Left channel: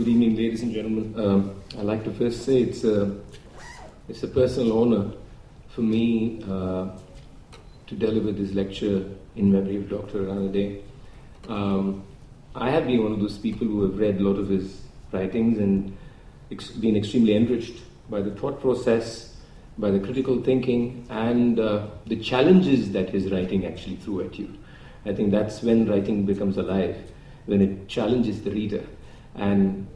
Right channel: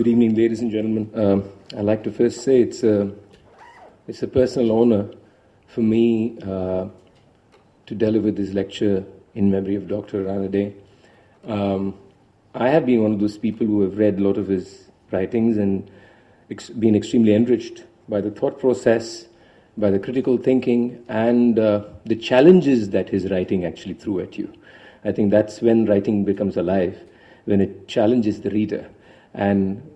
Good evening, ladies and gentlemen. I'd like to first say it's a personal honor for me to deliver this lecture in memory of Dr. Ranade. I have been one of those people who have read a lot of his writings and been extremely enriched by the thought process, by the critical thinking, and the challenges that his writing actually threw at you. I think that's when writing becomes alive, when it challenges the reader. And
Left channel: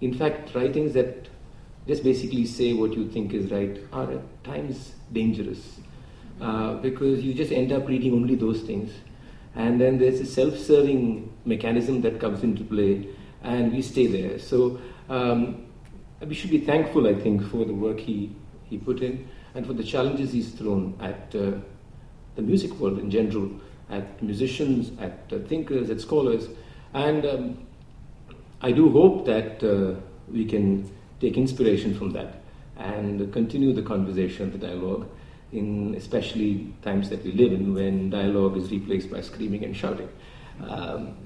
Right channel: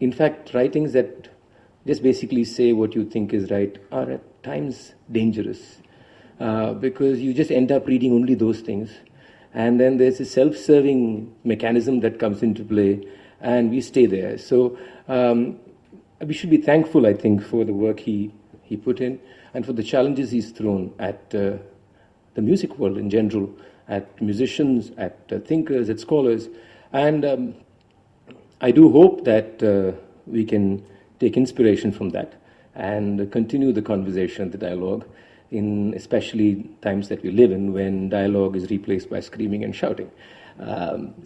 in fact, writings that just basically say what you think is right are at times dangerous because you just end up reading only those things. And then there's a self-serving mechanism that comes into play, and we stay there. So we should be thankful, I think, for the work he put in and for the challenges he's thrown at the music world in general, at musicians, at thinkers, at scholars. And I do hope that we can take inspiration from that and continue the conversation, the dialogue, in especially times that we live in when dialogue is replaced by screaming and shouting.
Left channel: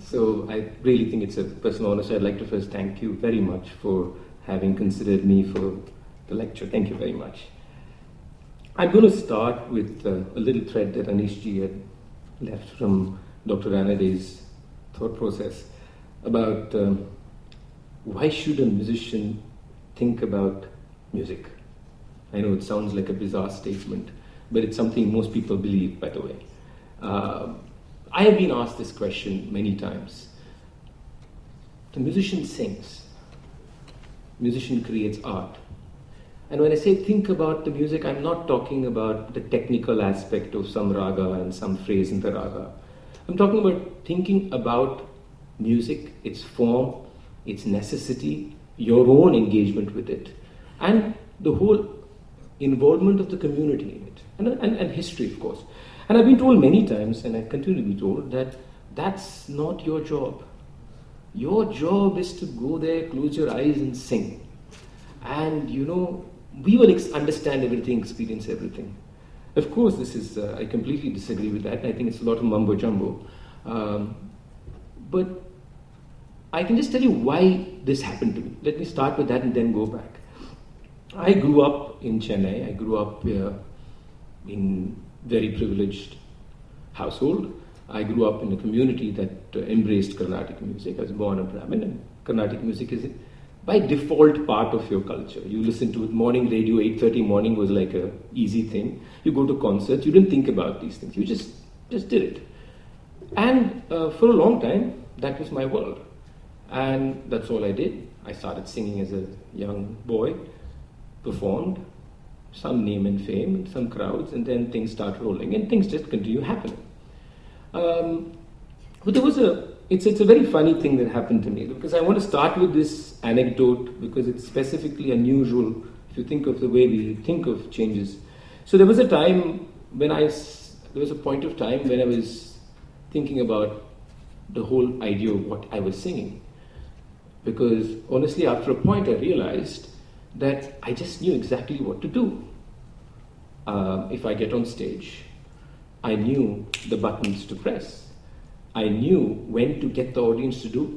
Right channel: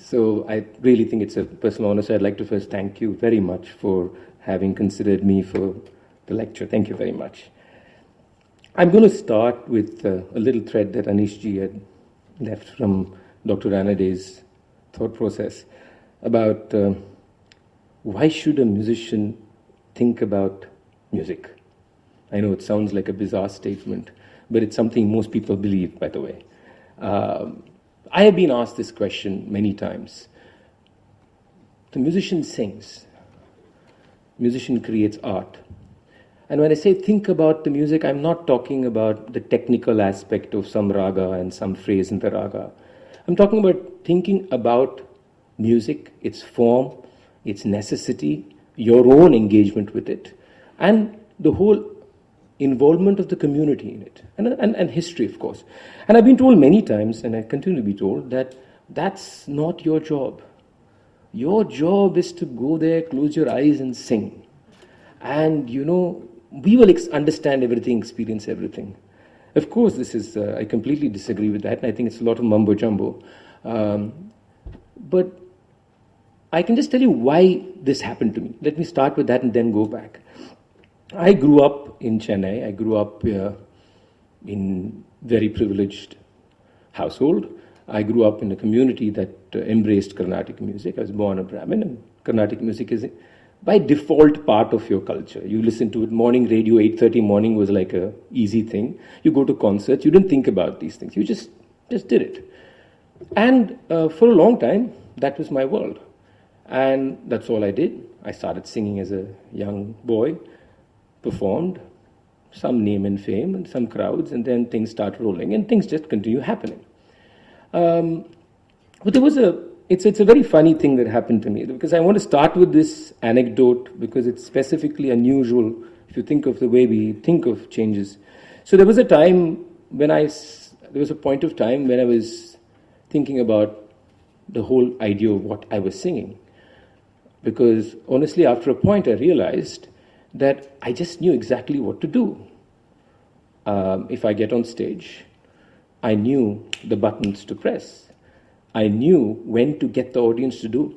So I really think it's a personal honor. So I'd like to first thank you very much for having considered me for the lecture. Thank you very much. I'm going to start with a little thread that Anishji had left from Dr. Ranade's thought process about why should a musician think about music? I know it sounds like a bizarre statement, but it's something most people believe, by the way. I have been asked this question many times. The musician sings. Musician creates art. And when I say think about the music, I'm not talking about the technical aspect of some raga and some phrase in the raga. I'm talking about thinking about music, its form, its necessity, your own engagement with it, and the whole involvement of the community in it, and history, of course. And I've been told many times, and I continue to be told, that that's not your job. Your job is to go there, close your eyes and sing. And, you know, we will understand everything, experience everything. Of course, this is, I completely disagree with that, and I think it's a lot of mumbo jumbo. But I can just tell you why this happened to me. Let me start with that and then go back. I grew up in Chennai. I grew up in very privileged household. I grew up in a community that embraced Carnatic music. I was born a Brahmin, and Carnatic music is by default part of your culture. You listen to it, morning radio, 8:30 morning was like a easy thing. You go to concerts, you didn't think about these things. You just did it. And for a long time, that was my world. And that's all I did. I started singing as a young boy, performed, some name and fame and some crowds, and then things start rolling and things just continue happening. But there was it's a very funny thing that happened to me, because I want to start with this anecdote because it's specifically unusual if you think of the way we think of changes. So there was a time when there was a point of time when I was thinking about the whole idea of what I was singing. Because honestly, after a point, I realized that I just knew exactly what to do. If I get on stage, I knew the buttons to press. I knew when to get the audience to do.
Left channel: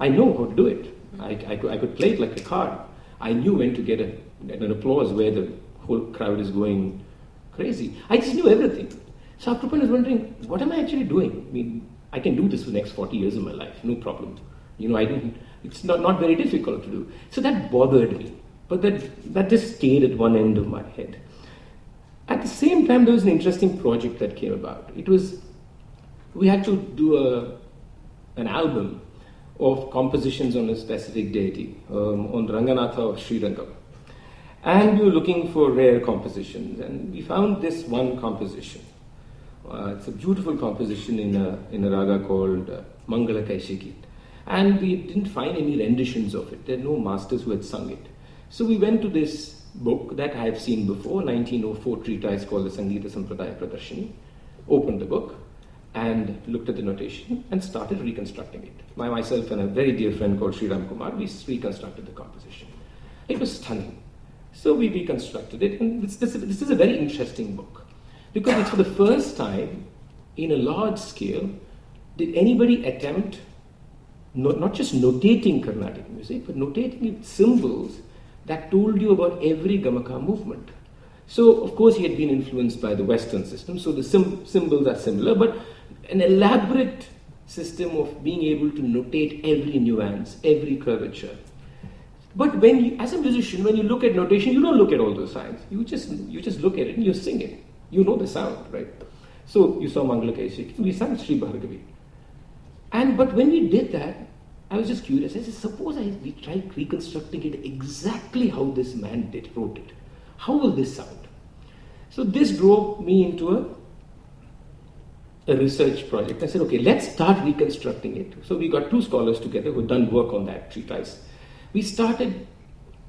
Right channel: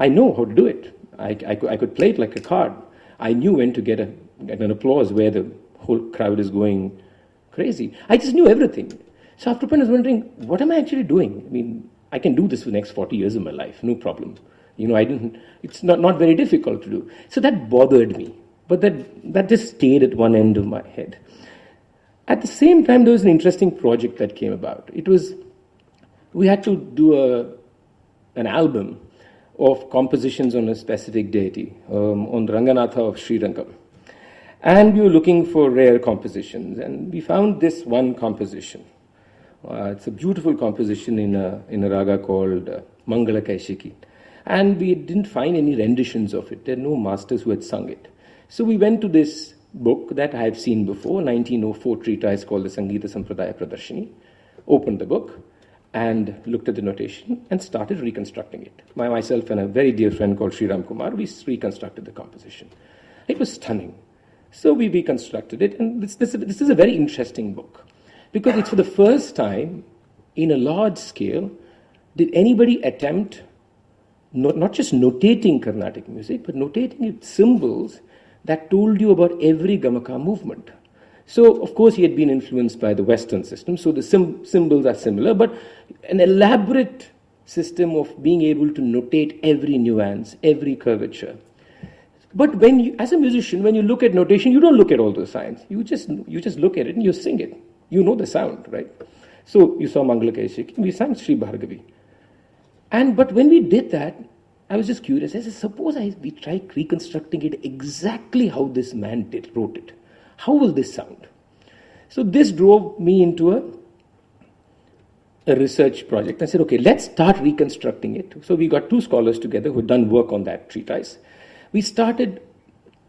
I know how to do it. I could play it like a card. I knew when to get an applause where the whole crowd is going crazy. I just knew everything. So after a point, I was wondering, what am I actually doing? I mean, I can do this for the next 40 years of my life, no problem. You know, it's not very difficult to do. So that bothered me, but that just stayed at one end of my head. At the same time, there was an interesting project that came about. We had to do an album of compositions on a specific deity, on Ranganatha of Sri Rangam. And we were looking for rare compositions, and we found this one composition. It's a beautiful composition in a raga called Mangala Kaishiki. And we didn't find any renditions of it. There are no masters who had sung it. So we went to this book that I had seen before, 1904 treatise called the Sangeeta Sampradaya Pradarshini, opened the book and looked at the notation and started reconstructing it. Myself and a very dear friend called Sri Ram Kumar, we reconstructed the composition. It was stunning. So we reconstructed it, and this is a very interesting book. Because it's for the first time, in a large scale, did anybody attempt not just notating Carnatic music, but notating its symbols that told you about every Gamaka movement. So, of course, he had been influenced by the Western system, so the symbols are similar, but an elaborate system of being able to notate every nuance, every curvature. But when you, as a musician, when you look at notation, you don't look at all those signs. You just look at it and you sing it. You know the sound, right? So you saw Mangala Kaishik, we sang Sri Bhargavi. But when we did that, I was just curious. I said, suppose we try reconstructing it exactly how this man wrote it. How will this sound? So this drove me into a research project. I said, okay, let's start reconstructing it. So we got two scholars together who had done work on that treatise. We started,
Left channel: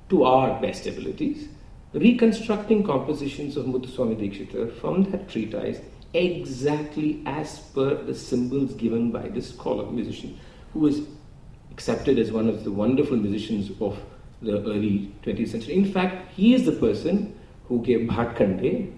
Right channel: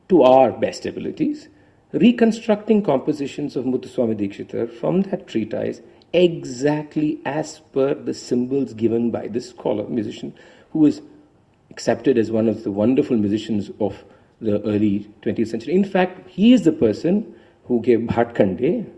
to our best abilities, reconstructing compositions of Muthuswami Dikshitar from that treatise exactly as per the symbols given by this scholar, musician, who is accepted as one of the wonderful musicians of the early 20th century. In fact, he is the person who gave Bhatkande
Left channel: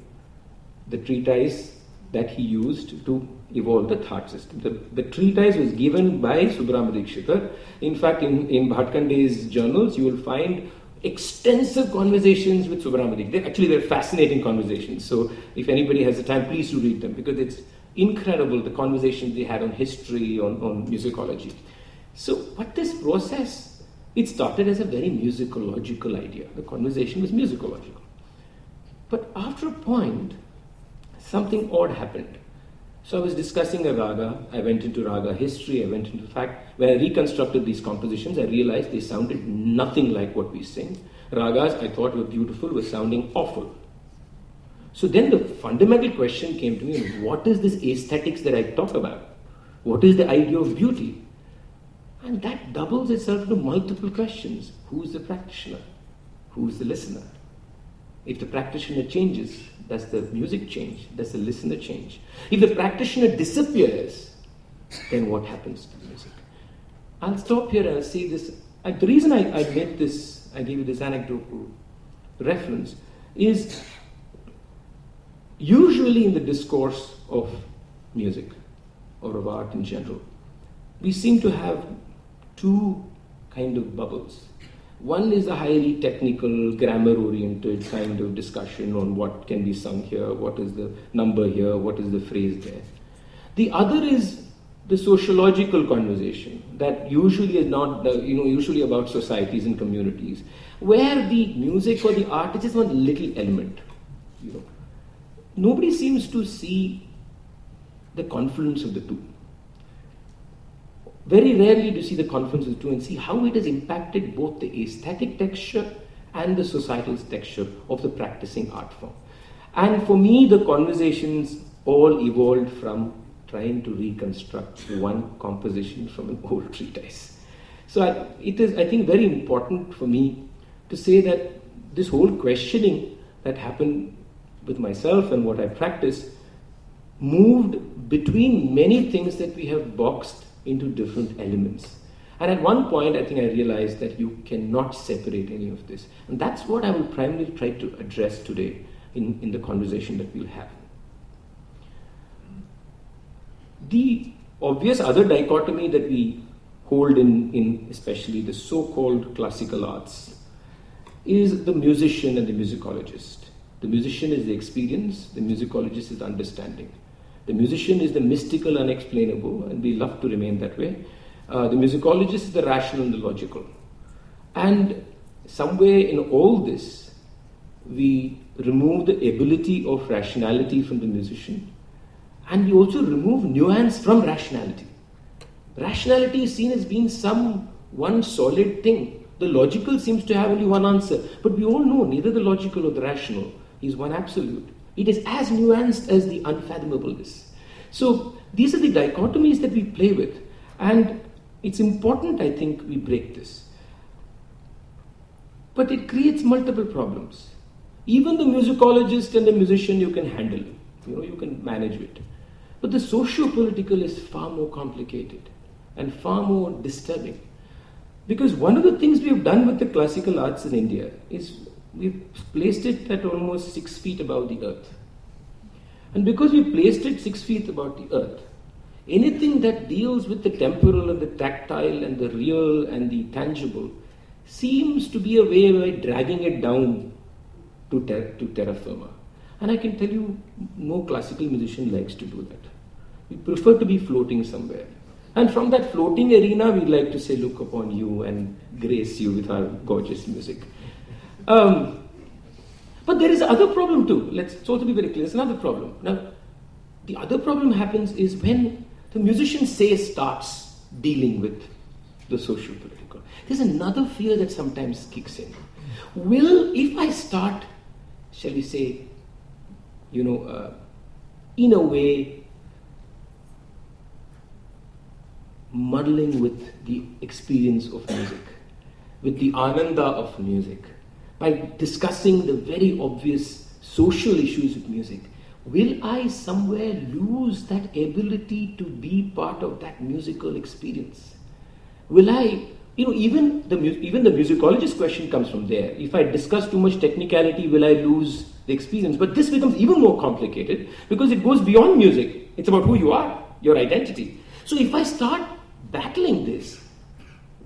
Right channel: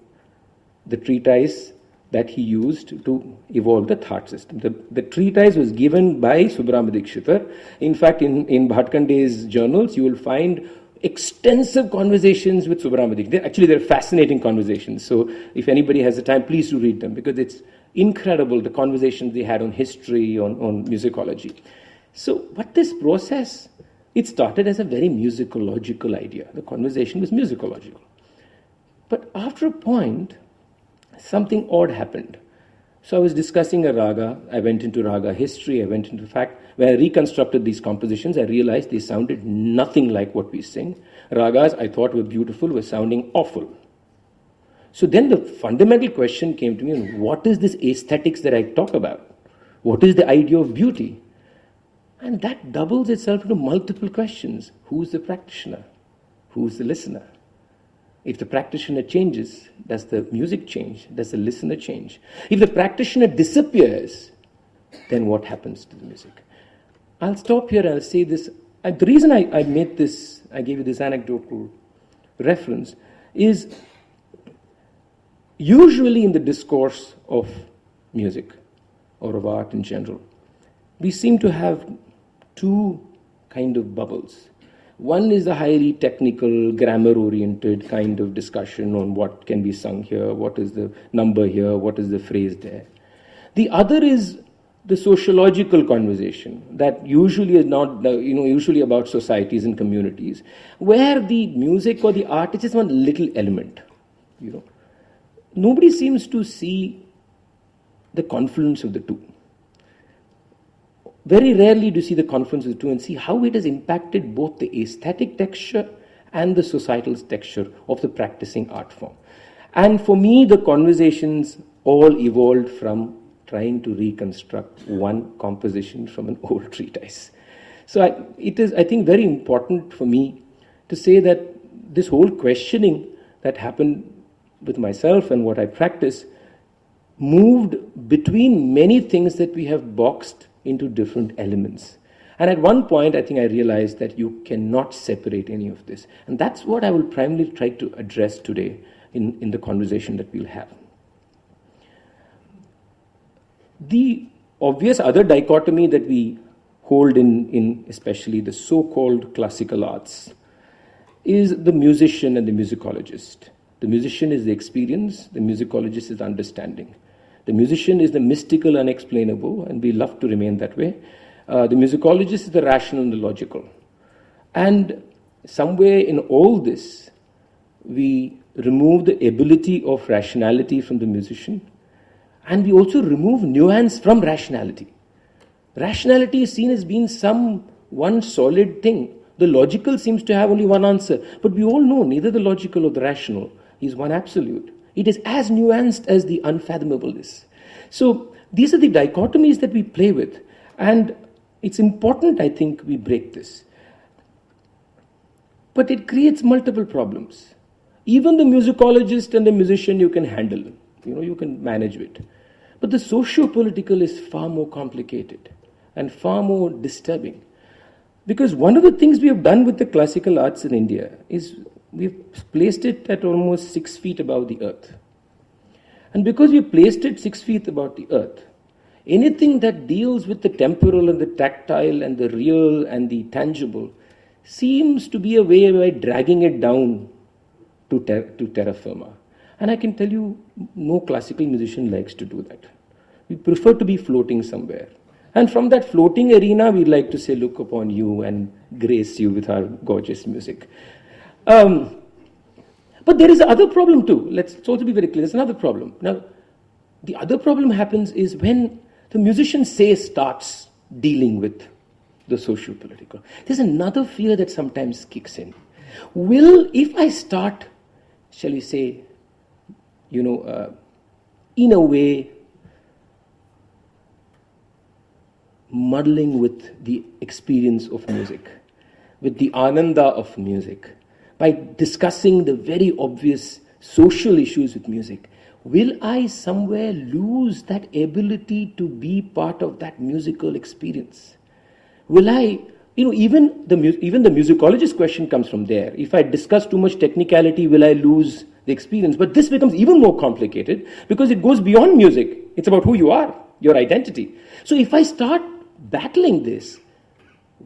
the treatise that he used to evolve the thought system. The treatise was given by Subramanian Dikshitar. In fact, in Bhatkande's journals, you will find extensive conversations with Subramanian Dikshitar. They're fascinating conversations. So if anybody has the time, please do read them, because it's incredible the conversations they had on history, on musicology. So, but this process, it started as a very musicological idea. The conversation was musicological. But after a point, something odd happened. So I was discussing a raga, I went into raga history, I went into fact, when I reconstructed these compositions, I realized they sounded nothing like what we sing. Ragas I thought were beautiful were sounding awful. So then the fundamental question came to me, what is this aesthetics that I talk about? What is the idea of beauty? And that doubles itself into multiple questions. Who's the practitioner? Who's the listener? If the practitioner changes, does the music change? Does the listener change? If the practitioner disappears, then what happens to the music? I'll stop here and I'll say this. The reason I made this, I gave you this anecdotal reference, is usually in the discourse of music or of art in general, we seem to have two kind of bubbles. One is a highly technical, grammar-oriented kind of discussion on what can be sung here, what is the number here, what is the phrase there. The other is the sociological conversation that usually is not, usually about societies and communities, where the music or the art is just one little element. Nobody seems to see the confluence of the two. Very rarely do you see the confluence of the two and see how it has impacted both the aesthetic texture and the societal texture of the practicing art form. And for me, the conversations all evolved from trying to reconstruct one composition from an old treatise. So it is, I think, very important for me to say that this whole questioning that happened with myself and what I practice moved between many things that we have boxed into different elements. And at one point, I think I realized that you cannot separate any of this. And that's what I will primarily try to address today in the conversation that we'll have. The obvious other dichotomy that we hold in especially the so-called classical arts is the musician and the musicologist. The musician is the experience, the musicologist is the understanding. The musician is the mystical, unexplainable, and we love to remain that way. The musicologist is the rational and the logical. And somewhere in all this, we remove the ability of rationality from the musician, and we also remove nuance from rationality. Rationality is seen as being one solid thing. The logical seems to have only one answer, but we all know neither the logical or the rational is one absolute. It is as nuanced as the unfathomable is. So these are the dichotomies that we play with. And it's important, I think, we break this. But it creates multiple problems. Even the musicologist and the musician, you can handle. You can manage it. But the socio-political is far more complicated and far more disturbing. Because one of the things we have done with the classical arts in India is we've placed it at almost 6 feet above the earth. And because we placed it 6 feet above the earth, Anything that deals with the temporal and the tactile and the real and the tangible seems to be a way of dragging it down to terra firma. And I can tell you, no classical musician likes to do that. We prefer to be floating somewhere. And from that floating arena, we like to say, look upon you and grace you with our gorgeous music. But there is another problem too. Let's also be very clear. There's another problem. Now, the other problem happens is when the musician, say, starts dealing with the socio-political. There's another fear that sometimes kicks in. If I start, shall we say, in a way, muddling with the experience of music, with the ananda of music, by discussing the very obvious social issues with music, will I somewhere lose that ability to be part of that musical experience? Will I, even the musicologist question comes from there. If I discuss too much technicality, will I lose the experience? But this becomes even more complicated because it goes beyond music. It's about who you are, your identity. So if I start battling this,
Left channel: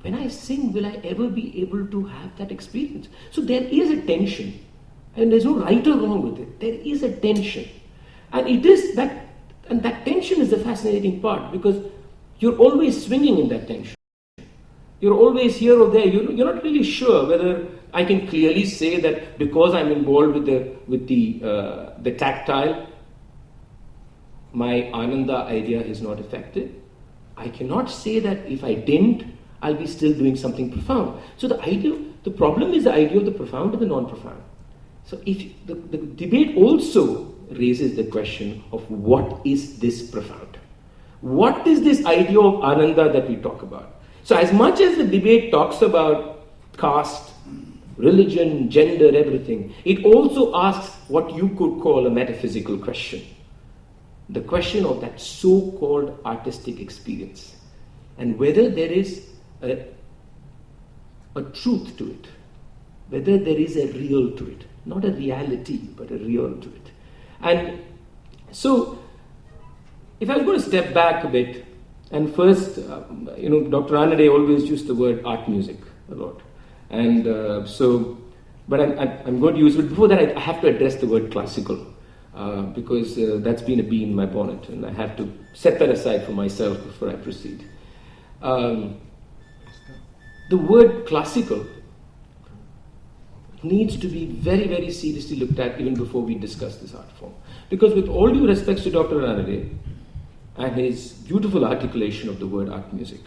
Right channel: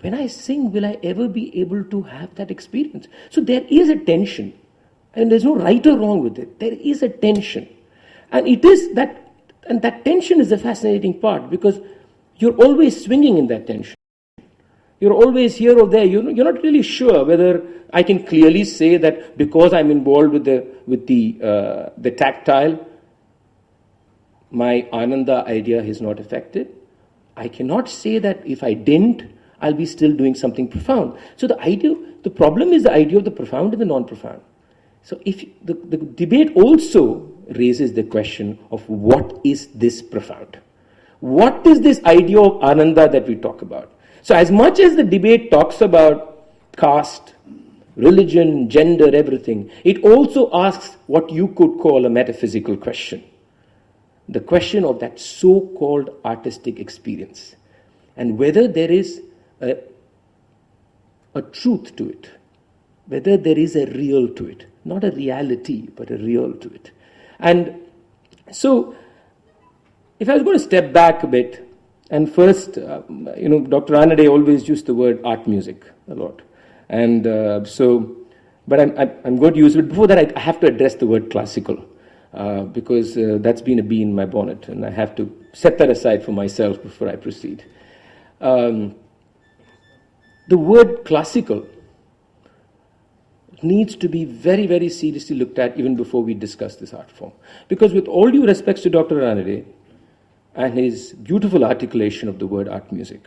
when I sing, will I ever be able to have that experience? So there is a tension, and there's no right or wrong with it. There is a tension. And that tension is the fascinating part, because you're always swinging in that tension. You're always here or there. You're not really sure whether I can clearly say that because I'm involved with the tactile, my ananda idea is not affected. I cannot say that if I didn't, I'll be still doing something profound. So the problem is the idea of the profound and the non-profound. So if the debate also raises the question of what is this profound? What is this idea of ananda that we talk about? So as much as the debate talks about caste, religion, gender, everything, it also asks what you could call a metaphysical question. The question of that so-called artistic experience, and whether there is a truth to it, whether there is a real to it, not a reality, but a real to it. And so, if I was going to step back a bit, and first, Dr. Ranade always used the word art music a lot, and but I'm going to use it. Before that, I have to address the word classical. Because that's been a bee in my bonnet, and I have to set that aside for myself before I proceed. The word classical needs to be very, very seriously looked at even before we discuss this art form. Because with all due respects to Dr. Ranade and his beautiful articulation of the word art music,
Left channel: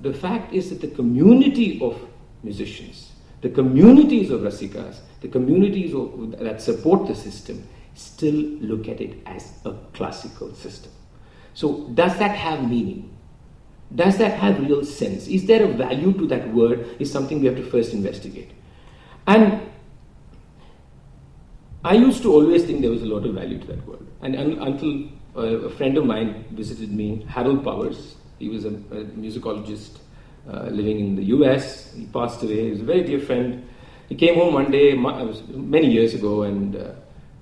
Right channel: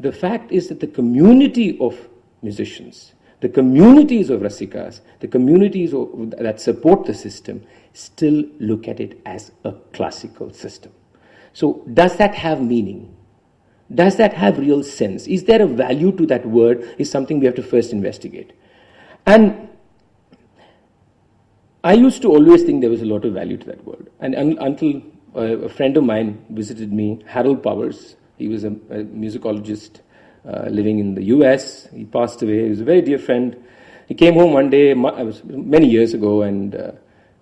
the fact is that the community of musicians, the communities of rasikas, the communities that support the system, still look at it as a classical system. So does that have meaning? Does that have real sense? Is there a value to that word? Is something we have to first investigate. And I used to always think there was a lot of value to that word. And until a friend of mine visited me, Harold Powers. He was a musicologist living in the US. He passed away. He was a very dear friend. He came home one day, many years ago, and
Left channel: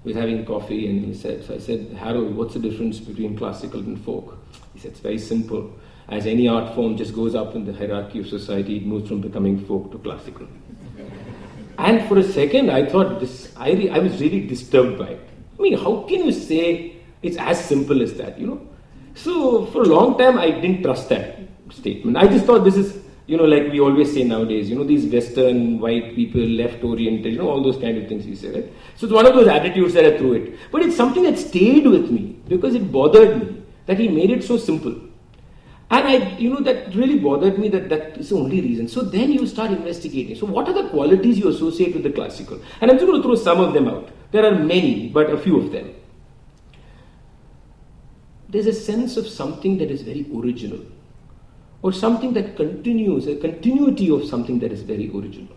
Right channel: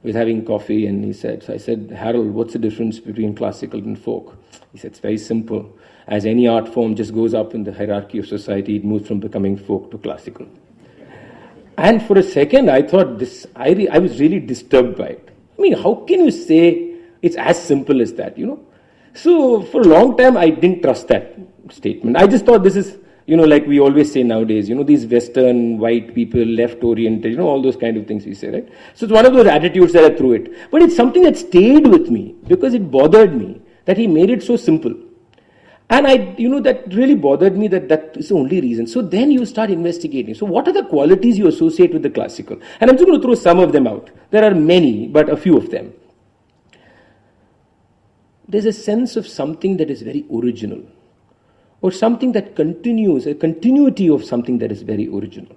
was having coffee, and he said, so I said, Harold, what's the difference between classical and folk? He said, it's very simple. As any art form just goes up in the hierarchy of society, it moves from becoming folk to classical. And for a second, I thought I was really disturbed by it. I mean, how can you say it's as simple as that, So for a long time, I didn't trust that statement. I just thought this is, like we always say nowadays, these Western white people, left-oriented, all those kind of things we say, right? So it's one of those attitudes that I threw it. But it's something that stayed with me because it bothered me that he made it so simple. And that really bothered me that is the only reason. So then you start investigating. So what are the qualities you associate with the classical? And I'm just going to throw some of them out. There are many, but a few of them. There's a sense of something that is very original, or something that continues, a continuity of something that is very original.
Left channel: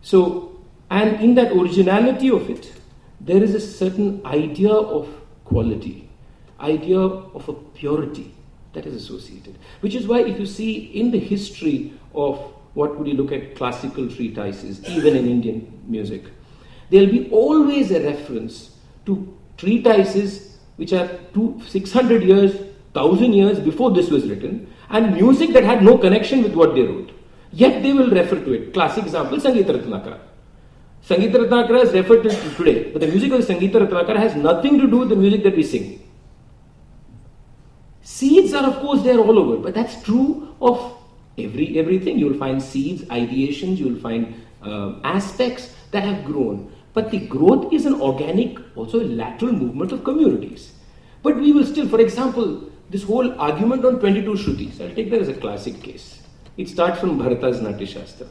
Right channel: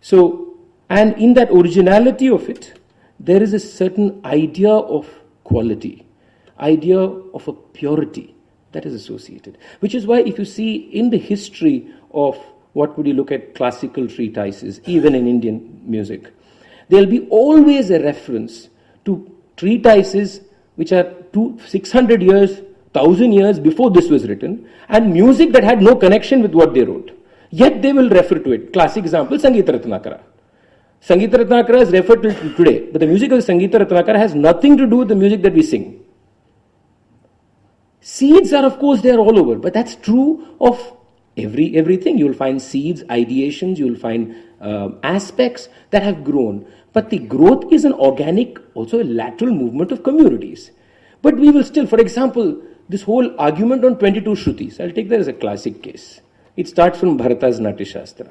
So, and in that originality of it, there is a certain idea of quality, idea of a purity that is associated. Which is why if you see in the history of what would you look at classical treatises, even in Indian music, there will be always a reference to treatises which are 600 years, 1,000 years before this was written, and music that had no connection with what they wrote. Yet they will refer to it. Classic example, Sangeeta Ratnakara. Sangeeta Ratnakara is referred to today, but the music of Sangeeta Ratnakara has nothing to do with the music that we sing. Seeds are, of course, there all over, but that's true of everything. You will find seeds, ideations, you will find aspects that have grown. But the growth is an organic, also a lateral movement of communities. But we will still, for example, this whole argument on 22 Shrutis, I'll take that as a classic case. It starts from Bharata's Natya Shastra.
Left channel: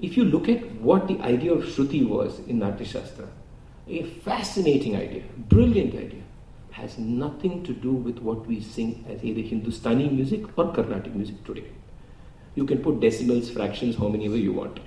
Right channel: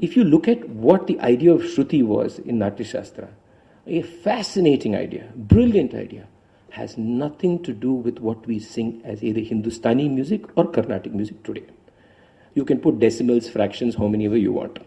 If you look at what the idea of Shruti was in Natya Shastra, a fascinating idea, brilliant idea, has nothing to do with what we sing as either Hindustani music or Carnatic music today. You can put decimals, fractions, how many ever you want.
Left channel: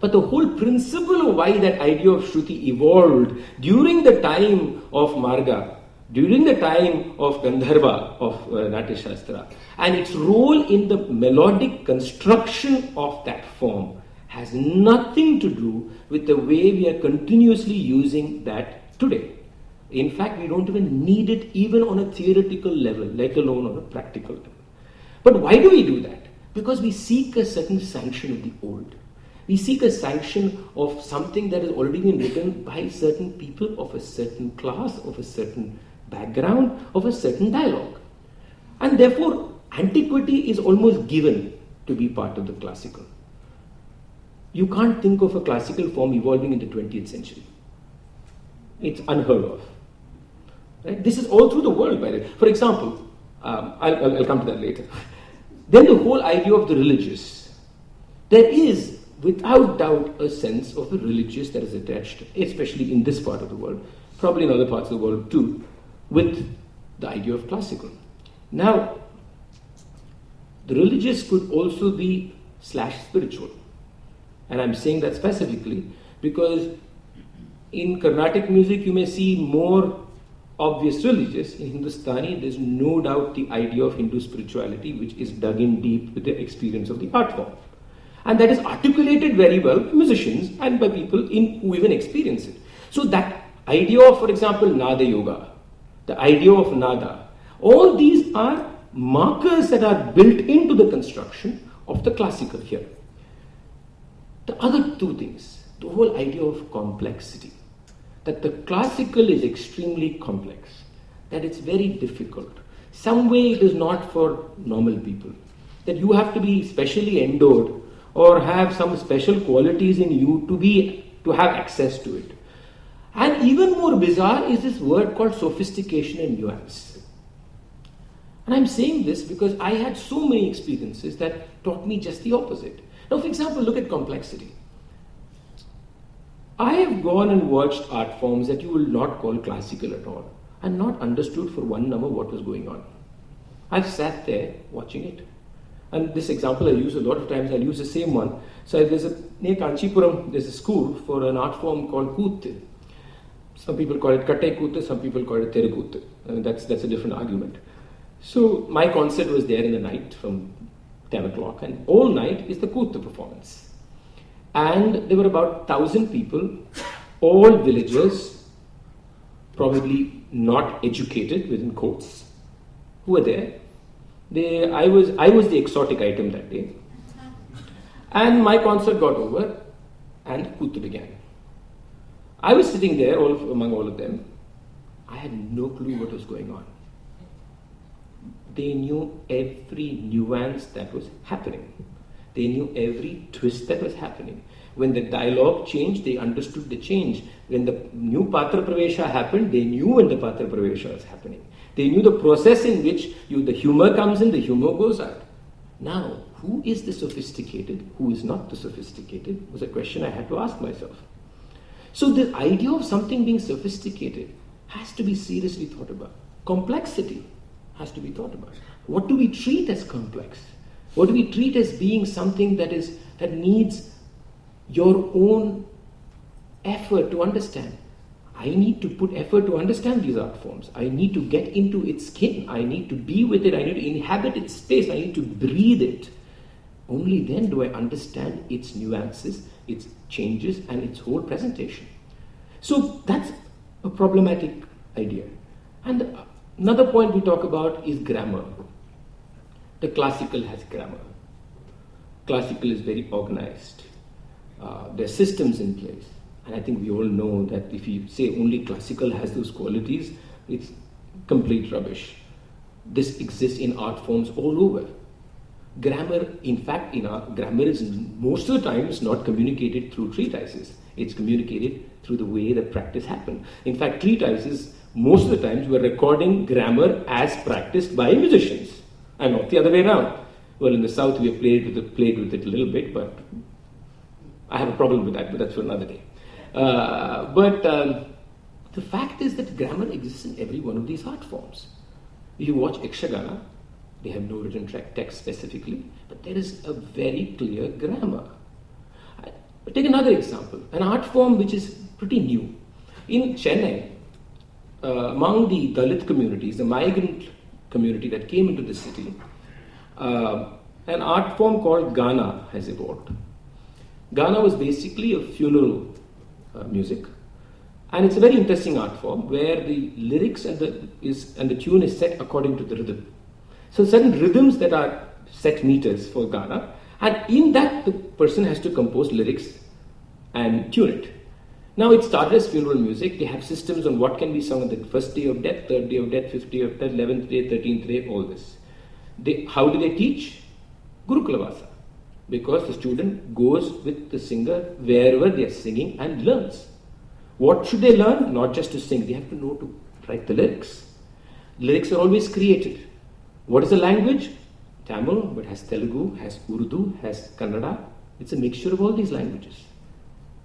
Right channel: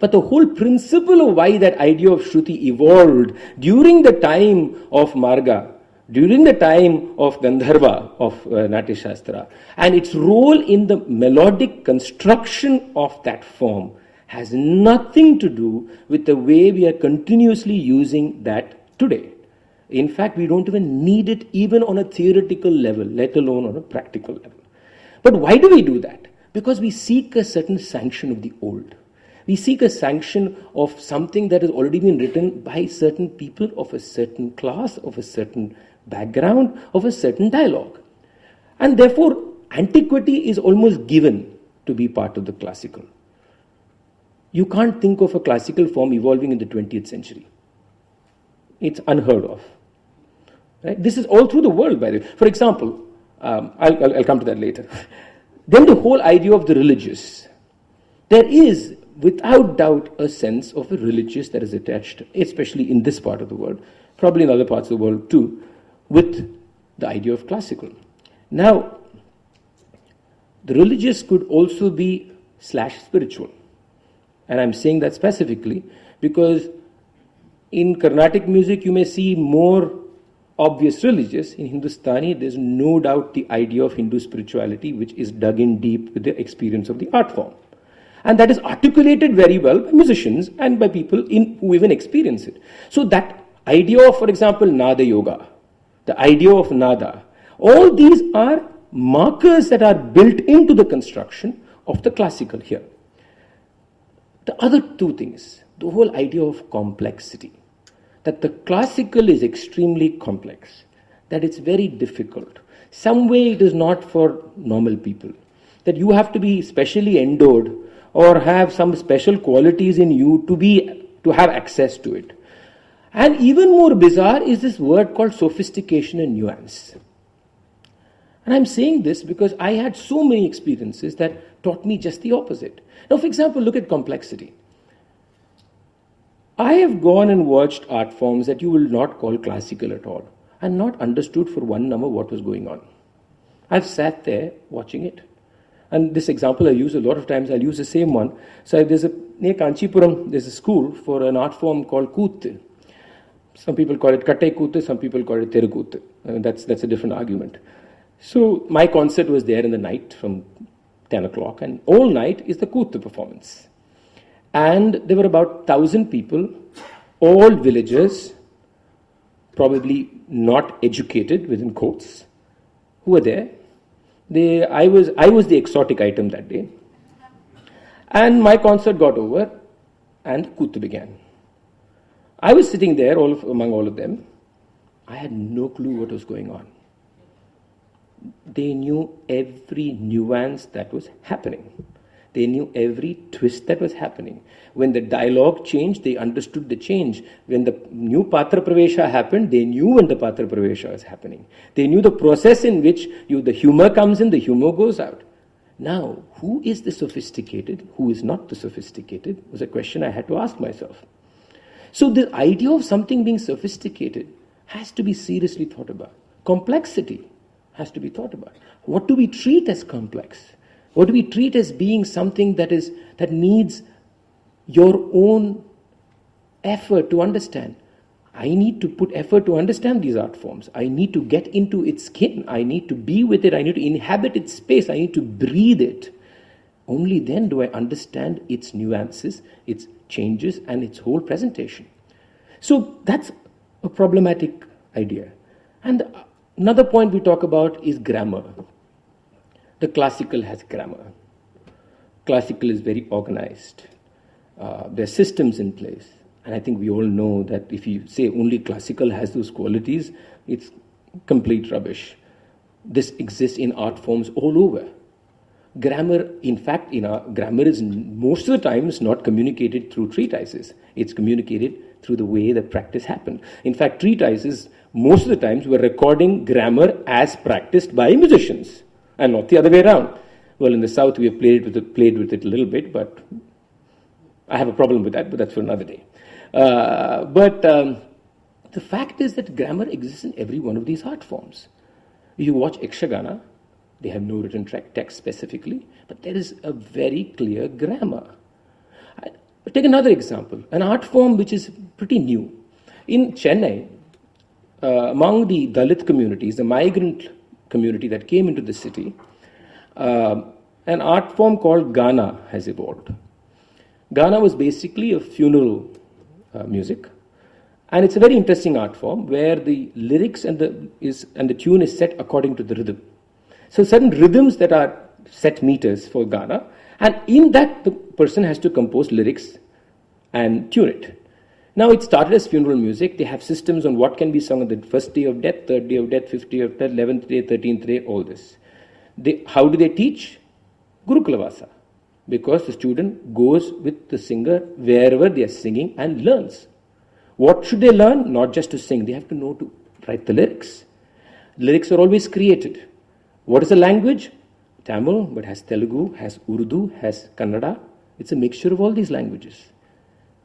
But the whole principle of why that idea of Shruti evolved during the time of Marga, during the time of Gandharva, of Natya Shastra, and its role in the melodic construction of that form has nothing to do with the way we are continuously using that today. In fact, we don't even need it even on a theoretical level, let alone on a practical level. But why do we do that? Because we seek a certain sanction of the old. We seek a sanction of something that has already been written by certain people of a certain class, of a certain background, of a certain dialogue. And therefore, antiquity is almost given to be part of the classical. You can't think of a classical form evolving in the 20th century. It's unheard of. Right? This is all through the world, by the way. For example, I'll come to that later. Then the whole idea of the religious. There is, without doubt, a sense of a religious that is attached, especially in this part of the world, probably in other parts of the world too, with the idea of classical. Now, the religious could also be /spiritual. And I'm saying that specifically because in Carnatic music you may see more obvious religious. In Hindustani, there's no doubt the idea of Hindu spirituality, which is dug in deep with the experience of the art form. And that is articulated very well by musicians and by people who even experience it. So that idea of, for example, Nada Yoga, the idea of Nada, all these are markers that are built into the construction of the classical here. The other two things, the whole idea of complexity, that the classical is extremely complex, that it's very difficult. Some way it is not for normal people, that you have to be specially endowed or have some special qualities in you to have access to it. And even more bizarre is this word called sophistication and nuance. And I'm saying this because I had so many experiences that taught me just the opposite. Now, for example, look at complexity. I have gone and watched art forms that you will not call classical at all, and not understood for one number what was going on. I've sat there watching it. And this example I use a lot of times, I'll use the same one. So near Kanchipuram, there's a school for an art form called Kooth. Some people call it Katte Kooth, some people call it Terukooth. That's a different argument. So my concert was there in the night from 10 o'clock, and all night is the Kooth performance. And there were about 1,000 people, all villagers, probably not educated, within quotes, who were there. I was the exotic item that day. And my concert got over, and Kooth began. I was sitting there among all of them. I had no clue what was going on. They knew every nuance that was happening. They knew every twist that was happening. When the dialogue changed, they understood the change. When the new Patra Pravesha happened, they knew when the Patra Pravesha was happening. They knew the process in which the humor comes in, the humor goes out. Now, who is the sophisticated, who is not the sophisticated, was a question I had to ask myself. So the idea of something being sophisticated has to be seriously thought about. Complexity has to be thought about. What do we treat as complex? What do we treat as being something that needs your own effort to understand? I need to put effort to understand these art forms. I need to get into its skin. I need to be with it. I need to inhabit its space. I need to breathe it. Only then do I understand its nuances, its changes, and its whole presentation. So that's a problematic idea. And Another point we talk about is grammar. The classical has grammar. Classical is very organized. There are systems in place. And I think we all know that if you say only classical has those qualities, it's complete rubbish. This exists in art forms all over. Grammar, in fact, grammar is most of the times not communicated through treatises. It's communicated through the way the practice happened. In fact, treatises, most of the times, were recording grammar as practiced by musicians, and not the other way around. Well, in the South, we have played with it a little bit, but I have a problem with that, but that's for another day. The fact is that grammar exists in every one of these art forms. If you watch Yakshagana, they have no written text specifically, but there is a very clear grammar. I'll take another example, an art form which is pretty new. In Chennai, among the Dalit communities, the migrant community that came into the city, an art form called Gana has evolved. Gana was basically a funeral music, and it's a very interesting art form where the lyrics and the tune is set according to the rhythm. So certain rhythms that are set meters for Gana, and in that the person has to compose lyrics and tune it. Now it started as funeral music. They have systems on what can be sung on the first day of death, third day of death, fifth day of death, 11th day, 13th day, all this. How do they teach? Gurukulavasa. Because the student goes with the singer wherever they are singing and learns. What should they learn? Not just to sing, they have to know to write the lyrics. Lyrics are always created. What is the language? Tamil, but has Telugu, has Urdu, has Kannada. It's a mixture of all these languages.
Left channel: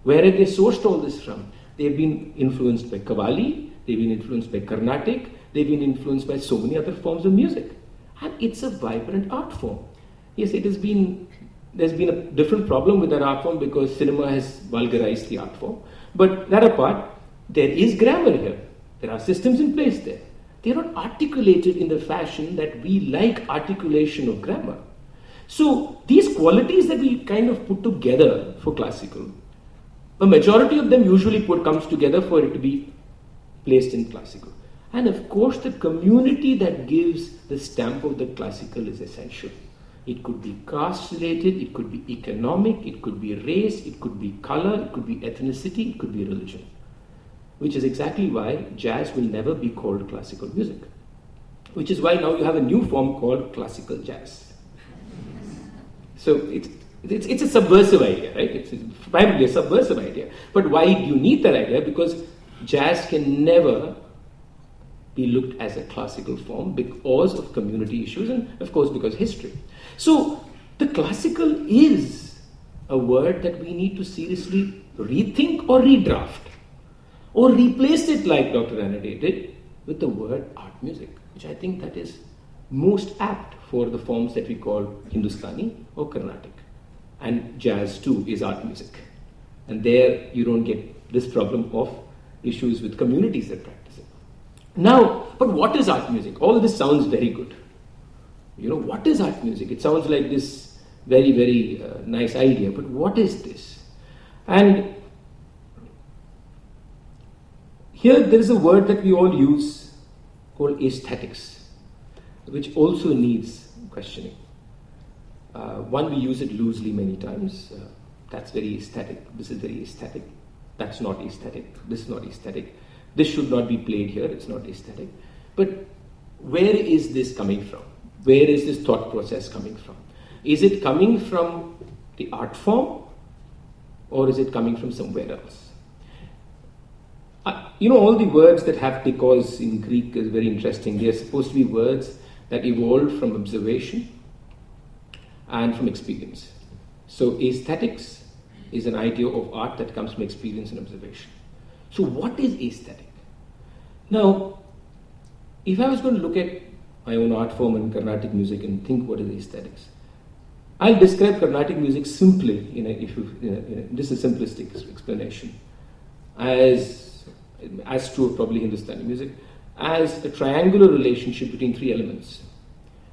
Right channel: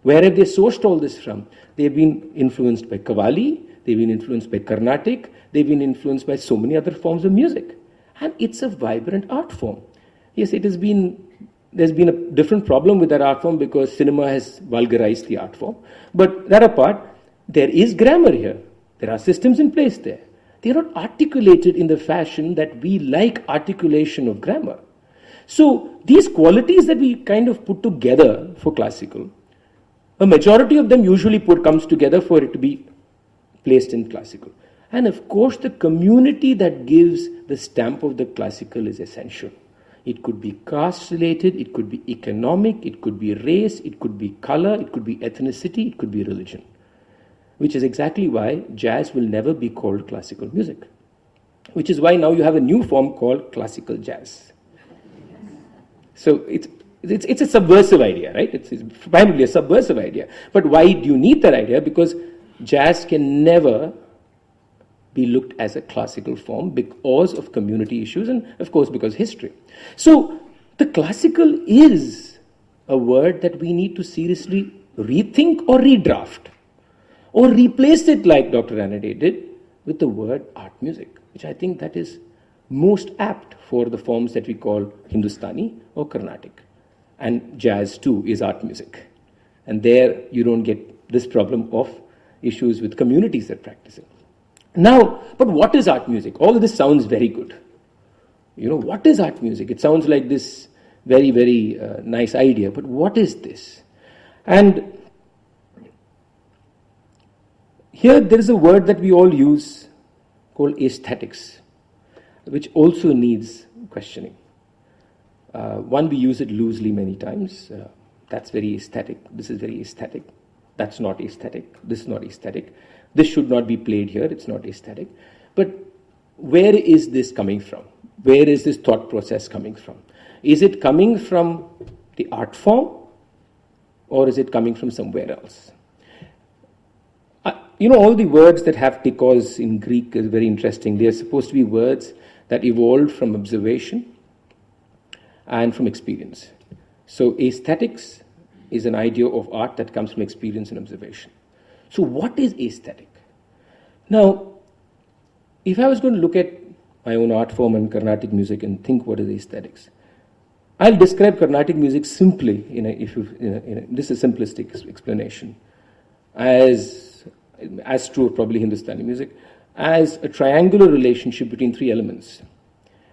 Where have they sourced all this from? They've been influenced by Qawwali, they've been influenced by Carnatic, they've been influenced by so many other forms of music. And it's a vibrant art form. Yes, there's been a different problem with that art form because cinema has vulgarized the art form. But that apart, there is grammar here. There are systems in place there. They're not articulated in the fashion that we like articulation of grammar. So these qualities that we kind of put together for classical, a majority of them usually comes together for it to be placed in classical. And of course, the community that gives the stamp of the classical is essential. It could be caste related, it could be economic, it could be race, it could be color, it could be ethnicity, it could be religion. Which is exactly why jazz will never be called classical music. Which is why now you have a new form called classical jazz. So it's a subversive idea, right? It's primarily a subversive idea. But why do you need that idea? Because jazz can never be looked as a classical form because of community issues and of course because history. So the classical is a word that we need to seriously rethink or redraft or replace it like Dr. Ranade did with the word art music, which I think that is most apt for the forms that we call Hindustani or Carnatic. And jazz too is art music. And there you don't get this problem of issues with communities that practice it. Now, but what is art music? All of this sounds very good. You know, what is art music? It sounds like this very, very nice idea, but what is this? And here there is a word that we all use called aesthetics, which also needs questioning. One, we use it loosely many times. That's very aesthetic. This is very aesthetic. That's not aesthetic. This is not aesthetic. This should not be played here. It's not aesthetic. But where is this coming from? Where is this thought process coming from? Is it coming from the art form or is it coming from somewhere else? You know, all the words that have because in Greek is very interesting. They are supposed to be words that evolved from observation and from experience. So aesthetics is an idea of art that comes from experience and observation. So what is aesthetic? Now, if I was going to look at my own art form and Carnatic music and think what is aesthetics, I'll describe Carnatic music simply, this is a simplistic explanation, as true of probably Hindustani music, as a triangular relationship between three elements.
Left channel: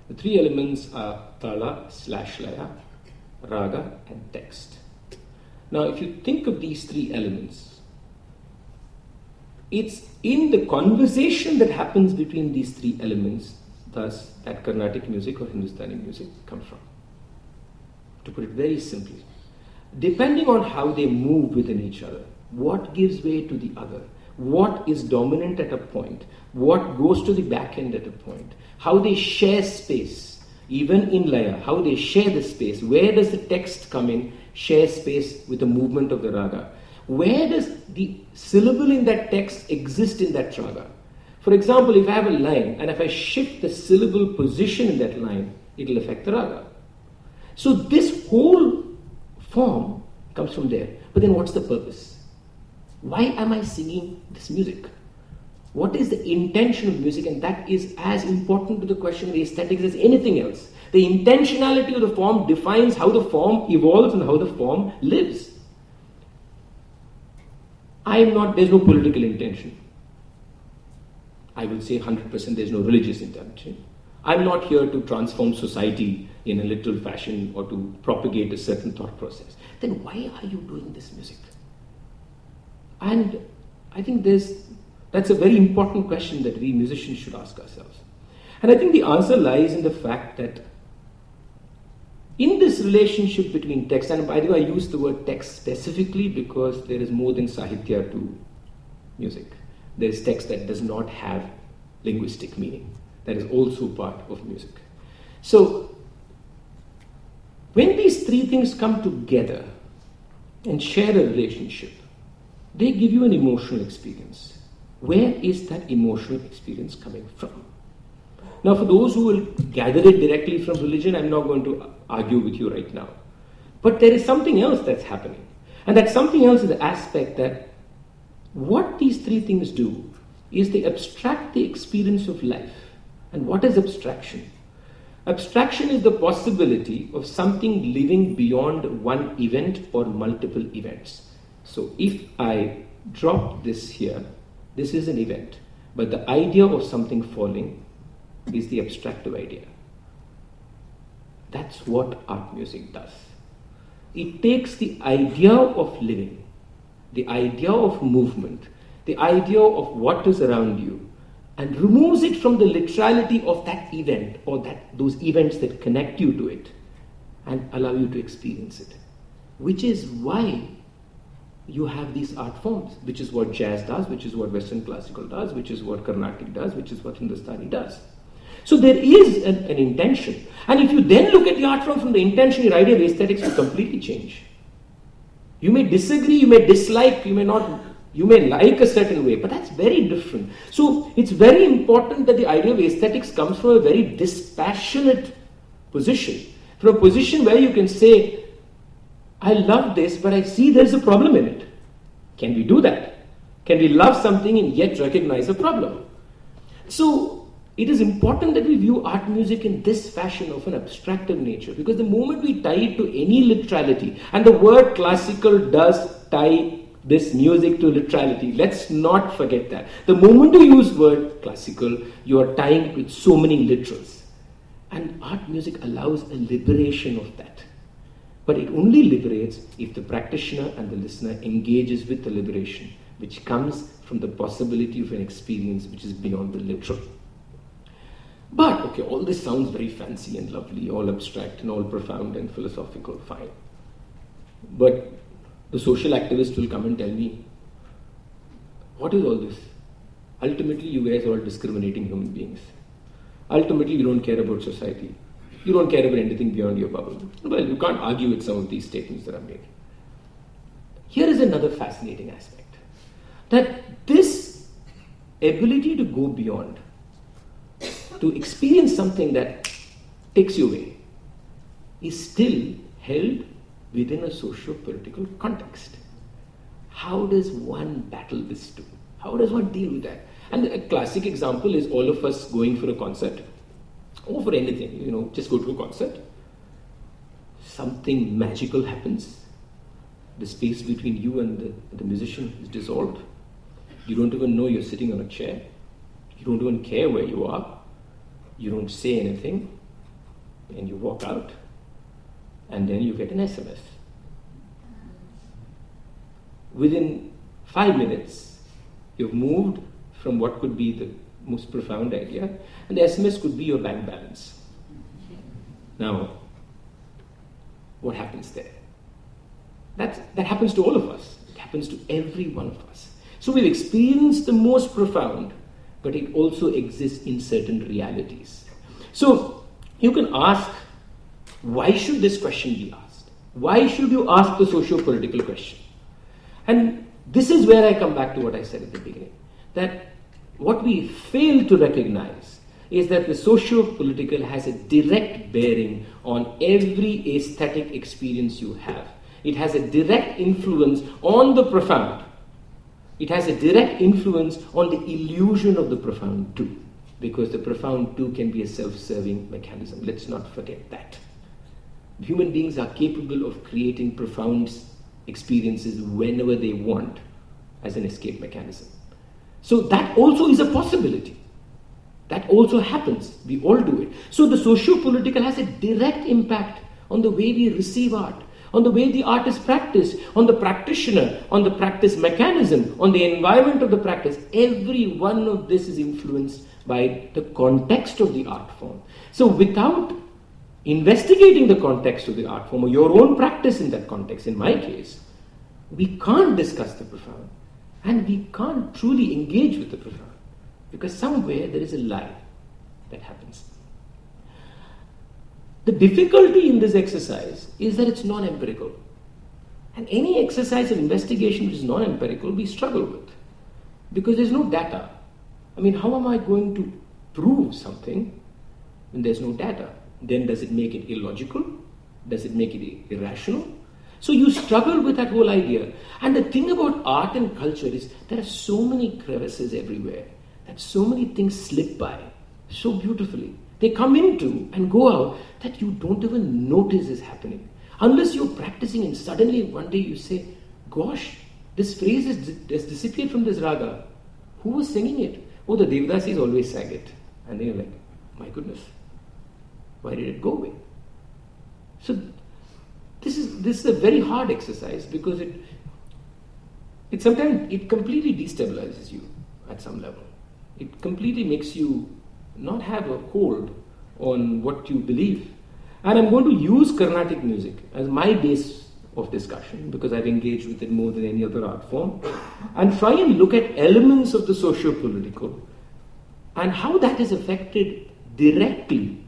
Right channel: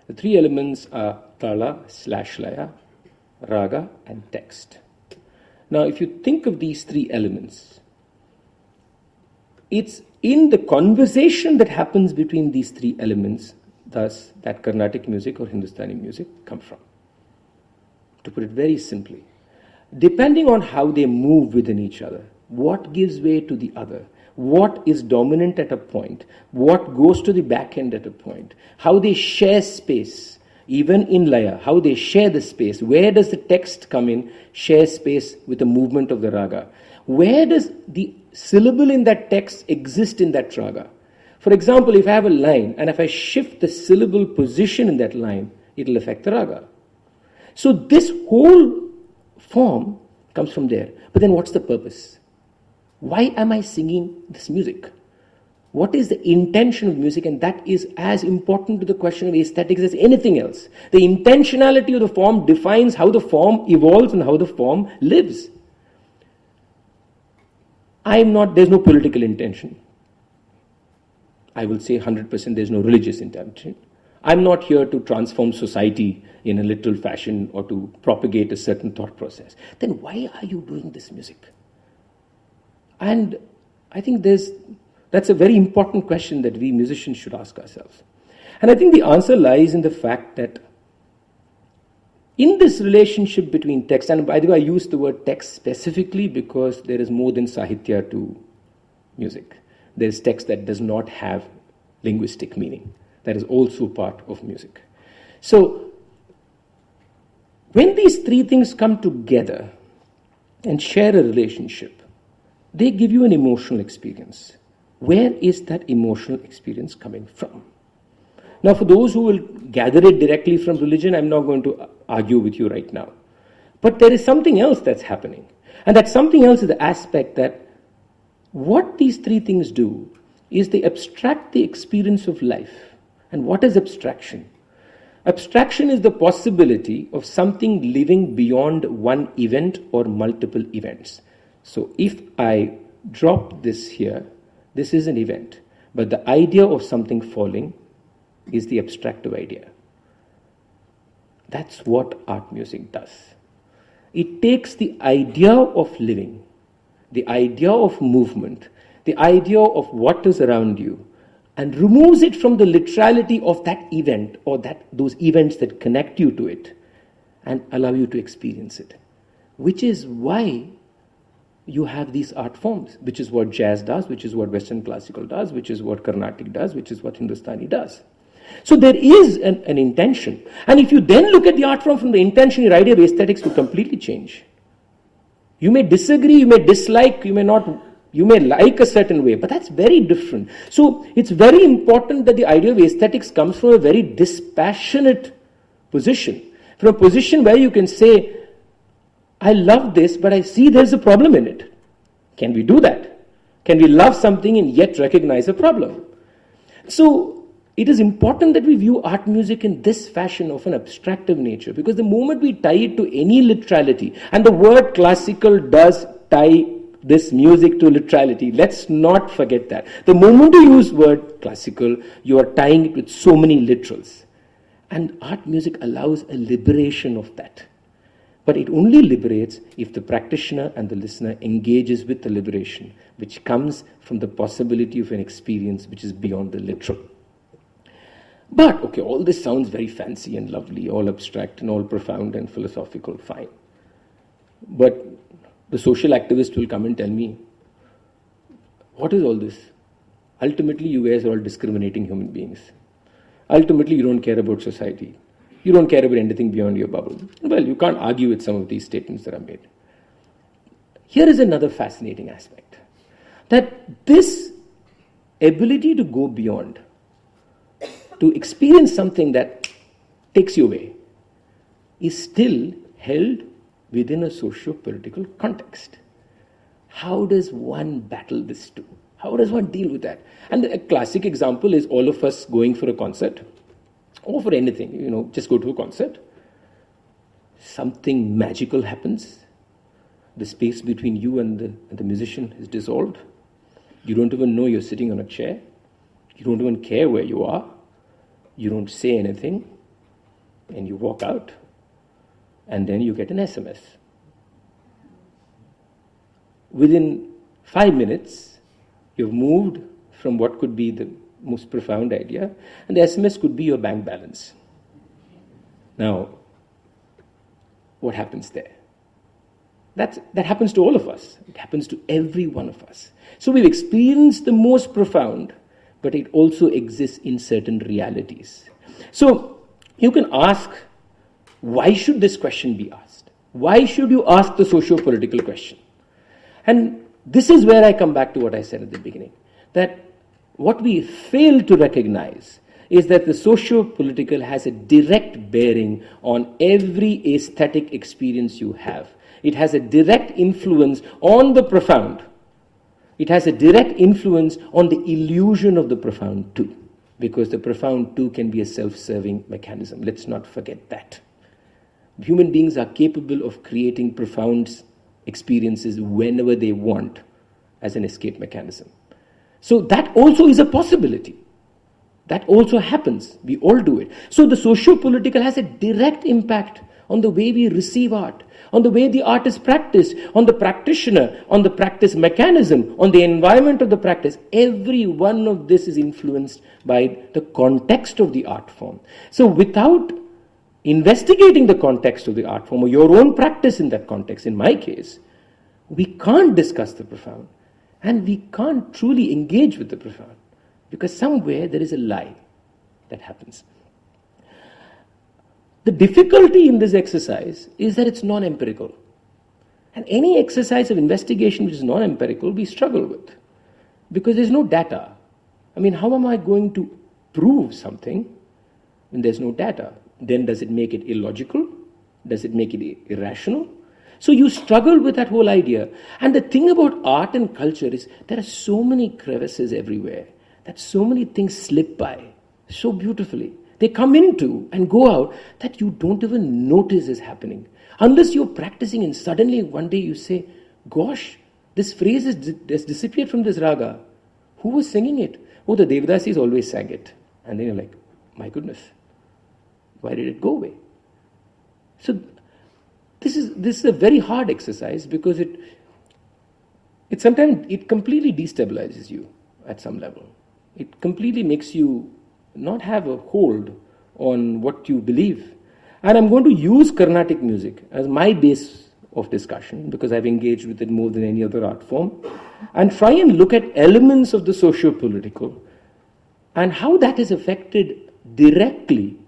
The three elements are tala/laya, raga, and text. Now, if you think of these three elements, it's in the conversation that happens between these three elements, thus that Carnatic music or Hindustani music come from. To put it very simply, depending on how they move within each other, what gives way to the other, what is dominant at a point, what goes to the back end at a point, how they share space, even in laya, how they share the space, where does the text come in, share space with the movement of the raga, where does the syllable in that text exist in that raga. For example, if I have a line and if I shift the syllable position in that line, it will affect the raga. So this whole form comes from there. But then what's the purpose? Why am I singing this music? What is the intention of music? And that is as important to the question of aesthetics as anything else. The intentionality of the form defines how the form evolves and how the form lives. There's no political intention. I will say 100% there's no religious intention. I'm not here to transform society in a literal fashion or to propagate a certain thought process. Then why are you doing this music? And I think that's a very important question that we musicians should ask ourselves. And I think the answer lies in the fact that in this relationship between text, and by the way, I use the word text specifically because there is more than sahitya to music. There is text that does not have linguistic meaning. That is also part of music. So, when these three things come together and share a relationship, they give you an emotional experience. Where is that emotional experience coming from? Now, for those who will gather it directly from religion, I'm not going to argue with you right now. But there is something else that's happening. And that something else is the aspect that what these three things do is they abstract the experience of life. And what is abstraction? Abstraction is the possibility of something living beyond one event or multiple events. So if I drop this here, this is an event. But the idea of something falling is the abstractive idea. That's what art music does. It takes the idea of living, the idea of movement, the idea of what is around you, and removes it from the literality of that event or those events that connect you to it and allow you to experience it. Which is why you have these art forms, which is what jazz does, which is what Western classical does, which is what Carnatic does, which is what Hindustani does. So there is an intention. And if you then look at the art form from the intention, your idea of aesthetics will completely change. You may disagree, you may dislike, you may not, you may like a certain way, but that's very different. So it's very important that the idea of aesthetics comes from a very dispassionate position. From a position where you can say, I love this, but I see there's a problem in it. Can we do that? Can we love something and yet recognize a problem? So it is important that we view art music in this fashion of an abstractive nature, because the moment we tie it to any literality, and the word classical does tie this music to literality, let's not forget that. The moment you use word classical, you are tying it with so many literals. And art music allows a liberation of that. But it only liberates if the practitioner and the listener engages with the liberation, which comes from the possibility of an experience which is beyond the literal. But, okay, all this sounds very fancy and lovely, all abstract and all profound and philosophical, fine. But the social activist will come and tell me, what is all this? Ultimately, you guys are all discriminating human beings. Ultimately, you don't care about society. You don't care about anything beyond your bubble. Well, you can't argue with some of these statements that are made. Here is another fascinating aspect. That this ability to go beyond, to experience something that takes you away, is still held within a socio-political context. How does one battle this too? How does one deal with that? And a classic example is all of us going for a concert, or for anything, just go to a concert. Something magical happens. The space between you and the musician is dissolved. You don't even know you're sitting on a chair. You don't even care where you are. You don't say anything, and you walk out, and then you get an SMS. Within 5 minutes, You've moved from what could be the most profound idea, and the SMS could be your bank balance. Now, what happens there? That happens to all of us. It happens to every one of us. So we've experienced the most profound, but it also exists in certain realities. So you can ask, why should this question be asked? Why should you ask the socio-political question? And this is where I come back to what I said at the beginning, that what we fail to recognize is that the socio-political has a direct bearing on every aesthetic experience you have. It has a direct influence on the profound. It has a direct influence on the illusion of the profound too, because the profound too can be a self-serving mechanism. Let's not forget that. Human beings are capable of creating profound experiences whenever they want as an escape mechanism. So that also is a possibility. That also happens. We all do it. So the socio-political has a direct impact on the way we receive art, on the way the art is practiced, on the practitioner, on the practice mechanism, on the environment of the practice. Every one of this is influenced by the context of the art form. So without investigating the context of the art form, or your own practice in that context, in my case, we can't discuss the profound, and we can't truly engage with the profound, because somewhere there is a lie that happens. The difficulty in this exercise is that it's non-empirical. And any exercise of investigation which is non-empirical, we struggle with, because there's no data. I mean, how am I going to prove something when there's no data? Then does it make it illogical? Does it make it irrational? So you struggle with that whole idea. And the thing about art and culture is there are so many crevices everywhere, that so many things slip by so beautifully. They come into and go out that you don't even notice is happening. Unless you're practicing and suddenly one day you say, gosh, this phrase has disappeared from this raga. Who was singing it? Oh, the Devadasis always sang it. And then you're like, my goodness, why did it go away? So this is a very hard exercise, because it sometimes completely destabilizes you at some level. It completely makes you not have a hold on what you believe. And I'm going to use Carnatic music as my base of discussion, because I've engaged with it more than any other art form, and try and look at elements of the socio-political and how that has affected directly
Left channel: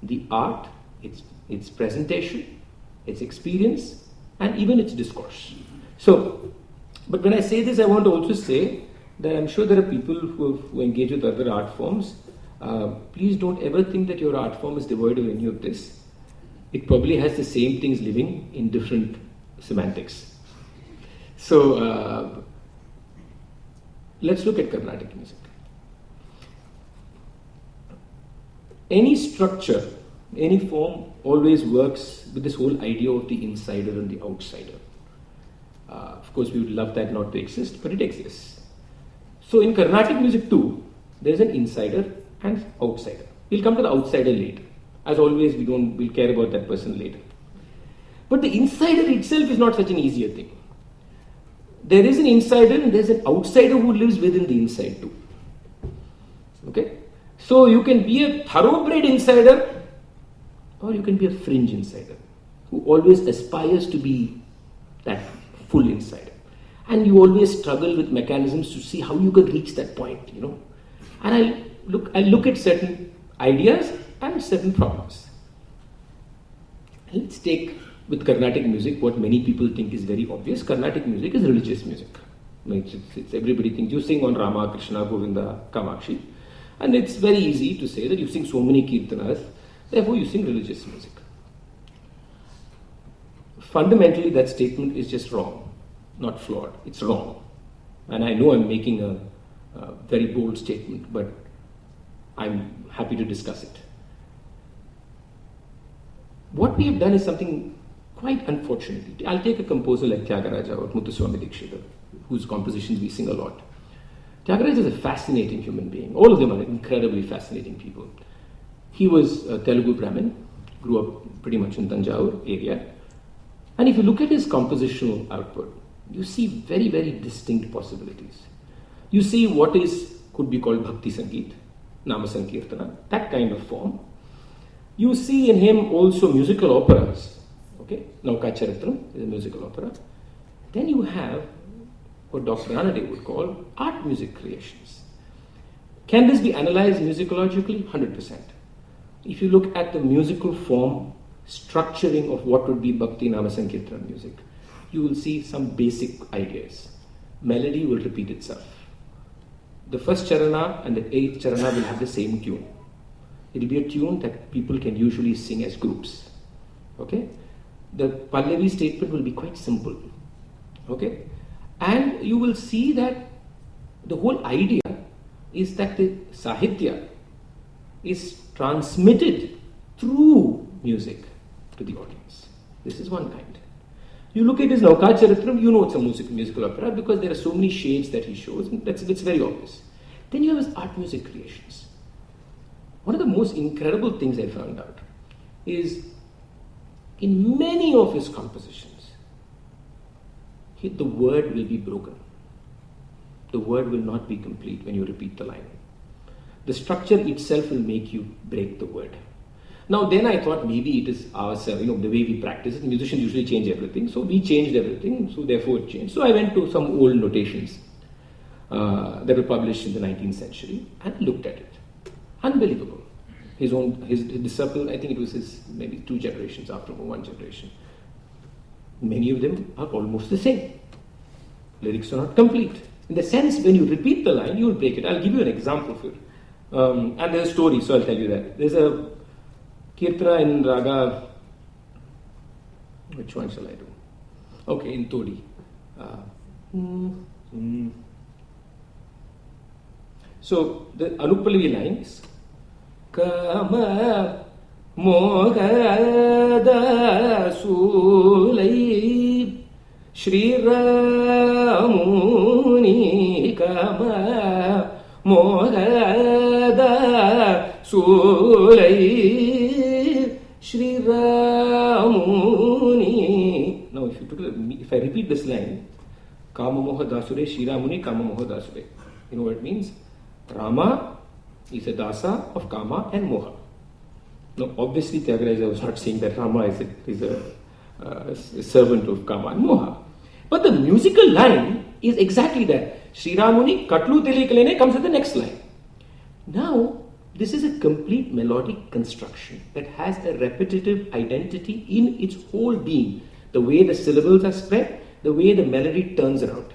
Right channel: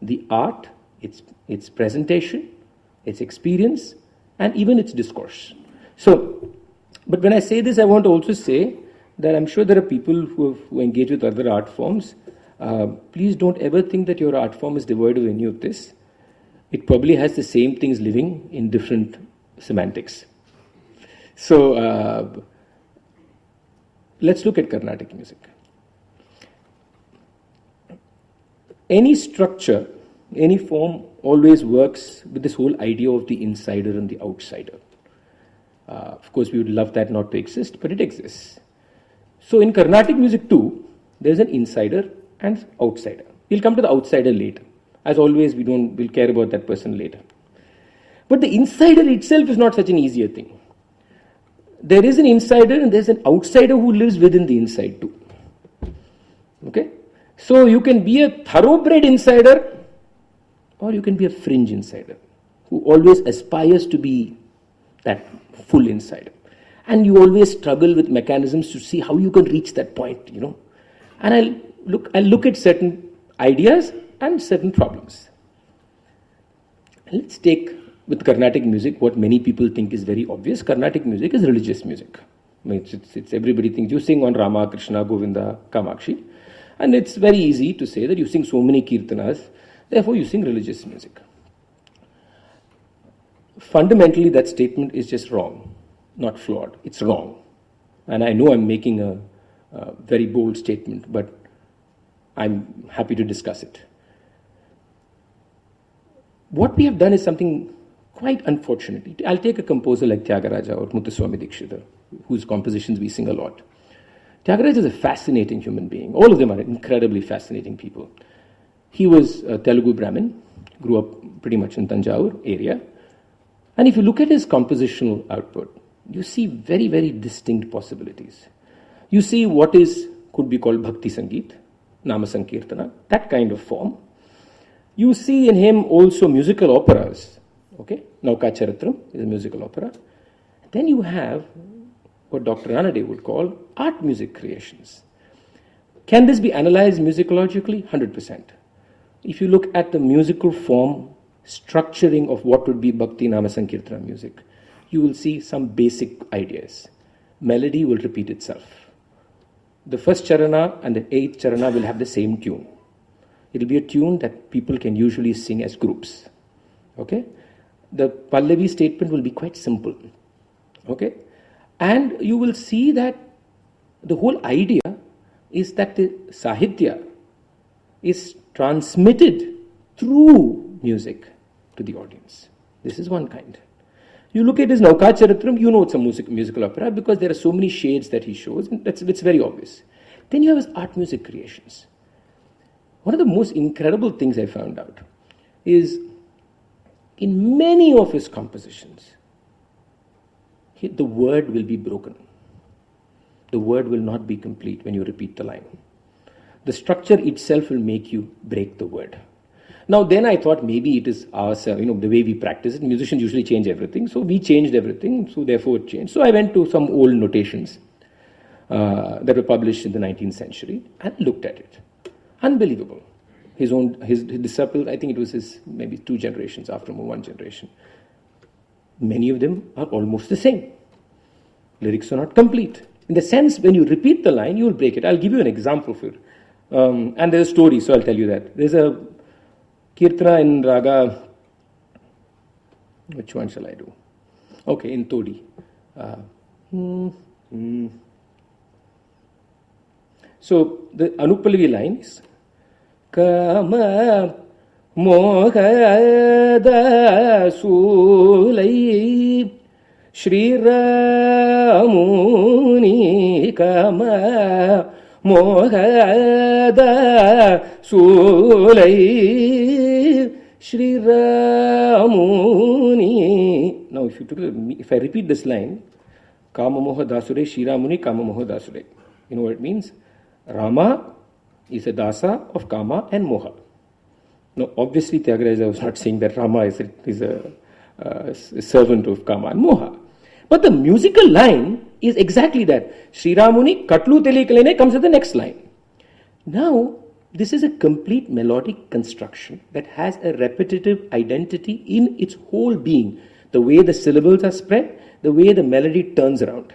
the art, its presentation, its experience, and even its discourse. So, but when I say this, I want to also say that I'm sure there are people who engage with other art forms. Please don't ever think that your art form is devoid of any of this. It probably has the same things living in different semantics. So let's look at Carnatic music. Any structure, any form always works with this whole idea of the insider and the outsider. Of course, we would love that not to exist, but it exists. So in Carnatic music too, there's an insider and outsider. We'll come to the outsider later. As always, we'll care about that person later. But the insider itself is not such an easier thing. There is an insider and there's an outsider who lives within the inside too. Okay? So you can be a thoroughbred insider, or you can be a fringe insider who always aspires to be that full insider. And you always struggle with mechanisms to see how you can reach that point, And I'll look at certain ideas and certain problems. Let's take, with Carnatic music, what many people think is very obvious. Carnatic music is religious music. I mean, it's everybody thinks you sing on Rama, Krishna, Govinda, Kamakshi. And it's very easy to say that you sing so many kirtanas, therefore you sing religious music. Fundamentally, that statement is just wrong, not flawed. It's wrong. And I know I'm making a very bold statement, but I'm happy to discuss it. What we have done is something quite unfortunate. I'll take a composer like Tyagaraja or Muthuswami Dikshita, whose compositions we sing a lot. Tyagaraja is a fascinating human being. All of them are incredibly fascinating people. He was a Telugu Brahmin, grew up pretty much in Tanjore area. And if you look at his compositional output, you see very, very distinct possibilities. You see what could be called Bhakti Sangeet, Nama Sankirtana, that kind of form. You see in him also musical operas. Okay, Nauka Charitram is a musical opera. Then you have what Dr. Ranade would call art music creations. Can this be analyzed musicologically? 100%. If you look at the musical form structuring of what would be Bhakti Nama Sankirtana music, you will see some basic ideas. Melody will repeat itself. The first charana and the eighth charana will have the same tune. It will be a tune that people can usually sing as groups. Okay? The Pallavi statement will be quite simple. Okay? And you will see that the whole idea is that the Sahitya is transmitted through music to the audience. This is one kind. You look at his Nauka Charitram, you know it's a musical opera because there are so many shades that he shows, and it's very obvious. Then you have his art music creations. One of the most incredible things I found out is in many of his compositions, the word will be broken. The word will not be complete when you repeat the line. The structure itself will make you break the word. Now then I thought maybe it is ourselves, the way we practice it. Musicians usually change everything, so we changed everything, so therefore it changed. So I went to some old notations that were published in the 19th century and looked at it. Unbelievable. His disciple, I think it was maybe 2 generations after 1 generation. Many of them are almost the same. Lyrics are not complete. In the sense, when you repeat the line, you will break it. I'll give you an example of it. And there's a story, so I'll tell you that. There's a Kirtana in Raga. Which one shall I do? Okay, in Todi. So the Anupallavi line is Kama Mohada Sulai Shri Ramuni Kama Mohada Sulai Shri Ramuni. Now if I repeat this line, Kama Moha Dasure, Shri Ramuni Kama Moha Dasure. You know what it means? Rama is a dasa of Kama and Moha. Now obviously Tyagaraja was not saying that Rama is a servant of Kama and Moha. But the musical line is exactly that. Shri Ramuni Katlu Telikalene comes at the next line. Now, this is a complete melodic construction that has a repetitive identity in its whole being. The way the syllables are spread, the way the melody turns around.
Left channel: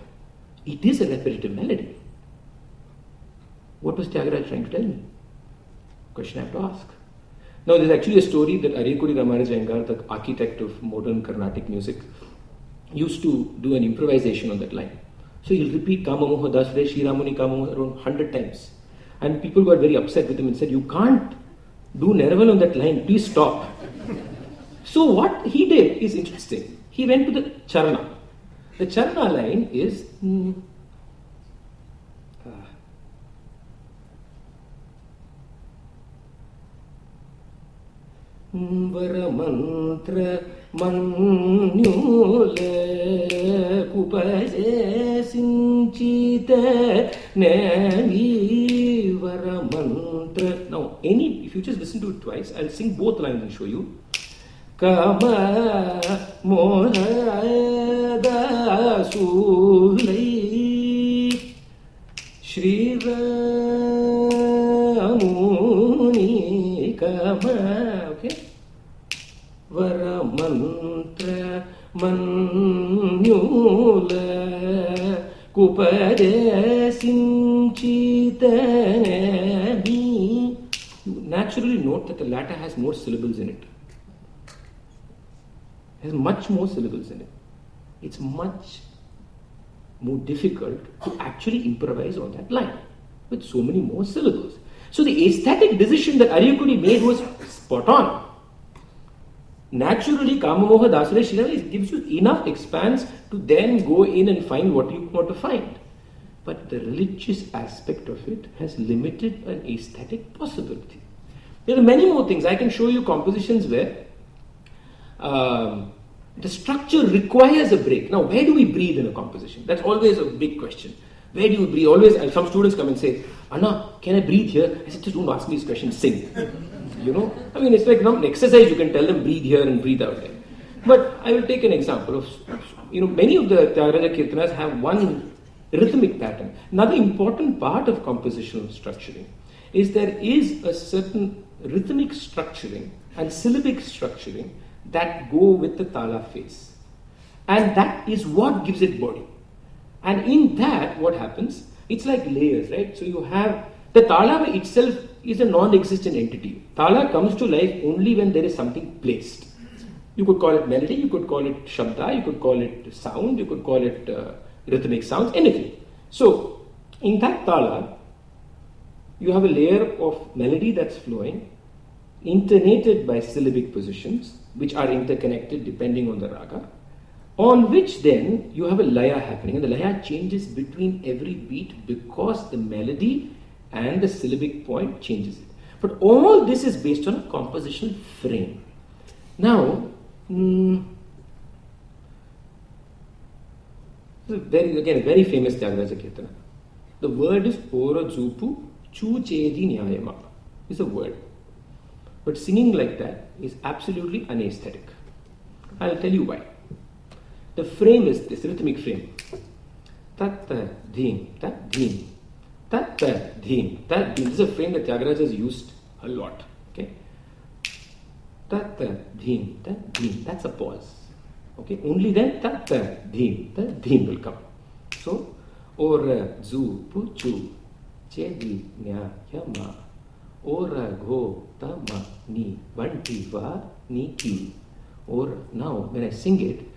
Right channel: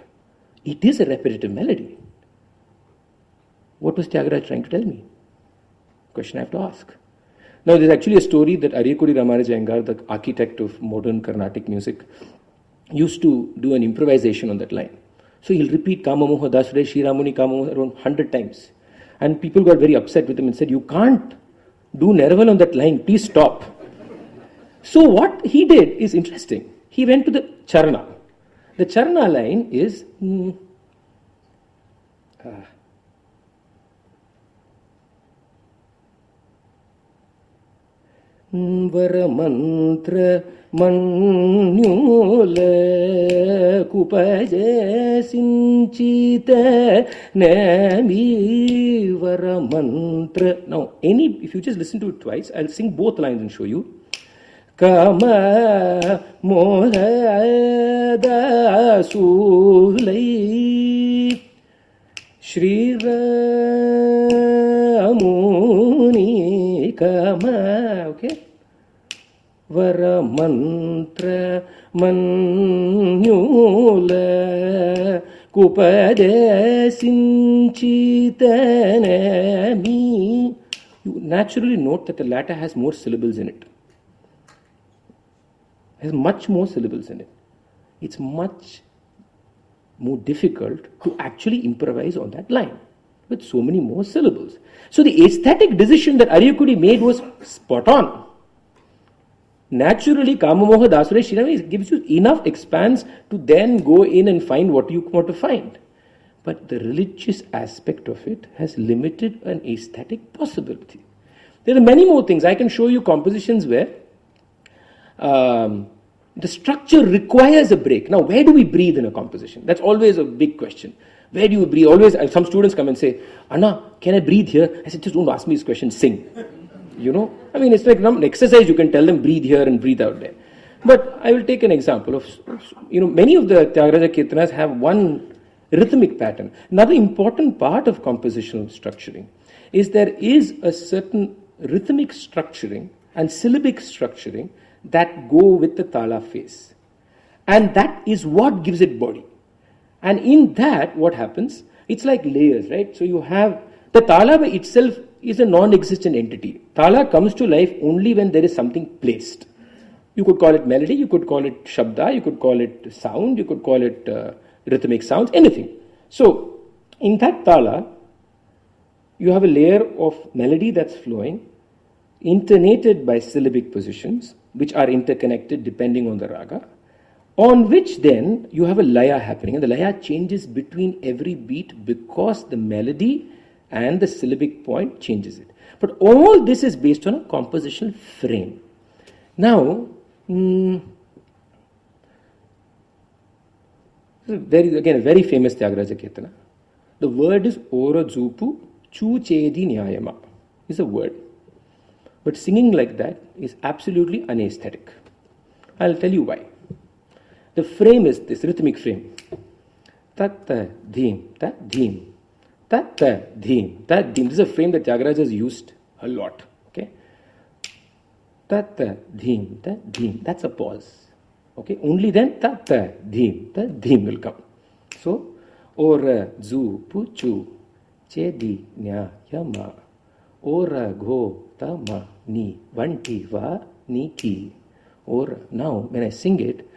It is a repetitive melody. What was Tyagaraja trying to tell me? Question I have to ask. Now, there's actually a story that Ariyakudi Ramaraj Iyengar, the architect of modern Carnatic music, used to do an improvisation on that line. So he'll repeat Kama Moha Dasure, Shri Ramuni Kama Moha around 100 times. And people got very upset with him and said, you can't do Nirvana on that line, please stop. So what he did is interesting. He went to the Charana. The Charana line is Varamantra Manyule Kupaje Sinchita Nami Varamantra. Now, if you just listen to it twice, I'll sing both lines and show you. Kama Mohada Sulai Shri Ramuni Kama. Okay. Varamantra Manyula Kupade Sinchitanami. You naturally note that the latter has more syllables in it. Has much more syllables in it. It's much more difficult to actually improvise on that line with so many more syllables. So the aesthetic decision that Ariyakudi made was spot on. Naturally, Kama Moha Dasure Shri gives you enough expanse to then go in and find what you want to find. But the religious aspect of it has limited an aesthetic possibility. There are many more things. I can show you compositions where the structure requires a break. Now, where do we breathe in a composition? That's always a big question. Where do you breathe? Always, some students come and say, Anna, can I breathe here? I said, just don't ask me this question, sing. I mean, it's like an exercise. You can tell them breathe here and breathe out there. But I will take an example of, many of the Tyagaraja Kirtanas have one rhythmic pattern. Another important part of compositional structuring is there is a certain rhythmic structuring and syllabic structuring that go with the tala phase. And that is what gives it body. And in that, what happens? It's like layers, right? So you have, the tala by itself is a non-existent entity. Tala comes to life only when there is something placed. You could call it melody, you could call it shabda, you could call it sound, you could call it rhythmic sounds, anything. So, in that tala, you have a layer of melody that's flowing, intonated by syllabic positions, which are interconnected depending on the raga, on which then you have a laya happening. And the laya changes between every beat because the melody and the syllabic point changes it. But all this is based on a compositional frame. Now, again, a very famous Tyagaraja Kirtana. The word is Ora Zupu Chu Chedi Nyayama. Is a word. But singing like that is absolutely unaesthetic. I'll tell you why. The frame is this rhythmic frame. Tatta dheem, tat dheem, tatta dheem, tat dheem. This is a frame that Tyagaraja has used a lot. Okay. Tatta dheem, tat dheem. That's a pause. Okay. Only then tatta dheem will come. So, ora zu puchu chedi nya yama ora go tama ni vanti va ni ki. Or now when I sing it,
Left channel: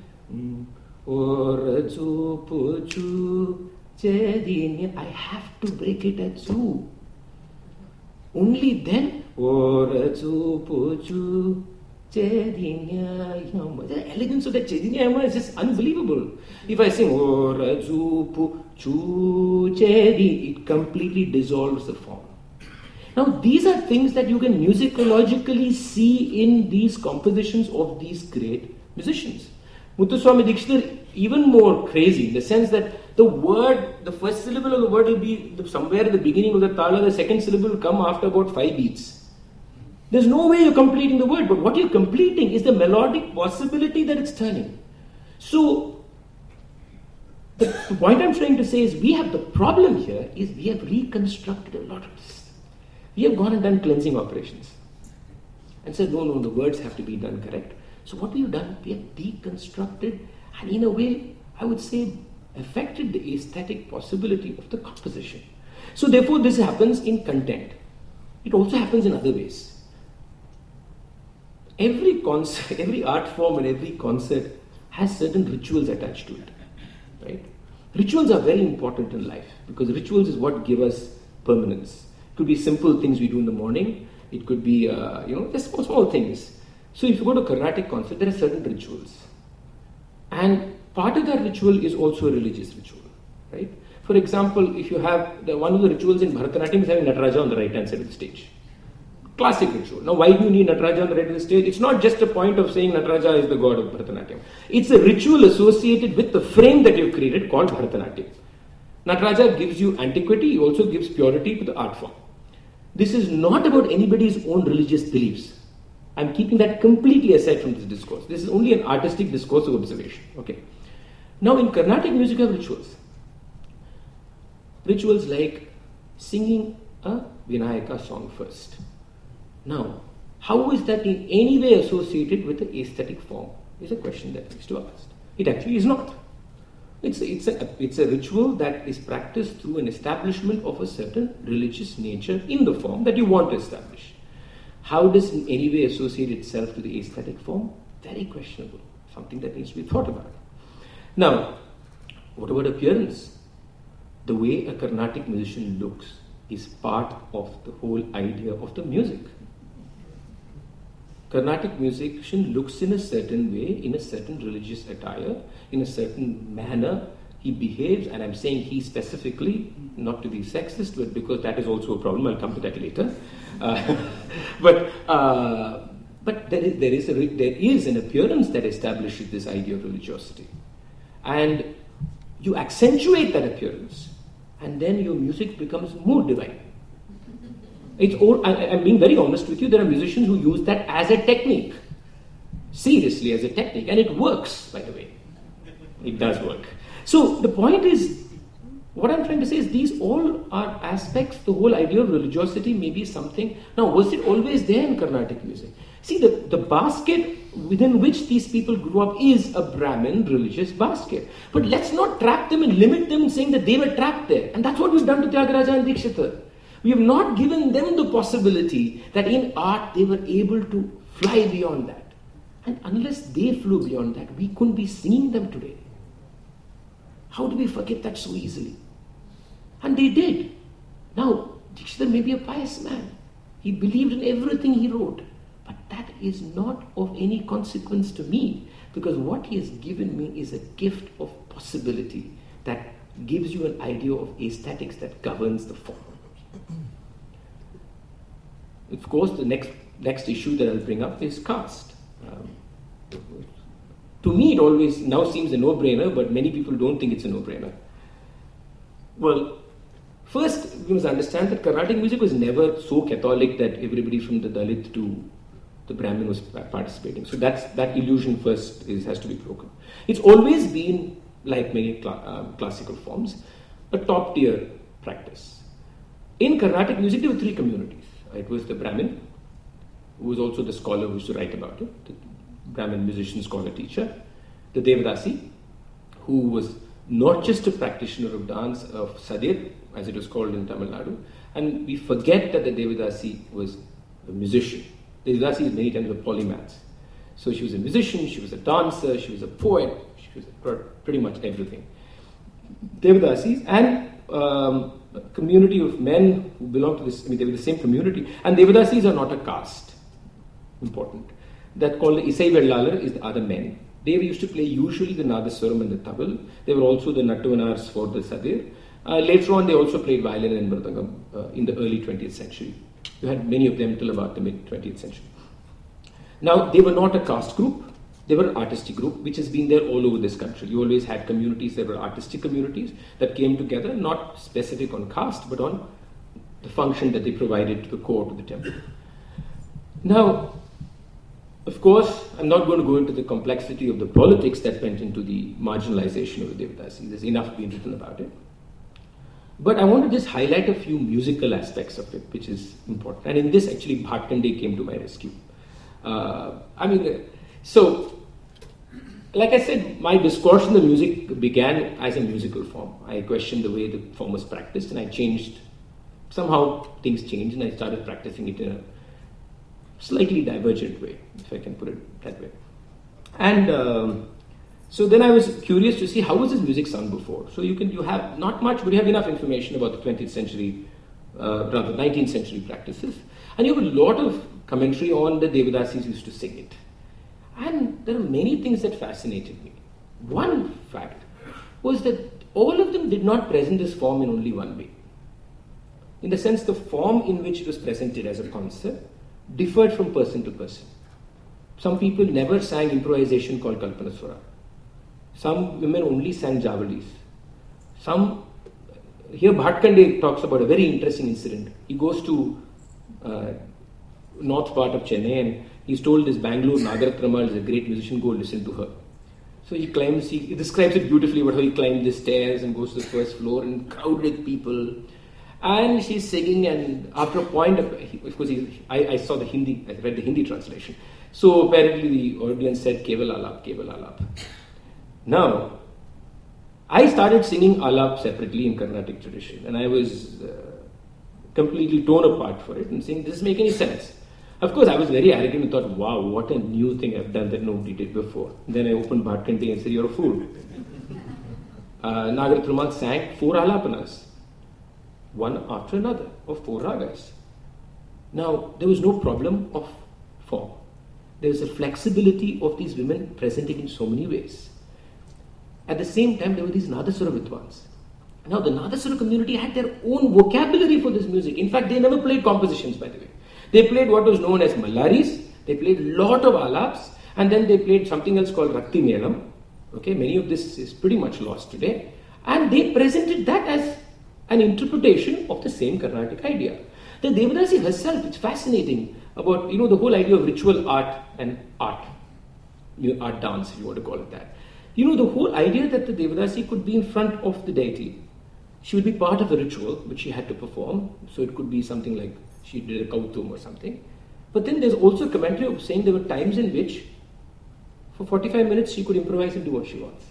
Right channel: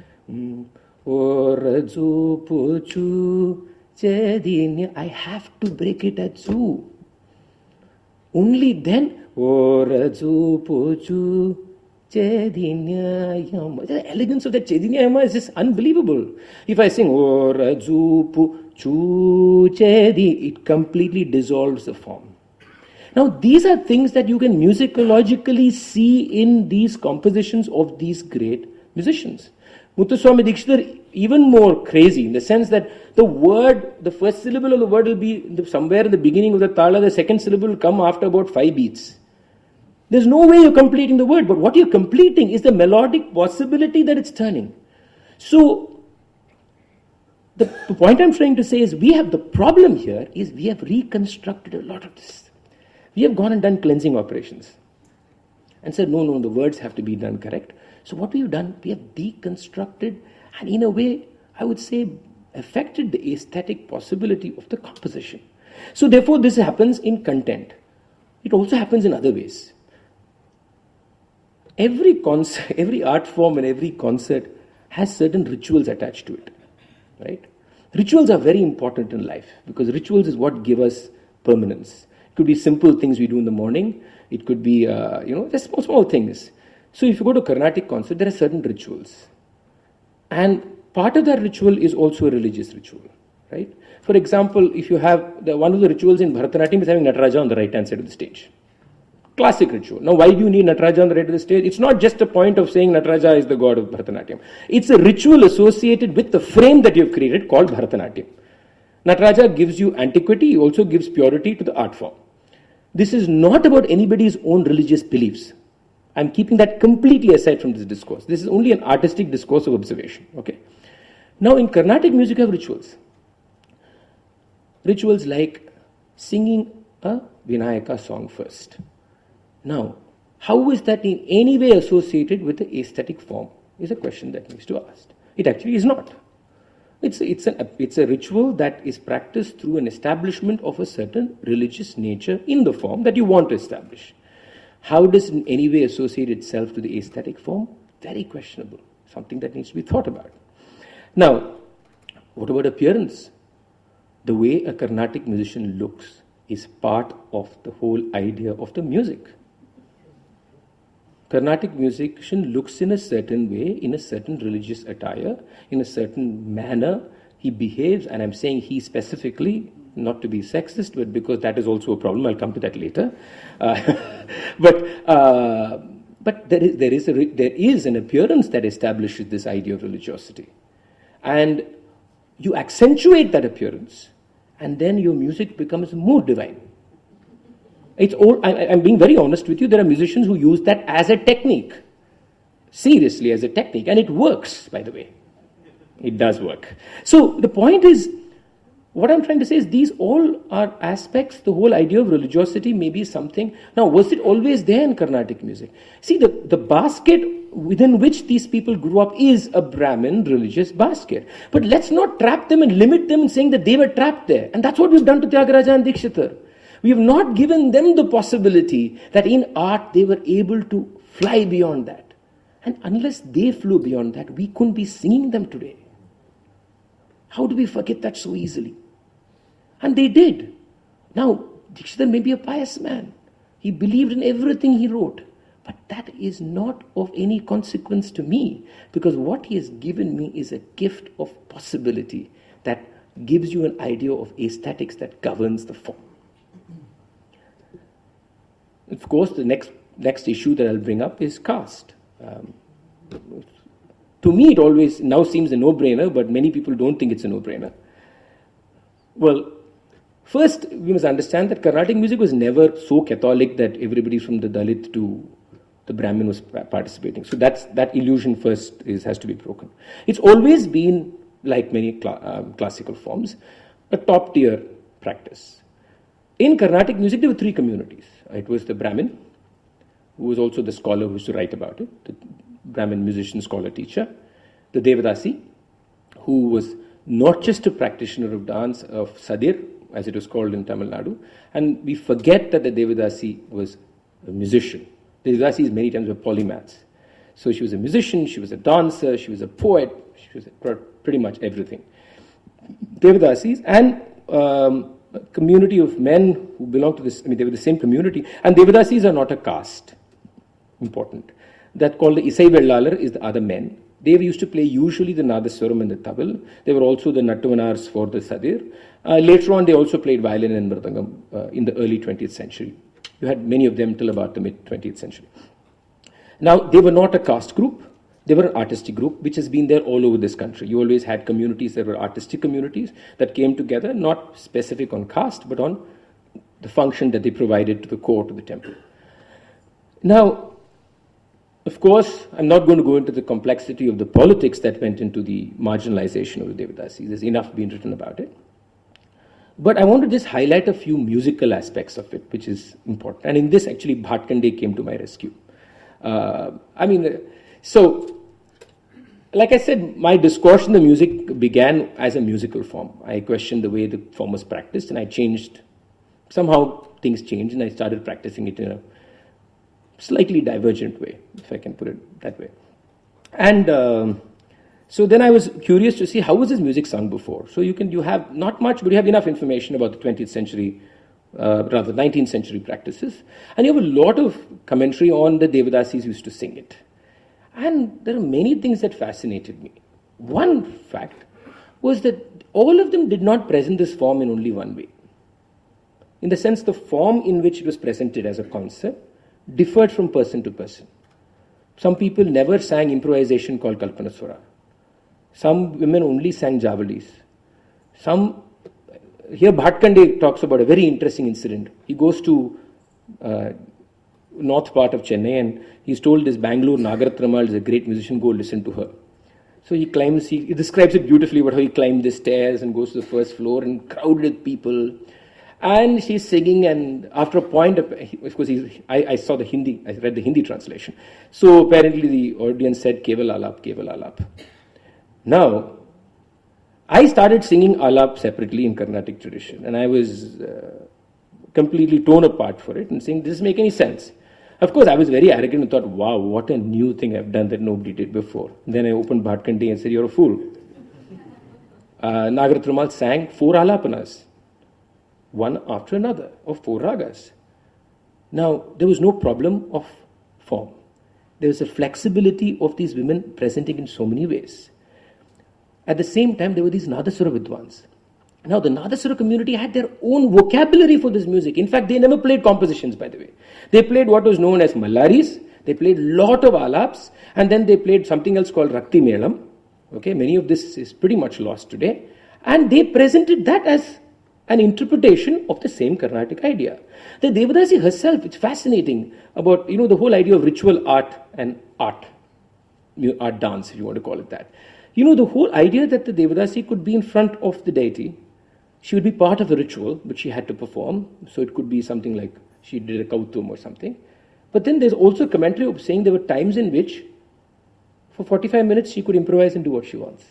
ora zu puchu chedi nya, I have to break it at zu. Only then, ora zu puchu chedi yama. The elegance of that chedi yama is just unbelievable. If I sing ora zu puchu chedi, it completely dissolves the form. Now, these are things that you can musicologically see in these compositions of these great musicians. Muthuswami Dikshidhar, even more crazy in the sense that the word, the first syllable of the word will be somewhere in the beginning of the tala, the second syllable will come after about 5 beats. There's no way you're completing the word, but what you're completing is the melodic possibility that it's turning. So, the point I'm trying to say is the problem here is we have reconstructed a lot of this. We have gone and done cleansing operations and said, no, the words have to be done correct. So what we have done, we have deconstructed and in a way, I would say, affected the aesthetic possibility of the composition. So therefore, this happens in content. It also happens in other ways. Every concert, every art form and every concert has certain rituals attached to it, right? Rituals are very important in life because rituals is what give us permanence. It could be simple things we do in the morning. It could be, just small things. So if you go to a Carnatic concert, there are certain rituals. And part of that ritual is also a religious ritual, right? For example, if you have, one of the rituals in Bharatanatyam is having Nataraja on the right hand side of the stage. Classic ritual. Now, why do you need Nataraja on the right of the stage? It's not just a point of saying Nataraja is the god of Bharatanatyam. It's a ritual associated with the frame that you've created called Bharatanatyam. Nataraja gives you antiquity, he also gives purity to the art form. This is not about anybody's own religious beliefs. I'm keeping that completely aside from this discourse. This is only an artistic discourse of observation. Okay. Now, in Carnatic music, you have rituals. Rituals like singing a Vinayaka song first. Now, how is that in any way associated with the aesthetic form? Is a question that needs to be asked. It actually is not. It's a ritual that is practiced through an establishment of a certain religious nature in the form that you want to establish. How does it in any way associate itself to the aesthetic form? Very questionable. Something that needs to be thought about. Now, what about appearance? The way a Carnatic musician looks is part of the whole idea of the music. Carnatic musician looks in a certain way, in a certain religious attire, in a certain manner. He behaves, and I'm saying he specifically, not to be sexist, but because that is also a problem. I'll come to that later. But there is an appearance that establishes this idea of religiosity, and you accentuate that appearance and then your music becomes more divine. It's all, I'm being very honest with you, there are musicians who use that as a technique, seriously as a technique, and it works, by the way. It does work. So the point is, what I'm trying to say is these all are aspects, the whole idea of religiosity may be something. Now, was it always there in Carnatic music? See, the basket within which these people grew up is a Brahmin religious basket. But let's not trap them and limit them saying that they were trapped there. And that's what we've done to Tyagaraja and Dikshita. We have not given them the possibility that in art they were able to fly beyond that. And unless they flew beyond that, we couldn't be singing them today. How do we forget that so easily? And they did. Now, Dikshita may be a pious man. He believed in everything he wrote. But that is not of any consequence to me, because what he has given me is a gift of possibility that gives you an idea of aesthetics that governs the form. Of course, the next issue that I'll bring up is caste. To me, it always now seems a no-brainer, but many people don't think it's a no-brainer. Well, first, we must understand that Carnatic music was never so Catholic that everybody from the Dalit to the Brahmin was participating. So that illusion first has to be broken. It's always been, like many classical forms, a top-tier practice. In Carnatic music, there were three communities. It was the Brahmin, who was also the scholar who used to write about it, the Brahmin musician, scholar, teacher, the Devadasi, who was not just a practitioner of dance, of sadir, as it was called in Tamil Nadu, and we forget that the Devadasi was a musician. The Devadasis many times were polymaths. So she was a musician, she was a dancer, she was a poet, she was pretty much everything. Devadasis and a community of men who belonged to this, they were the same community, and Devadasis are not a caste. Important. That called the Isai Vellalar is the other men. They used to play usually the Nadaswaram and the tabal. They were also the Nattuvanars for the Sadir. Later on, they also played violin and mridangam in the early 20th century. You had many of them till about the mid-20th century. Now, they were not a caste group. They were an artistic group, which has been there all over this country. You always had communities that were artistic communities that came together, not specific on caste, but on the function that they provided to the court of the temple. Now, of course, I'm not going to go into the complexity of the politics that went into the marginalization of the Devadasis. There's enough being written about it. But I want to just highlight a few musical aspects of it, which is important. And in this, actually, Bhatkande came to my rescue. So, like I said, my discourse in the music began as a musical form. I questioned the way the form was practiced, and I changed. Somehow, things changed, and I started practicing it in a slightly divergent way, if I can put it that way. And so then I was curious to see how was this music sung before. So you have not much, but you have enough information about the 20th century, rather 19th century practices. And you have a lot of commentary on the Devadasis used to sing it. And there are many things that fascinated me. One fact was that all of them did not present this form in only one way. In the sense, the form in which it was presented as a concept differed from person to person. Some people never sang improvisation called Kalpanaswara. Some women only sang javalis. Here Bhatkande talks about a very interesting incident. He goes to north part of Chennai and he's told this Bangalore Nagaratramal is a great musician, go listen to her. So he climbs, he describes it beautifully about how he climbed the stairs and goes to the first floor and crowded with people. And she's singing, and after a point, of course, I saw the Hindi, I read the Hindi translation. So apparently the audience said, Keval Alap, Keval Alap. Now, I started singing Alap separately in Carnatic tradition, and I was completely torn apart for it and saying, does this make any sense? Of course, I was very arrogant and thought, wow, what a new thing I've done that nobody did before. Then I opened Bhatkande and said, you're a fool. Nagaratramal sang 4 Alapanas, one after another, of 4 ragas. Now, there was no problem of form. There was a flexibility of these women presenting in so many ways. At the same time, there were these Nadaswara Vidwans. Now, the Nadaswara community had their own vocabulary for this music. In fact, they never played compositions, by the way. They played what was known as Mallaris, they played a lot of Alaps, and then they played something else called Rakti Melam. Okay, many of this is pretty much lost today. And they presented that an interpretation of the same Carnatic idea. The Devadasi herself, it's fascinating about, the whole idea of ritual art and art dance, if you want to call it that. The whole idea that the Devadasi could be in front of the deity, she would be part of a ritual which she had to perform. So it could be something like she did a kautum or something. But then there's also a commentary of saying there were times in which for 45 minutes she could improvise and do what she wants.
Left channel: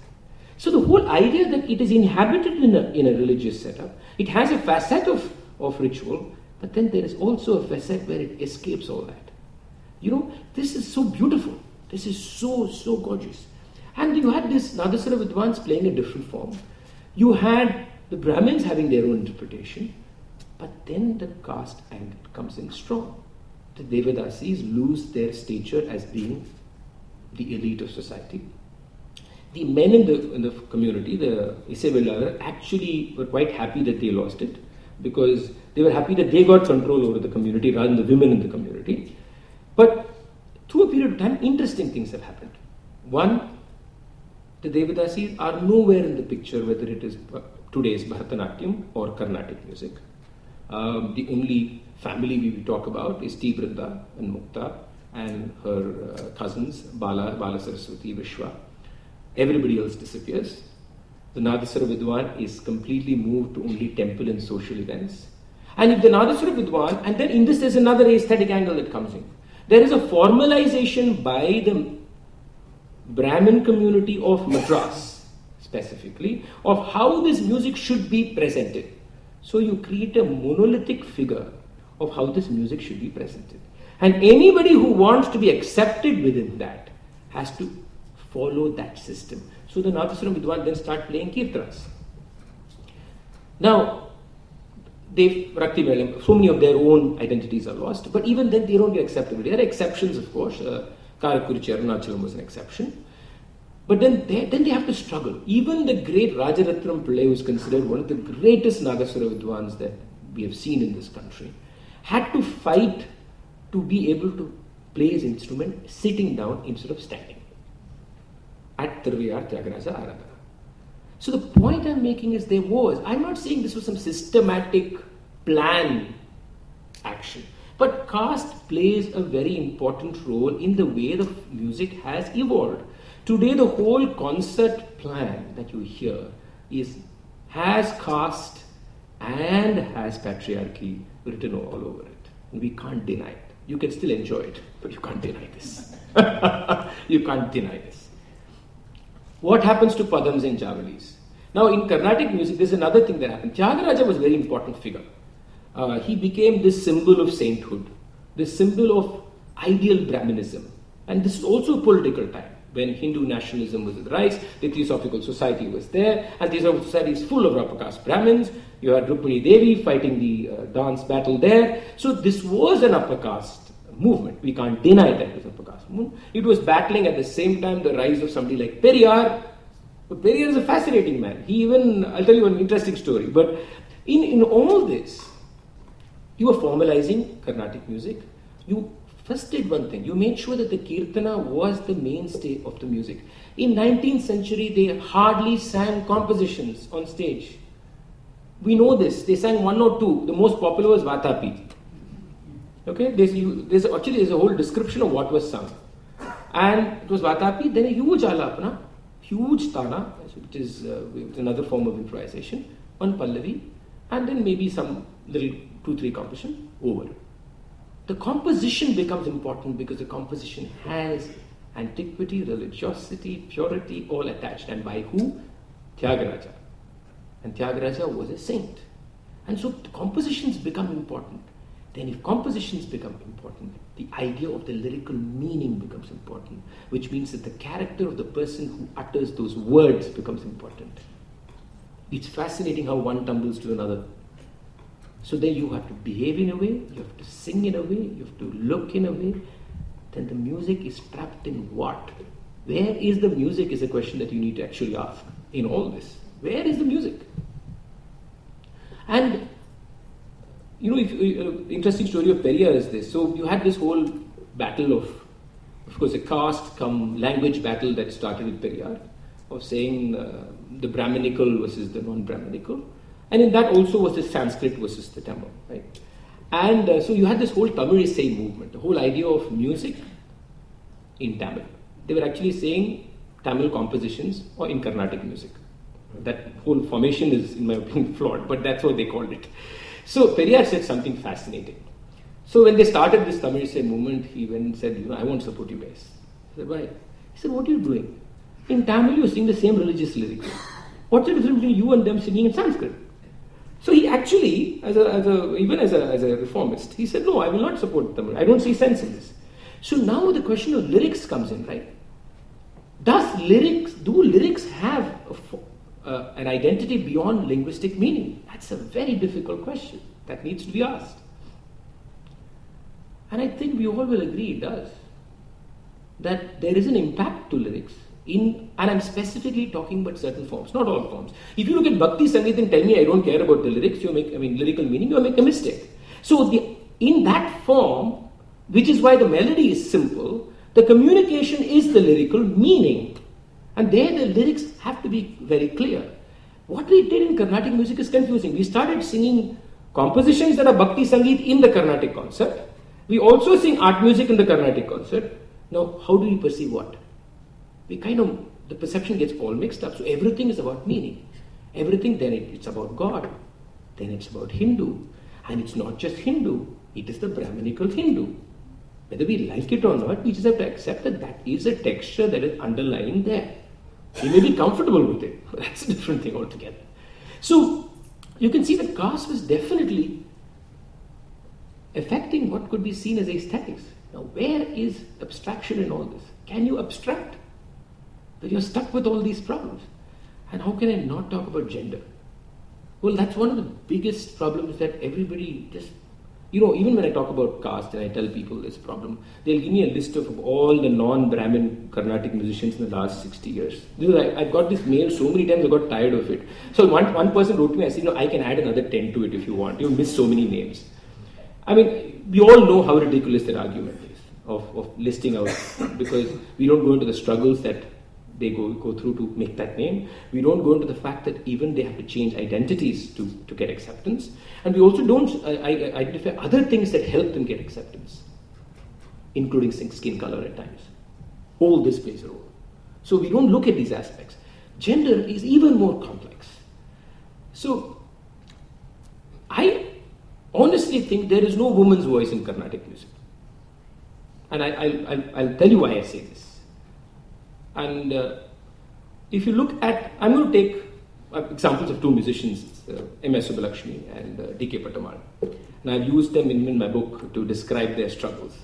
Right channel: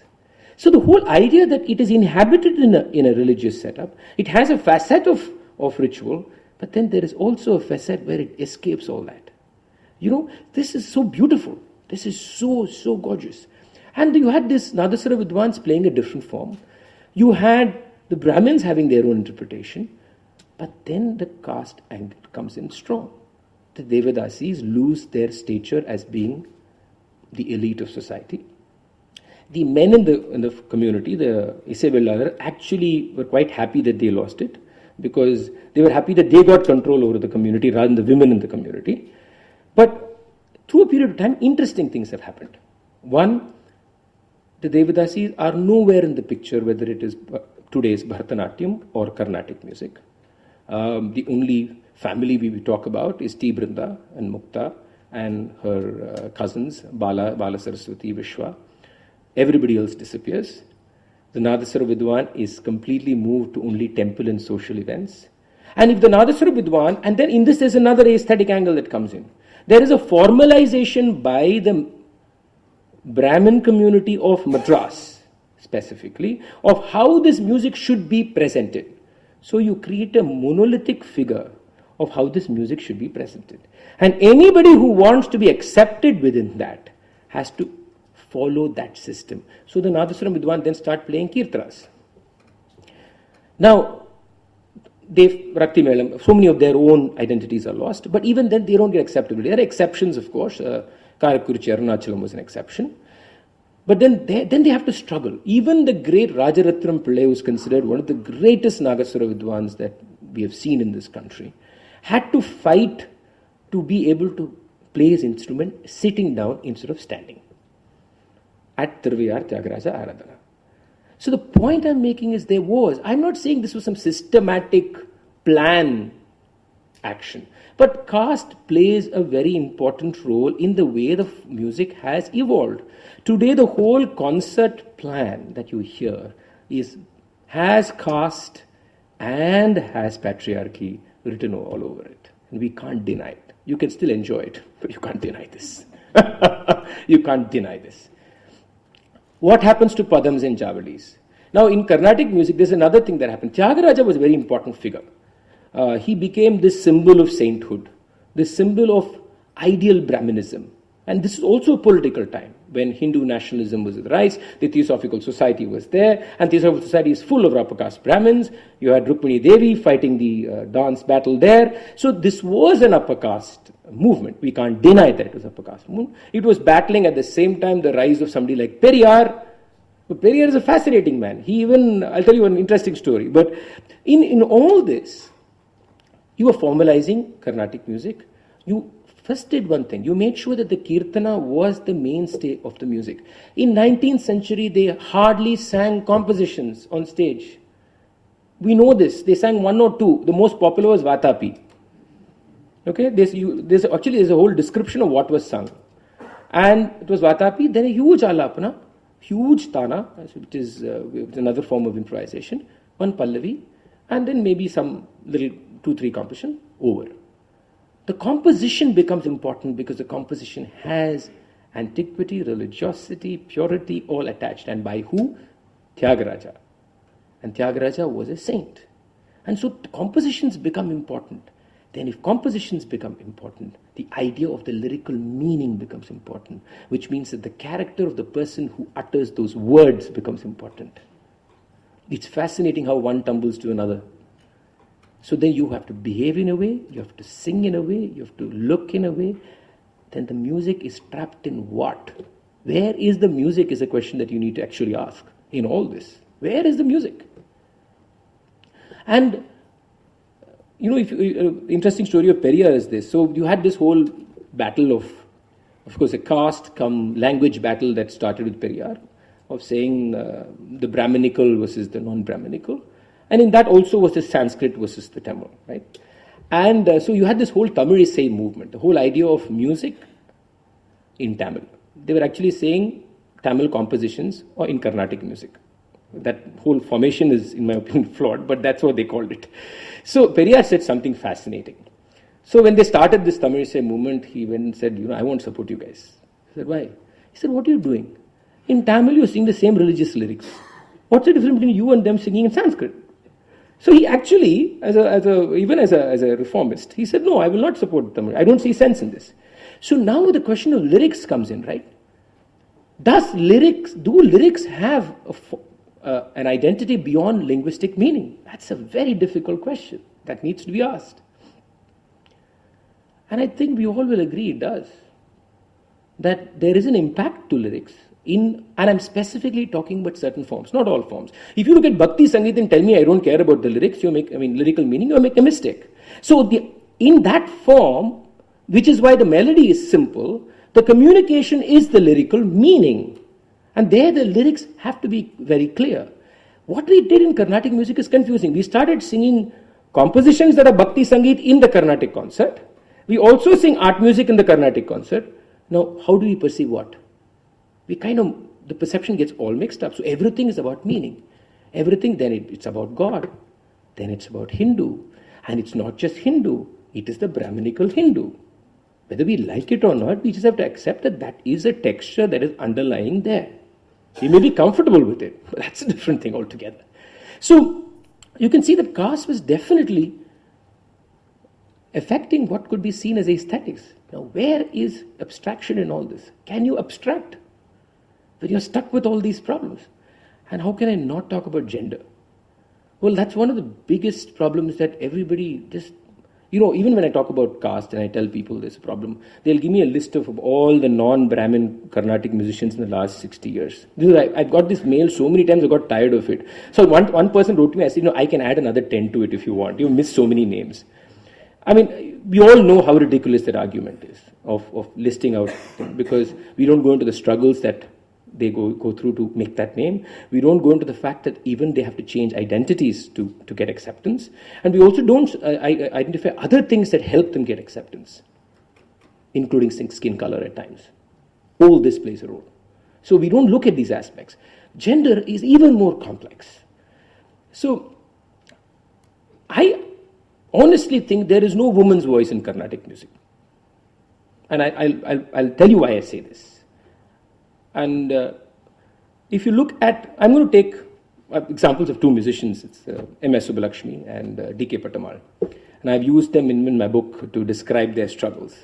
So the whole idea that it is inhabited in a religious setup, it has a facet of ritual, but then there is also a facet where it escapes all that. This is so beautiful. This is so, so gorgeous. And you had this Nadaswara Vidwans playing a different form. You had the Brahmins having their own interpretation, but then the caste angle comes in strong. The Devadasis lose their stature as being the elite of society. The men in the community, the Isevellarar, actually were quite happy that they lost it, because they were happy that they got control over the community rather than the women in the community. But through a period of time, interesting things have happened. One, the Devadasis are nowhere in the picture, whether it is today's Bharatanatyam or Carnatic music. The only family we talk about is T. Brinda and Mukta and her cousins, Bala Saraswati, Vishwa. Everybody else disappears. The Nadaswara Vidwan is completely moved to only temple and social events. And if the Nadaswara Vidwan, and then in this there's another aesthetic angle that comes in. There is a formalization by the Brahmin community of Madras, specifically, of how this music should be presented. So you create a monolithic figure of how this music should be presented. And anybody who wants to be accepted within that has to follow that system. So the Nadaswara Vidwan then start playing kirtanas. Now, Rakti Melam, so many of their own identities are lost, but even then they don't get acceptability. There are exceptions, of course. Karakurichi Arunachalam was an exception. But then they have to struggle. Even the great Rajaratnam Pillai, who is considered one of the greatest Nagaswara Vidwans that we have seen in this country, had to fight to be able to play his instrument sitting down instead of standing at Tiruviyar Tyagaraja Aradhana. So the point I'm making is I'm not saying this was some systematic plan action, but caste plays a very important role in the way the music has evolved. Today the whole concert plan that you hear has caste and has patriarchy written all over it. And we can't deny it. You can still enjoy it, but you can't deny this. You can't deny this. What happens to Padams and Javalis? Now in Carnatic music, there's another thing that happened. Tyagaraja was a very important figure. He became this symbol of sainthood, this symbol of ideal Brahminism. And this is also a political time. When Hindu nationalism was at the rise, the Theosophical Society was there, and Theosophical Society is full of upper caste Brahmins. You had Rukmini Devi fighting the dance battle there. So this was an upper caste movement. We can't deny that it was upper caste movement. It was battling at the same time the rise of somebody like Periyar. But Periyar is a fascinating man. I'll tell you an interesting story. But in all this, you are formalizing Carnatic music. You first did one thing. You made sure that the Kirtana was the mainstay of the music. In 19th century, they hardly sang compositions on stage. We know this. They sang one or two. The most popular was Vatapi. Okay, there's a whole description of what was sung. And it was Vatapi, then a huge alapana, huge tana, which is another form of improvisation, one pallavi, and then maybe some little 2-3 composition over. The composition becomes important because the composition has antiquity, religiosity, purity all attached. And by who? Tyagaraja. And Tyagaraja was a saint. And so compositions become important. Then if compositions become important, the idea of the lyrical meaning becomes important, which means that the character of the person who utters those words becomes important. It's fascinating how one tumbles to another. So then you have to behave in a way, you have to sing in a way, you have to look in a way. Then the music is trapped in what? Where is the music is a question that you need to actually ask in all this. Where is the music? And interesting story of Periyar is this. So you had this whole battle of course, a caste language battle that started with Periyar, of saying the Brahminical versus the non-Brahminical. And in that also was the Sanskrit versus the Tamil, right? And so you had this whole Tamilisai movement, the whole idea of music in Tamil. They were actually saying Tamil compositions or in Carnatic music. That whole formation is, in my opinion, flawed, but that's what they called it. So Periyar said something fascinating. So when they started this Tamilisai movement, he went and said, I won't support you guys. I said, why? He said, what are you doing? In Tamil, you're singing the same religious lyrics. What's the difference between you and them singing in Sanskrit? So he actually, even as a reformist, he said, no, I will not support Tamil. I don't see sense in this. So now the question of lyrics comes in, right? Do lyrics have an identity beyond linguistic meaning? That's a very difficult question that needs to be asked. And I think we all will agree it does. That there is an impact to lyrics and I'm specifically talking about certain forms, not all forms. If you look at Bhakti Sangeet and tell me I don't care about the lyrics, lyrical meaning, you make a mistake. So in that form, which is why the melody is simple, the communication is the lyrical meaning. And there the lyrics have to be very clear. What we did in Carnatic music is confusing. We started singing compositions that are Bhakti Sangeet in the Carnatic concert. We also sing art music in the Carnatic concert. Now, how do we perceive what? The perception gets all mixed up. So everything is about meaning. Everything, then it's about God. Then it's about Hindu. And it's not just Hindu. It is the Brahminical Hindu. Whether we like it or not, we just have to accept that that is a texture that is underlying there. We may be comfortable with it, but that's a different thing altogether. So you can see that caste was definitely affecting what could be seen as aesthetics. Now, where is abstraction in all this? Can you abstract? But you're stuck with all these problems. And how can I not talk about gender? Well, that's one of the biggest problems that everybody just, even when I talk about caste and I tell people there's a problem, they'll give me a list of all the non-Brahmin Carnatic musicians in the last 60 years. I've got this mail so many times I got tired of it. So one person wrote to me, I said, I can add another 10 to it if you want. You missed so many names. We all know how ridiculous that argument is of listing out, because we don't go into the struggles that they go through to make that name. We don't go into the fact that even they have to change identities to get acceptance. And we also don't identify other things that help them get acceptance, including skin color at times. All this plays a role. So we don't look at these aspects. Gender is even more complex. So I honestly think there is no woman's voice in Carnatic music. And I'll tell you why I say this. And if you look at, I'm going to take examples of two musicians, it's M.S. Subbulakshmi and D.K. Pattamal. And I've used them in my book to describe their struggles.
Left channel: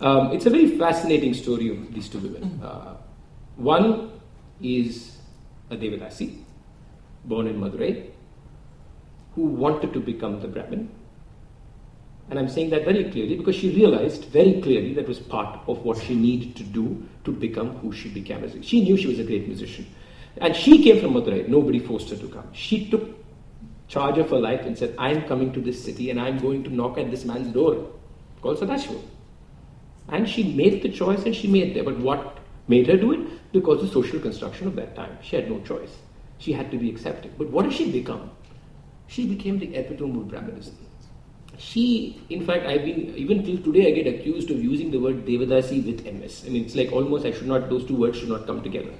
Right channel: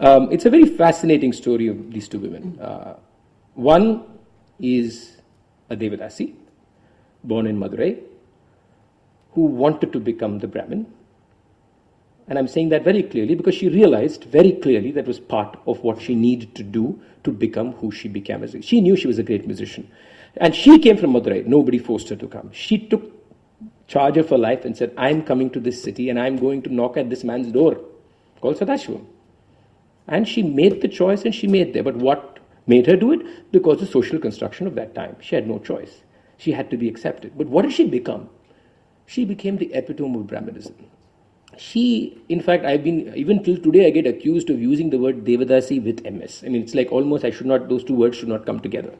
It's a very fascinating story of these two women. One is a Devadasi, born in Madurai, who wanted to become the Brahmin. And I'm saying that very clearly because she realized very clearly that was part of what she needed to do to become who she became. She knew she was a great musician. And she came from Madurai. Nobody forced her to come. She took charge of her life and said, I'm coming to this city and I'm going to knock at this man's door called Sadashiva. And she made the choice and she made there. But what made her do it? Because of the social construction of that time. She had no choice. She had to be accepted. But what did she become? She became the epitome of Brahmanism. In fact, even till today, I get accused of using the word Devadasi with MS. It's like almost those two words should not come together.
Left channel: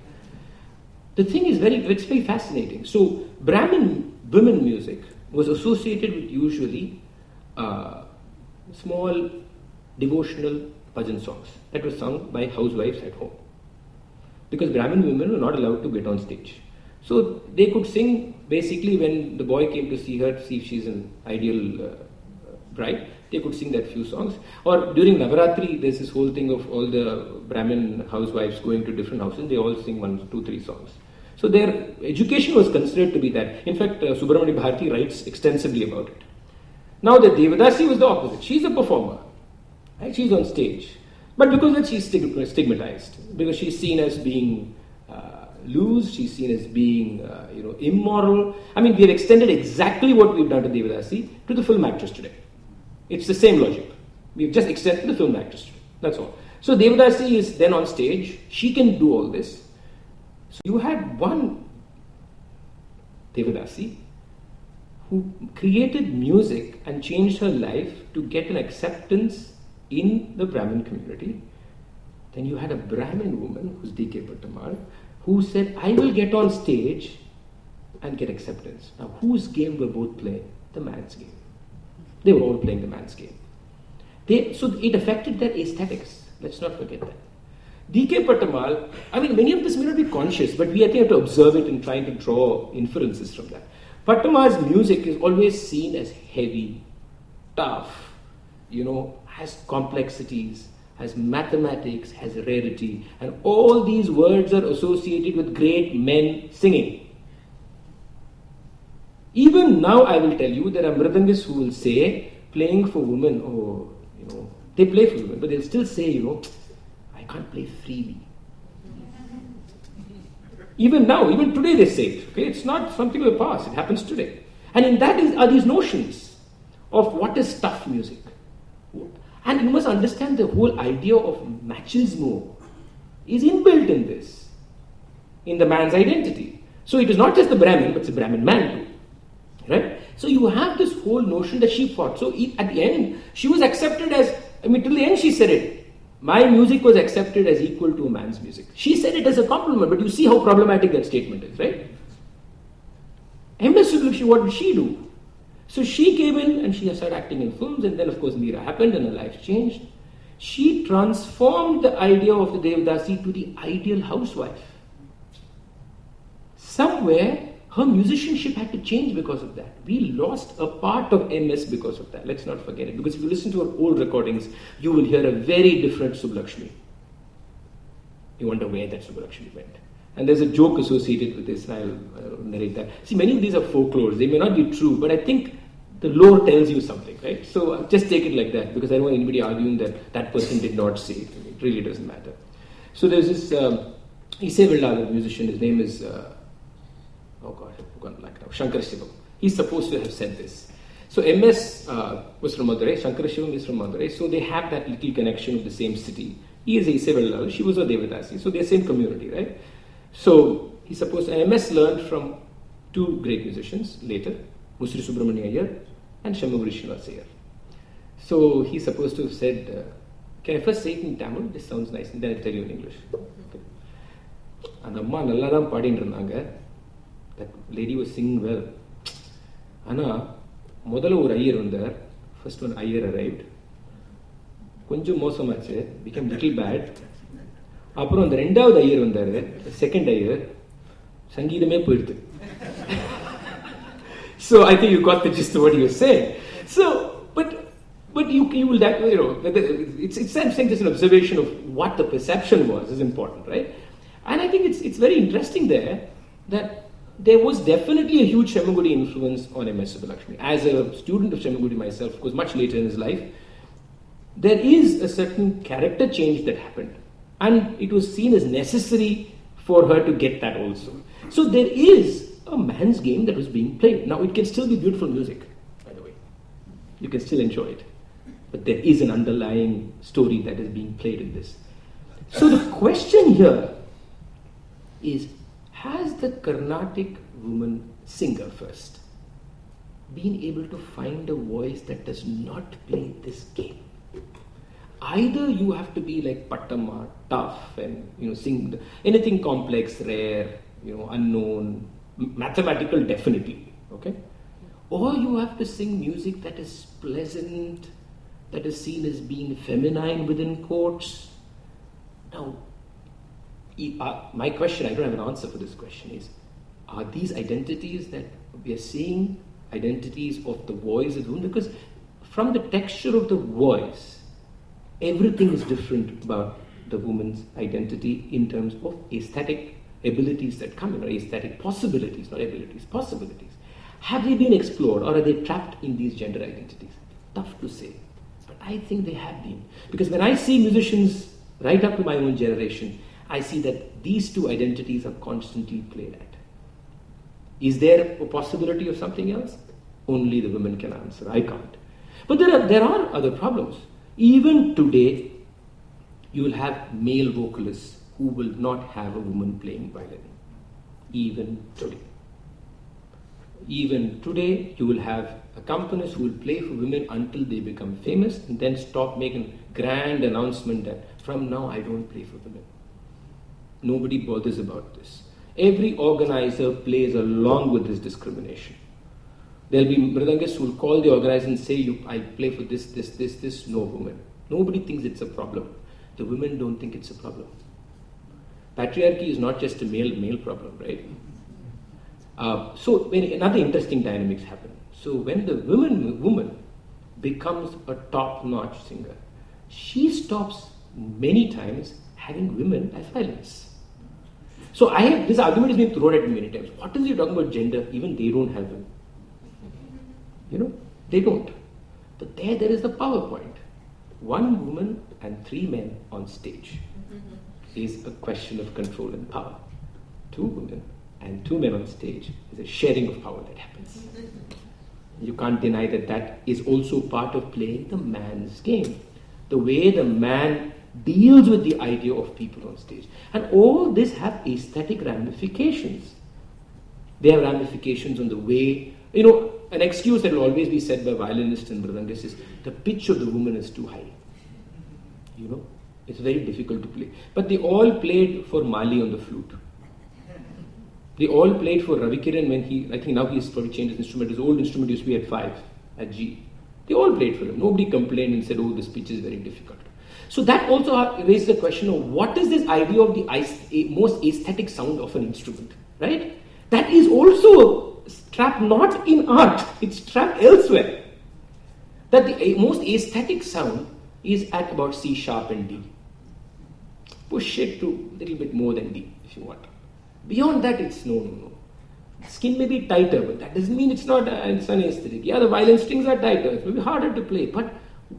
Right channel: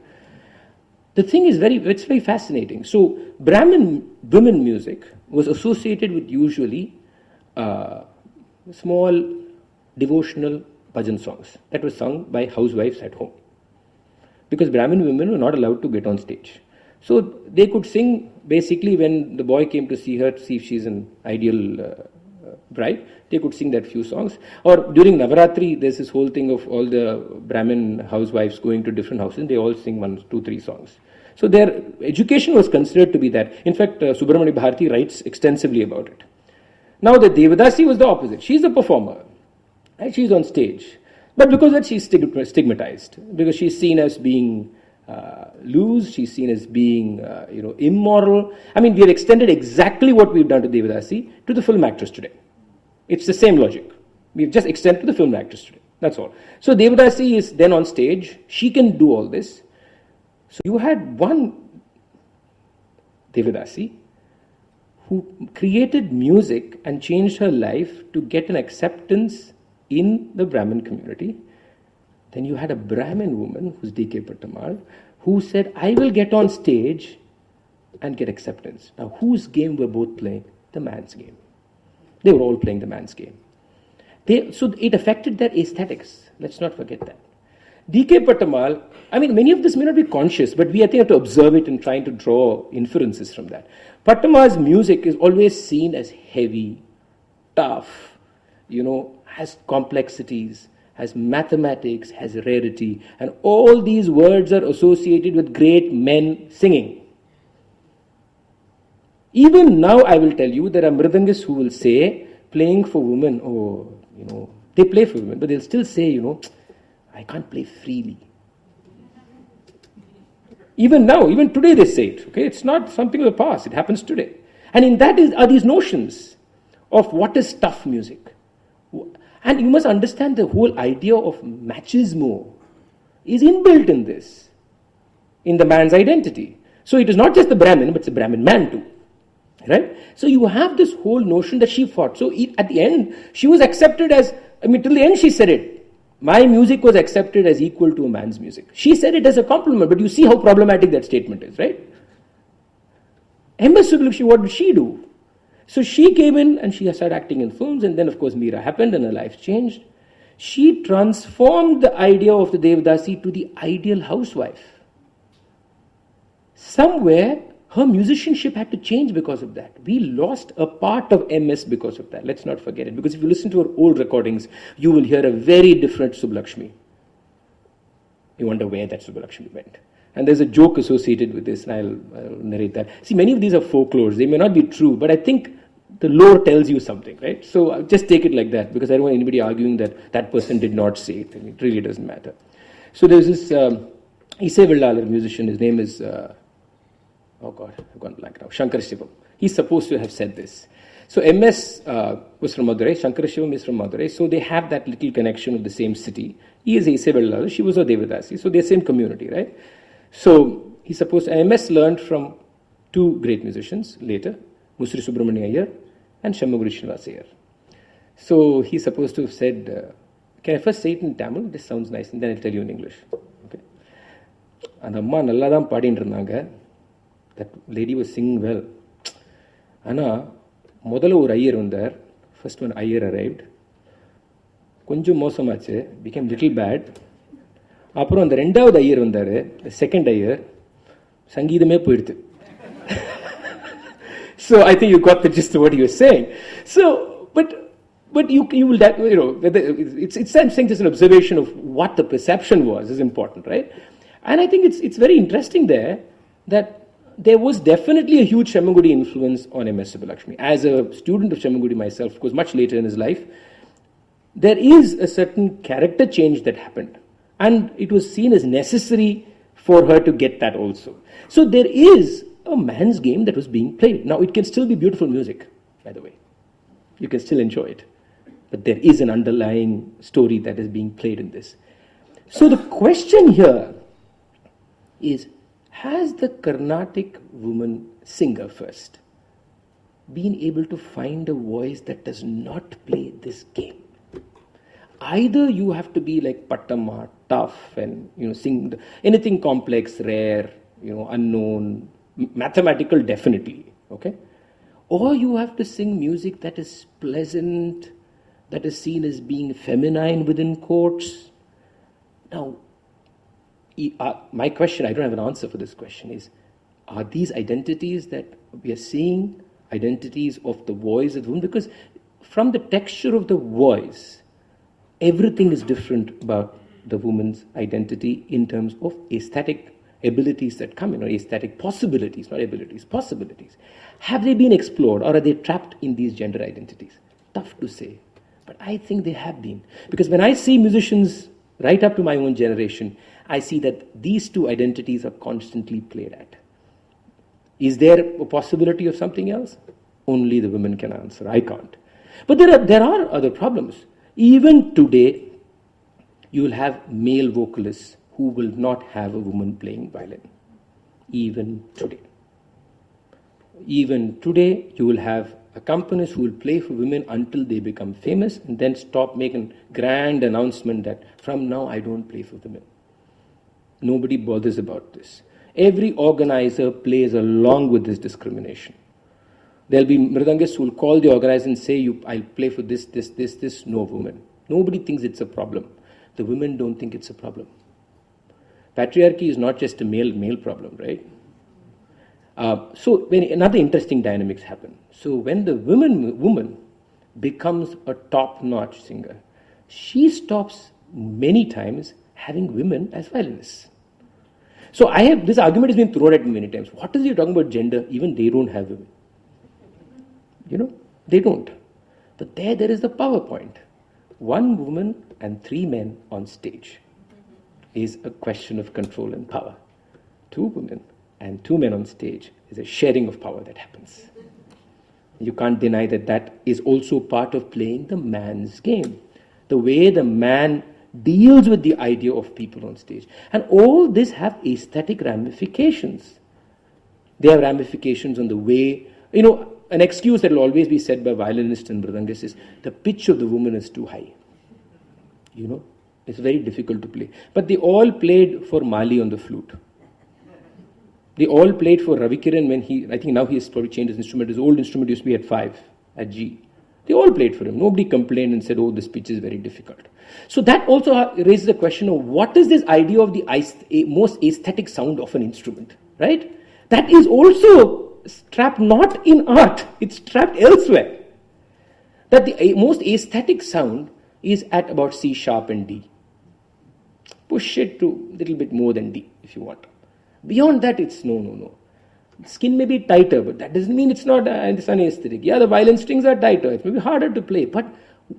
The thing is it's very fascinating. So, Brahmin women music was associated with usually small devotional bhajan songs that were sung by housewives at home. Because Brahmin women were not allowed to get on stage. So, they could sing basically when the boy came to see her, to see if she's an ideal bride, they could sing that few songs. Or during Navaratri, there's this whole thing of all the Brahmin housewives going to different houses, they all sing 1, 2, 3 songs. So their education was considered to be that. In fact, Subramani Bharati writes extensively about it. Now the Devadasi was the opposite. She's a performer, right? She's on stage. But because of that, she's stigmatized. Because she's seen as being loose, she's seen as being immoral. We have extended exactly what we've done to Devadasi to the film actress today. It's the same logic. We've just extended the film actress today. That's all. So Devadasi is then on stage. She can do all this. So you had one Devadasi who created music and changed her life to get an acceptance in the Brahmin community. Then you had a Brahmin woman, who's D.K. Pattammal, who said, I will get on stage and get acceptance. Now, whose game were both playing? The man's game. They were all playing the man's game. So it affected their aesthetics. Let's not forget that. D.K. Pattammal, I mean, many of this may not be conscious, but we I think have to observe it and trying to draw inferences from that. Pattammal's music is always seen as heavy, tough, has complexities, has mathematics, has rarity, and all these words are associated with great men singing. Even now, I will tell you, there are mridangists who will say, playing for women, they play for women, but they'll still say, I can't play freely. Even now, even today they say it. Okay, it's not something of the past, it happens today. And in that are these notions of what is tough music. And you must understand the whole idea of machismo is inbuilt in this, in the man's identity. So it is not just the Brahmin, but it's a Brahmin man too. Right? So you have this whole notion that she fought. So at the end, she was accepted as, till the end she said it. My music was accepted as equal to a man's music. She said it as a compliment, but you see how problematic that statement is, right? MS Subbulakshmi, what did she do? So she came in and she started acting in films, and then of course Meera happened and her life changed. She transformed the idea of the Devadasi to the ideal housewife. Somewhere, her musicianship had to change because of that. We lost a part of MS because of that. Let's not forget it. Because if you listen to her old recordings, you will hear a very different Subbulakshmi. You wonder where that Subbulakshmi went. And there's a joke associated with this, and I'll narrate that. See, many of these are folklores. They may not be true, but I think the lore tells you something, right? So I'll just take it like that, because I don't want anybody arguing that that person did not say it. It really doesn't matter. So there's this Ise Vellala musician. His name is... I've gone blank now. Shankar Shivam. He's supposed to have said this. So MS was from Madurai. Shankar Shivam is from Madurai. So they have that little connection of the same city. He is Ise Vellala. She was a Devadasi. So they're same community, right? So he's supposed to... MS learned from two great musicians later, Musri Subramania Iyer and Shammaguri Srinivas Iyer. So he's supposed to have said, can I first say it in Tamil? This sounds nice, and then I'll tell you in English. Okay. And Amma nalladam paadindranaga. That lady was singing well. Ana, modala or Iyer vandar. First one Iyer arrived. Konjam mosamachu, became little bad. அப்புறம் அந்த ரெண்டாவது ஐயர் வந்தார், second Iyer, சங்கீதமே போயிடுது. So I think you got the gist of what he was saying. So, but you will that it's saying just an observation of what the perception was is important, right? And I think it's very interesting there that there was definitely a huge Shammagudi influence on MS Subbulakshmi. As a student of Shammagudi myself, of course, much later in his life, there is a certain character change that happened. And it was seen as necessary for her to get that also. So there is a man's game that was being played. Now it can still be beautiful music, by the way. You can still enjoy it. But there is an underlying story that is being played in this. So the question here is, has the Carnatic woman singer first been able to find a voice that does not play this game? Either you have to be like Pattamma, tough, and sing anything complex, rare, unknown, mathematical, definitely, okay? Or you have to sing music that is pleasant, that is seen as being feminine within quotes. Now, my question, I don't have an answer for this question, is, are these identities that we are seeing identities of the voice of the woman? Because from the texture of the voice, everything is different about the woman's identity in terms of aesthetic abilities that come in, or aesthetic possibilities, not abilities, possibilities. Have they been explored, or are they trapped in these gender identities? Tough to say, but I think they have been. Because when I see musicians right up to my own generation, I see that these two identities are constantly played at. Is there a possibility of something else? Only the women can answer. I can't. But there are other problems. Even today, you will have male vocalists who will not have a woman playing violin. Even today. even today, you will have accompanists who will play for women until they become famous and then stop making grand announcement that from now I don't play for women. Nobody bothers about this. Every organizer plays along with this discrimination. There'll be mridangists who will call the organizer and say, I'll play for this, no woman. Nobody thinks it's a problem. The women don't think it's a problem. Patriarchy is not just a male problem, right? So when another interesting dynamics happen. So when the woman becomes a top-notch singer, she stops many times having women as violinists. So this argument has been thrown at me many times. What is he talking about gender? Even they don't have them. They don't. But there is the PowerPoint. 1 woman and 3 men on stage is a question of control and power. 2 women and 2 men on stage is a sharing of power that happens. You can't deny that is also part of playing the man's game. The way the man deals with the idea of people on stage. And all this have aesthetic ramifications. They have ramifications on the way, an excuse that will always be said by violinists and mridangists is the pitch of the woman is too high. It's very difficult to play. But they all played for Mali on the flute. They all played for Ravikiran when I think now he's probably changed his instrument. His old instrument used to be at 5, at G. They all played for him. Nobody complained and said, this pitch is very difficult. So that also raises the question of what is this idea of the most aesthetic sound of an instrument, right? That is also trapped not in art, it's trapped elsewhere. That the most aesthetic sound is at about C sharp and D. Push it to a little bit more than D if you want. Beyond that, it's no. Skin may be tighter, but that doesn't mean it's not it's an aesthetic. Yeah, the violin strings are tighter, it's maybe harder to play, but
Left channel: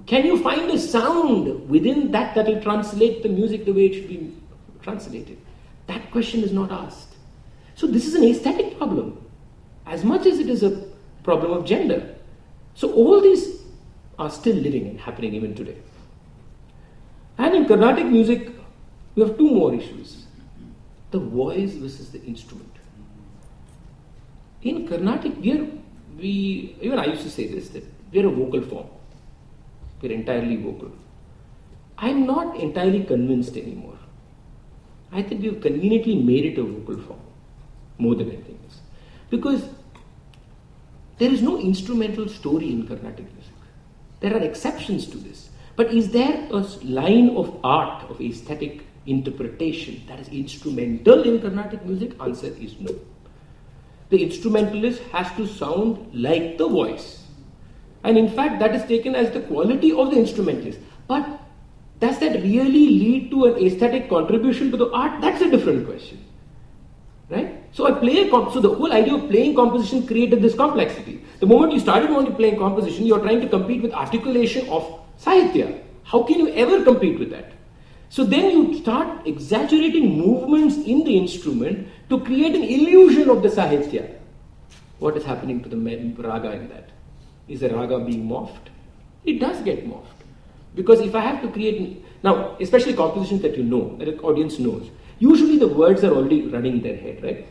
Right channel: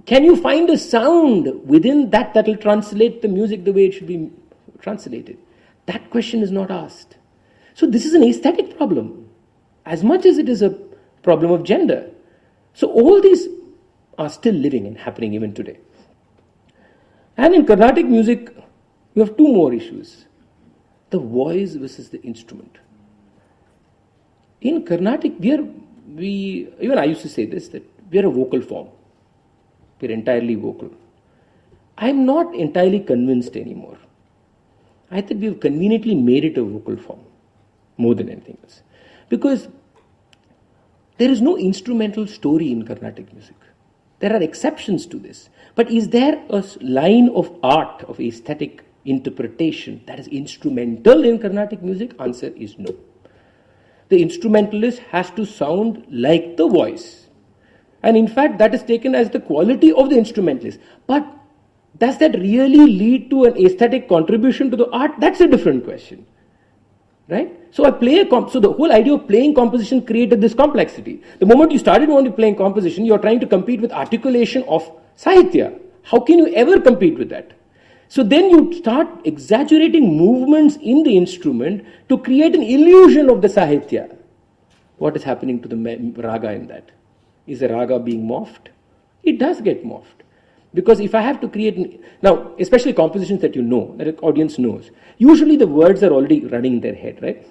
can you find a sound within that will translate the music the way it should be translated? That question is not asked. So this is an aesthetic problem, as much as it is a problem of gender. So all these are still living and happening even today. And in Carnatic music, we have 2 more issues. The voice versus the instrument. In Carnatic, even I used to say this, that we are a vocal form. We're entirely vocal. I'm not entirely convinced anymore. I think we've conveniently made it a vocal form, more than anything else. Because there is no instrumental story in Carnatic music. There are exceptions to this. But is there a line of art, of aesthetic interpretation that is instrumental in Carnatic music? Answer is no. The instrumentalist has to sound like the voice. And in fact, that is taken as the quality of the instrumentalist. But does that really lead to an aesthetic contribution to the art? That's a different question. Right? So so the whole idea of playing composition created this complexity. The moment you started only playing composition, you're trying to compete with articulation of Sahitya. How can you ever compete with that? So then you start exaggerating movements in the instrument to create an illusion of the Sahitya. What is happening to the raga in that? Is the raga being morphed? It does get morphed. Because if I have to create, now especially compositions that you know, that the audience knows, usually the words are already running in their head, right?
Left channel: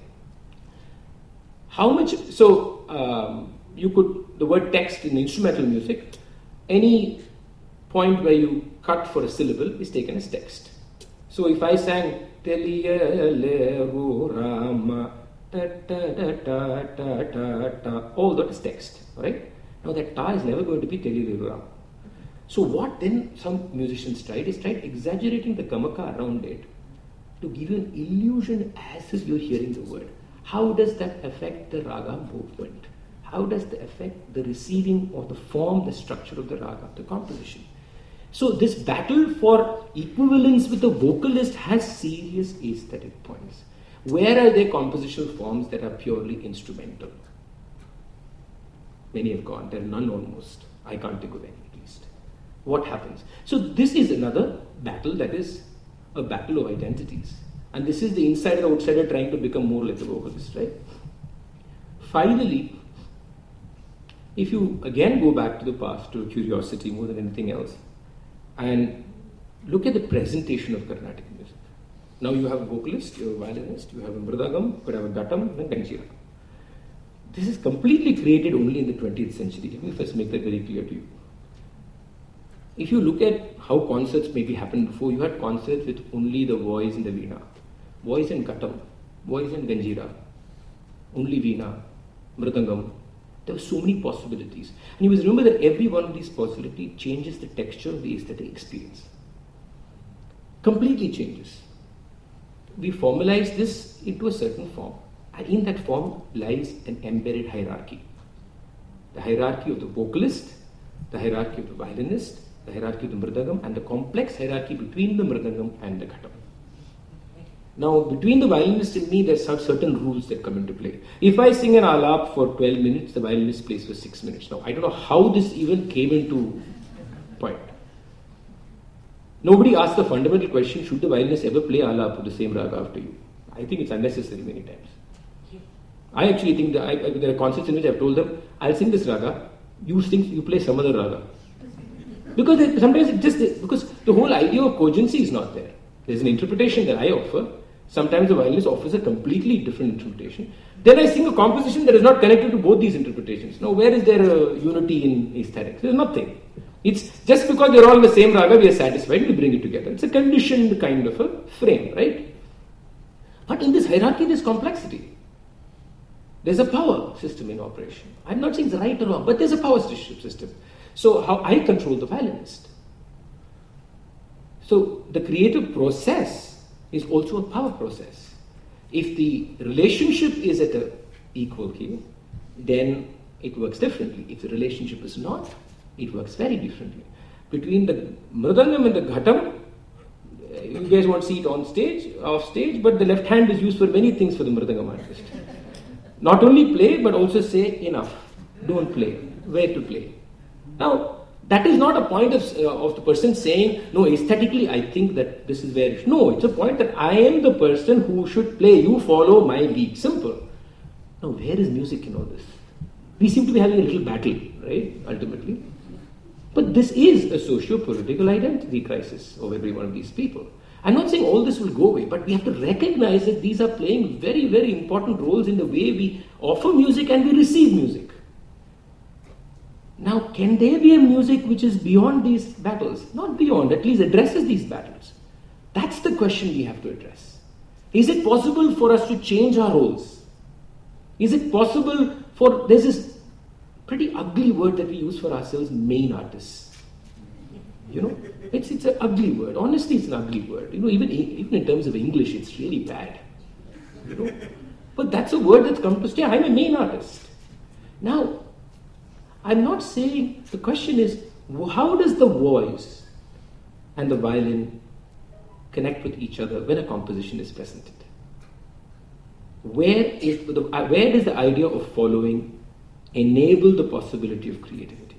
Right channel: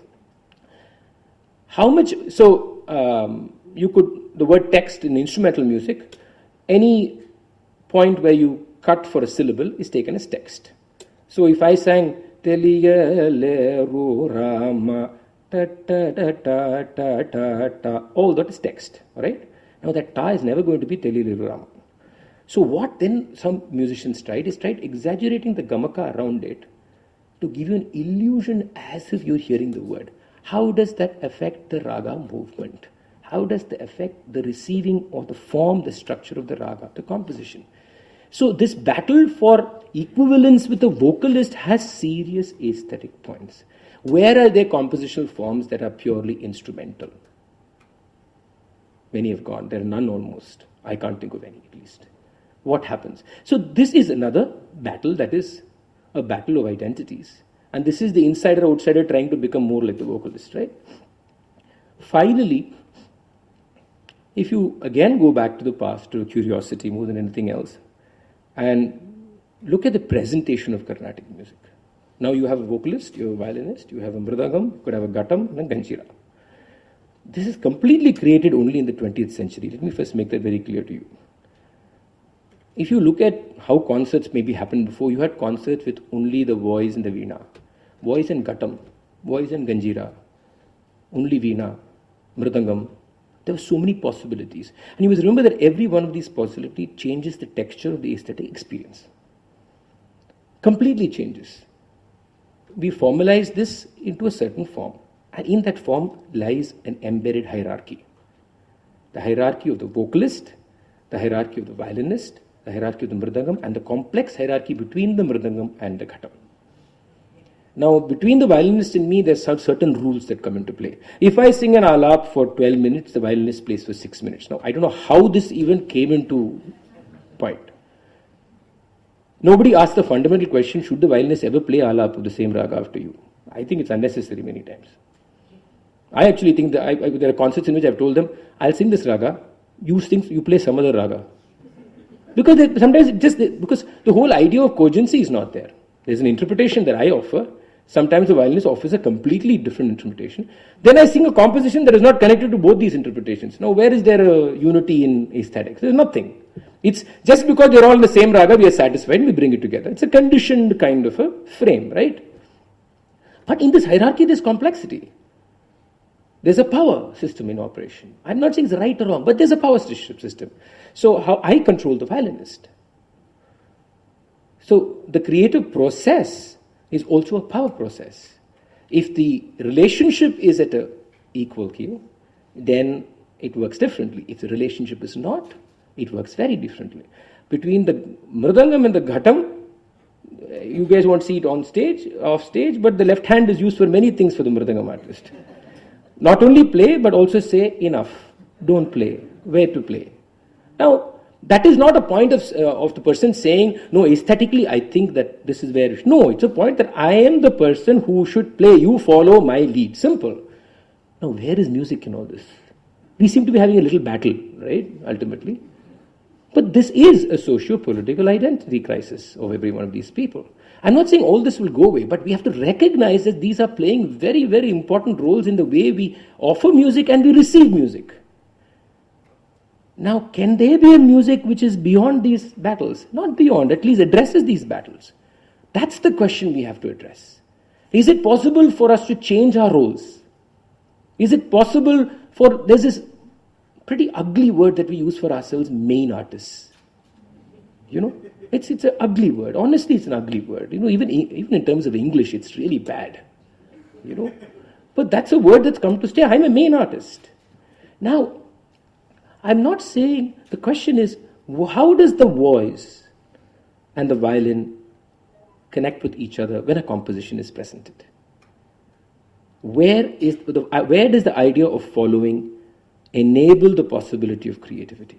How much, the word text in instrumental music, any point where you cut for a syllable is taken as text. So if I sang Rama, all that is text, alright? Now that ta is never going to be Rama. So what then some musicians tried exaggerating the gamaka around it to give you an illusion as if you're hearing the word. How does that affect the raga movement? How does that affect the receiving of the form, the structure of the raga, the composition? So this battle for equivalence with the vocalist has serious aesthetic points. Where are there compositional forms that are purely instrumental? Many have gone. There are none almost. I can't think of any at least. What happens? So this is another battle that is a battle of identities. And this is the insider-outsider trying to become more like the vocalist, right? Finally, if you again go back to the past, to curiosity more than anything else, and look at the presentation of Carnatic music. Now you have a vocalist, you have a violinist, you have a mridangam, you could have a ghatam and a ganjira. This is completely created only in the 20th century. Let me first make that very clear to you. If you look at how concerts maybe happened before, you had concerts with only the voice and the veena, voice and ghatam, voice and ganjira, only veena, mridangam. There were so many possibilities. And you must remember that every one of these possibilities changes the texture of the aesthetic experience. Completely changes. We formalize this into a certain form. And in that form lies an embedded hierarchy. The hierarchy of the vocalist, the hierarchy of the violinist, the hierarchy of the mridangam, and the complex hierarchy between the mridangam and the ghatam. Now, between the violinist and me, there's some certain rules that come into play. If I sing an alap for 12 minutes, the violinist plays for 6 minutes. Now, I don't know how this even came into point. Nobody asked the fundamental question, should the violinist ever play alap of the same raga after you? I think it's unnecessary many times. I actually think that there are concerts in which I've told them, I'll sing this raga, you play some other raga. Because because the whole idea of cogency is not there. There's an interpretation that I offer. Sometimes the violinist offers a completely different interpretation. Then I sing a composition that is not connected to both these interpretations. Now, where is there a unity in aesthetics? There's nothing. It's just because they're all in the same raga, we are satisfied, we bring it together. It's a conditioned kind of a frame, right? But in this hierarchy, there's complexity. There's a power system in operation. I'm not saying it's right or wrong, but there's a power system. So how I control the violinist. So the creative process is also a power process. If the relationship is at an equal key, then it works differently. If the relationship is not, it works very differently. Between the mridangam and the ghatam, you guys won't see it on stage, off stage, but the left hand is used for many things for the mridangam artist. Not only play, but also say enough, don't play, where to play. Now, that is not a point of the person saying, no, aesthetically, I think that this is where... No, it's a point that I am the person who should play. You follow my lead. Simple. Now, where is music in all this? We seem to be having a little battle, right, ultimately. But this is a socio-political identity crisis of every one of these people. I'm not saying all this will go away, but we have to recognize that these are playing very, very important roles in the way we offer music and we receive music. Now, can there be a music which is beyond these battles? Not beyond, at least addresses these battles. That's the question we have to address. Is it possible for us to change our roles? Is it possible for... There's this pretty ugly word that we use for ourselves, main artists. You know, it's an ugly word. Honestly, it's an ugly word. You know, even in terms of English, it's really bad. You know, but that's a word that's come to stay. I'm a main artist. Now, I'm not saying, the question is, how does the voice and the violin connect with each other when a composition is presented? Where does the idea of following enable the possibility of creativity?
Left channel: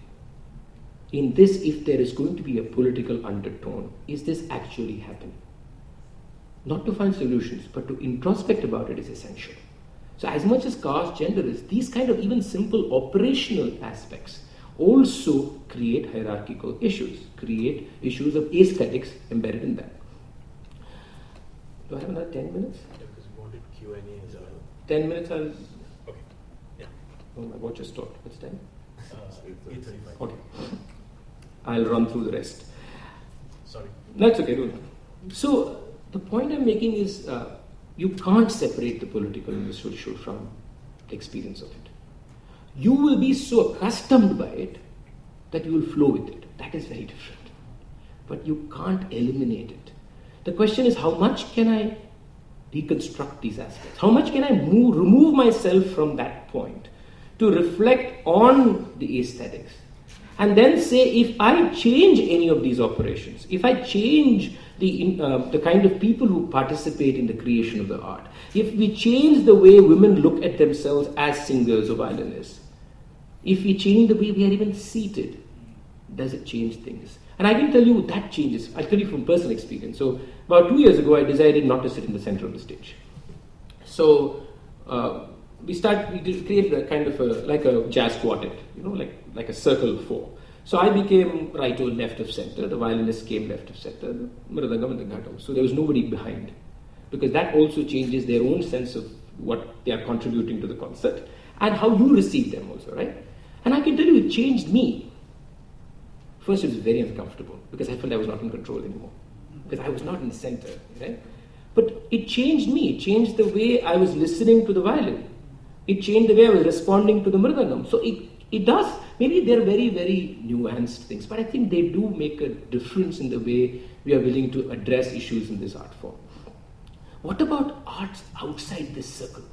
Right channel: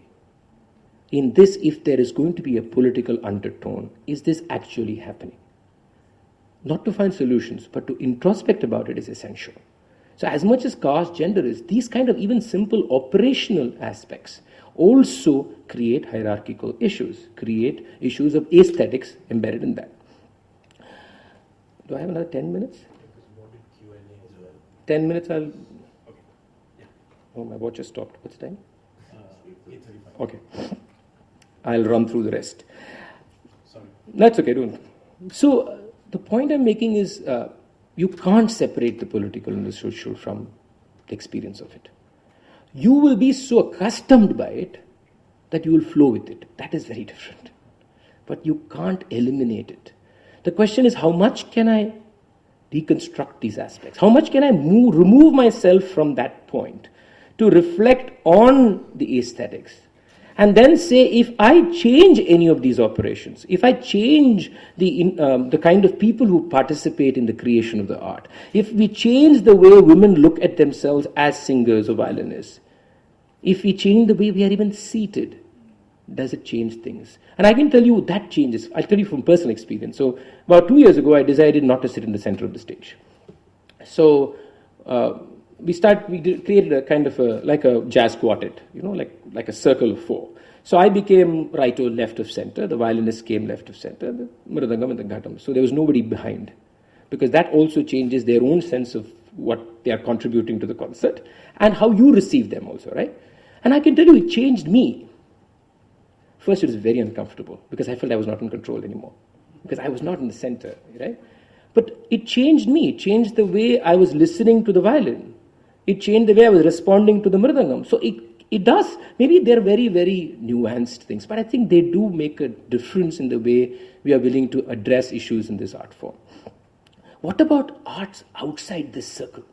In this, if there is going to be a political undertone, is this actually happening? Not to find solutions, but to introspect about it is essential. So as much as caste, gender is, these kind of even simple operational aspects also create hierarchical issues, create issues of aesthetics embedded in that. Do I have another 10 minutes? 10 minutes I'll... Okay. Yeah. Oh, my watch has stopped. What's the time? Okay. I'll run through the rest. Sorry. That's okay. Don't. So the point I'm making is you can't separate the political and the social from the experience of it. You will be so accustomed by it that you will flow with it. That is very different. But you can't eliminate it. The question is, how much can I deconstruct these aspects? How much can I remove myself from that point to reflect on the aesthetics? And then say, if I change any of these operations, if I change the kind of people who participate in the creation of the art, if we change the way women look at themselves as singers or violinists, if we change the way we are even seated, does it change things? And I can tell you that changes. I'll tell you from personal experience. So about 2 years ago, I decided not to sit in the center of the stage. So we created a kind of like a jazz quartet, like a circle of four. So I became right or left of center, the violinist came left of center, the mridangam and the ghatam. So there was nobody behind, because that also changes their own sense of what they are contributing to the concert. and how you receive them also, right? And I can tell you, it changed me. First, it was very uncomfortable because I felt I was not in control anymore, because I was not in the center, right? But it changed me. It changed the way I was listening to the violin. It changed the way I was responding to the mridangam. So it does. Maybe they're very, very nuanced things, but I think they do make a difference in the way we are willing to address issues in this art form. What about arts outside this circle?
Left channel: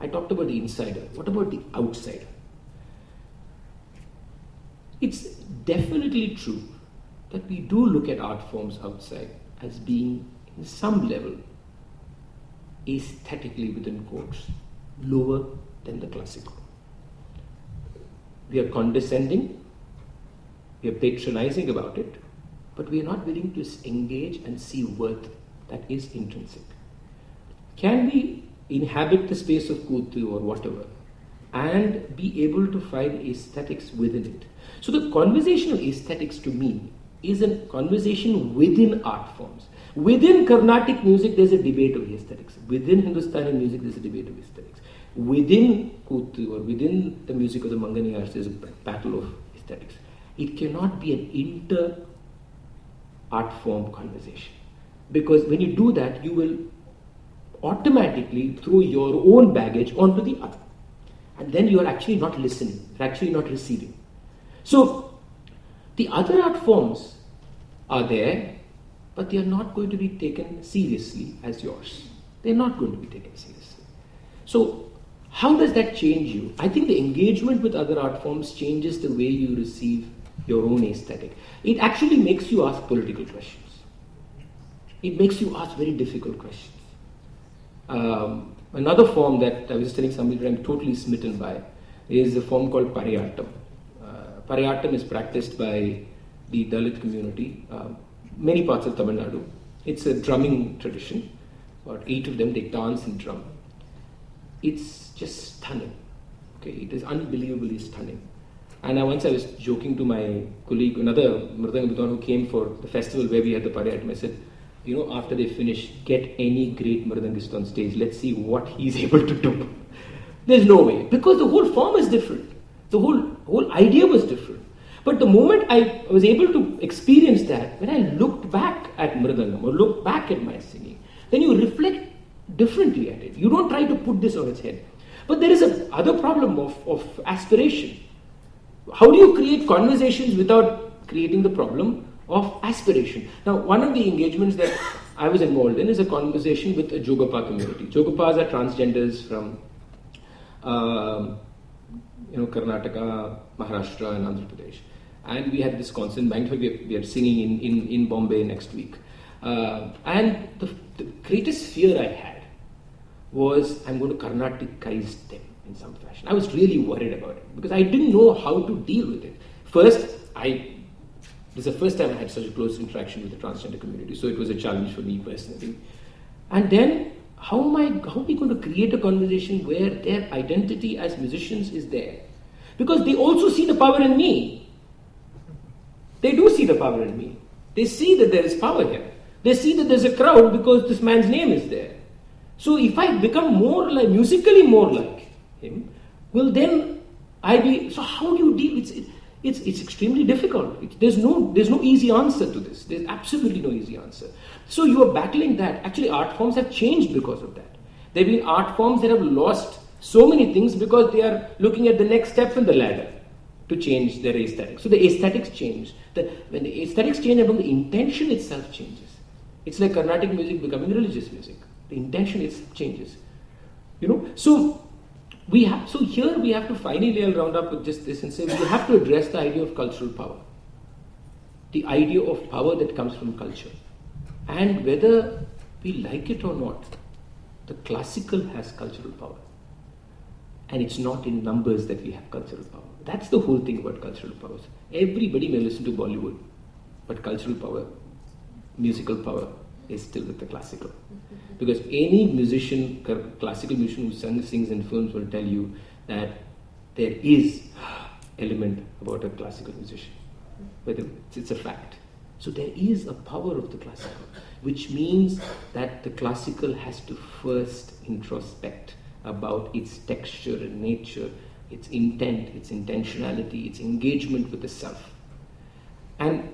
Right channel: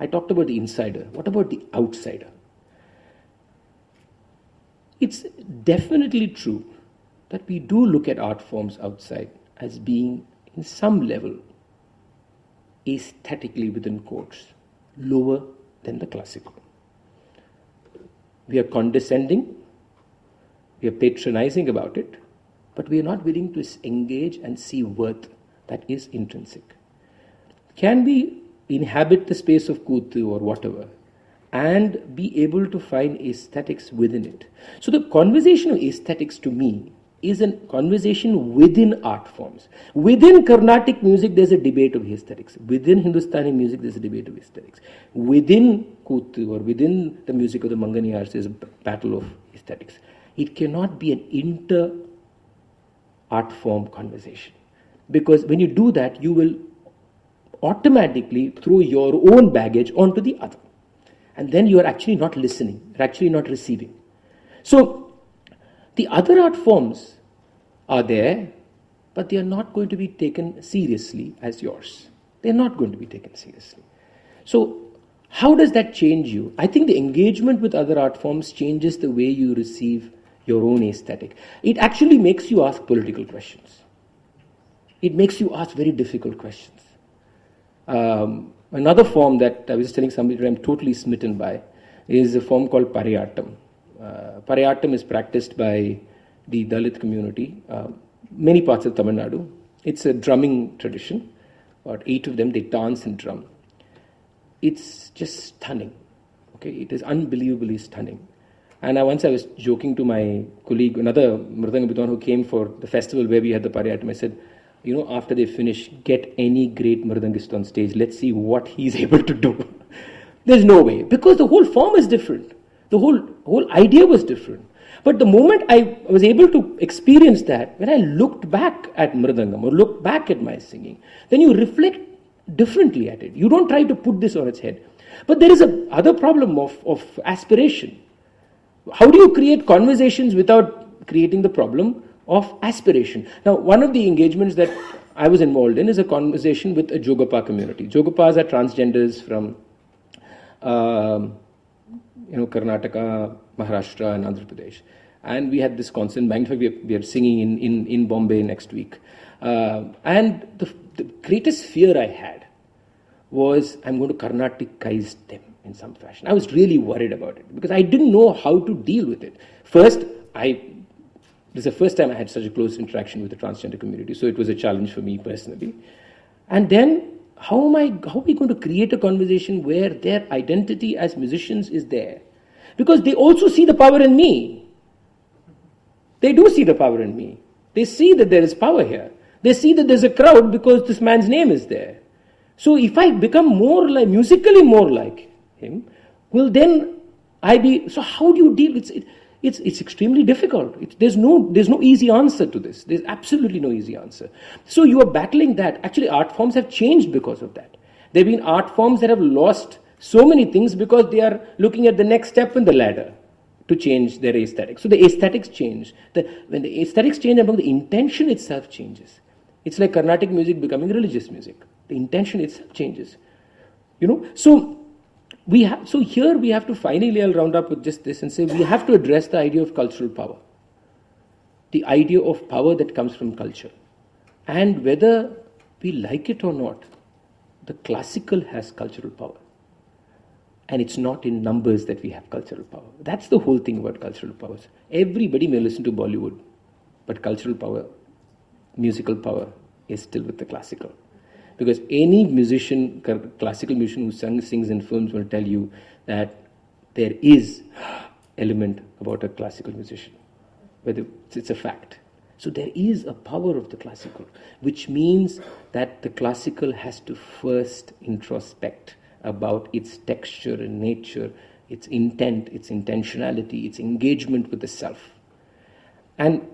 I talked about the insider. What about the outsider? It's definitely true that we do look at art forms outside as being, in some level, aesthetically, within quotes, lower than the classical. We are condescending, we are patronizing about it, but we are not willing to engage and see worth that is intrinsic. Can we inhabit the space of Kutu or whatever and be able to find aesthetics within it? So the conversation of aesthetics to me is a conversation within art forms. Within Carnatic music, there's a debate of aesthetics. Within Hindustani music, there's a debate of aesthetics. Within Kutu or within the music of the Manganiyars, there's a battle of aesthetics. It cannot be an inter-art form conversation. Because when you do that, you will automatically throw your own baggage onto the other. And then you are actually not listening, you're actually not receiving. So, the other art forms are there, but they are not going to be taken seriously as yours. They are not going to be taken seriously. So, how does that change you? I think the engagement with other art forms changes the way you receive your own aesthetic. It actually makes you ask political questions. It makes you ask very difficult questions. Another form that I was telling somebody that I'm totally smitten by is a form called Pariyattam. Pariyattam is practiced by the Dalit community, many parts of Tamil Nadu. It's a drumming tradition. About 8 of them, they dance and drum. It's just stunning. Okay, it is unbelievably stunning. And once I was joking to my colleague, another Mridanga Bidwan who came for the festival where we had the Pariyattam, I said, you know, after they finish, get any great Mridangist on stage. Let's see what he's able to do. There's no way. Because the whole form is different. The whole idea was different. But the moment I was able to experience that, when I looked back at Mridangam or looked back at my singing, then you reflect differently at it. You don't try to put this on its head. But there is another problem of aspiration. How do you create conversations without creating the problem of aspiration? Now, one of the engagements that I was involved in is a conversation with a Jogapa community. Jogapas are transgenders from Karnataka, Maharashtra and Andhra Pradesh. And we had this concert. In fact, we are singing in Bombay next week. And the greatest fear I had was I'm going to Carnaticize them in some fashion. I was really worried about it because I didn't know how to deal with it. First, this is the first time I had such a close interaction with the transgender community, so it was a challenge for me personally. And then, how are we going to create a conversation where their identity as musicians is there? Because they also see the power in me. They do see the power in me. They see that there is power here. They see that there's a crowd because this man's name is there. So if I become musically more like him, well then so how do you deal with it? It's extremely difficult. There's no easy answer to this. There's absolutely no easy answer. So you are battling that. Actually, art forms have changed because of that. There have been art forms that have lost so many things because they are looking at the next step in the ladder to change their aesthetics. So the aesthetics change. When the aesthetics change, the intention itself changes. It's like Carnatic music becoming religious music. The intention itself changes. So here we have to finally, I'll round up with just this and say we have to address the idea of cultural power. The idea of power that comes from culture. And whether we like it or not, the classical has cultural power. And it's not in numbers that we have cultural power. That's the whole thing about cultural powers. Everybody may listen to Bollywood, but cultural power, musical power is still with the classical. Because any musician, classical musician who sings in films will tell you that there is element about a classical musician. Whether it's a fact. So there is a power of the classical, which means that the classical has to first introspect about its texture and nature, its intent, its intentionality, its engagement with the self. And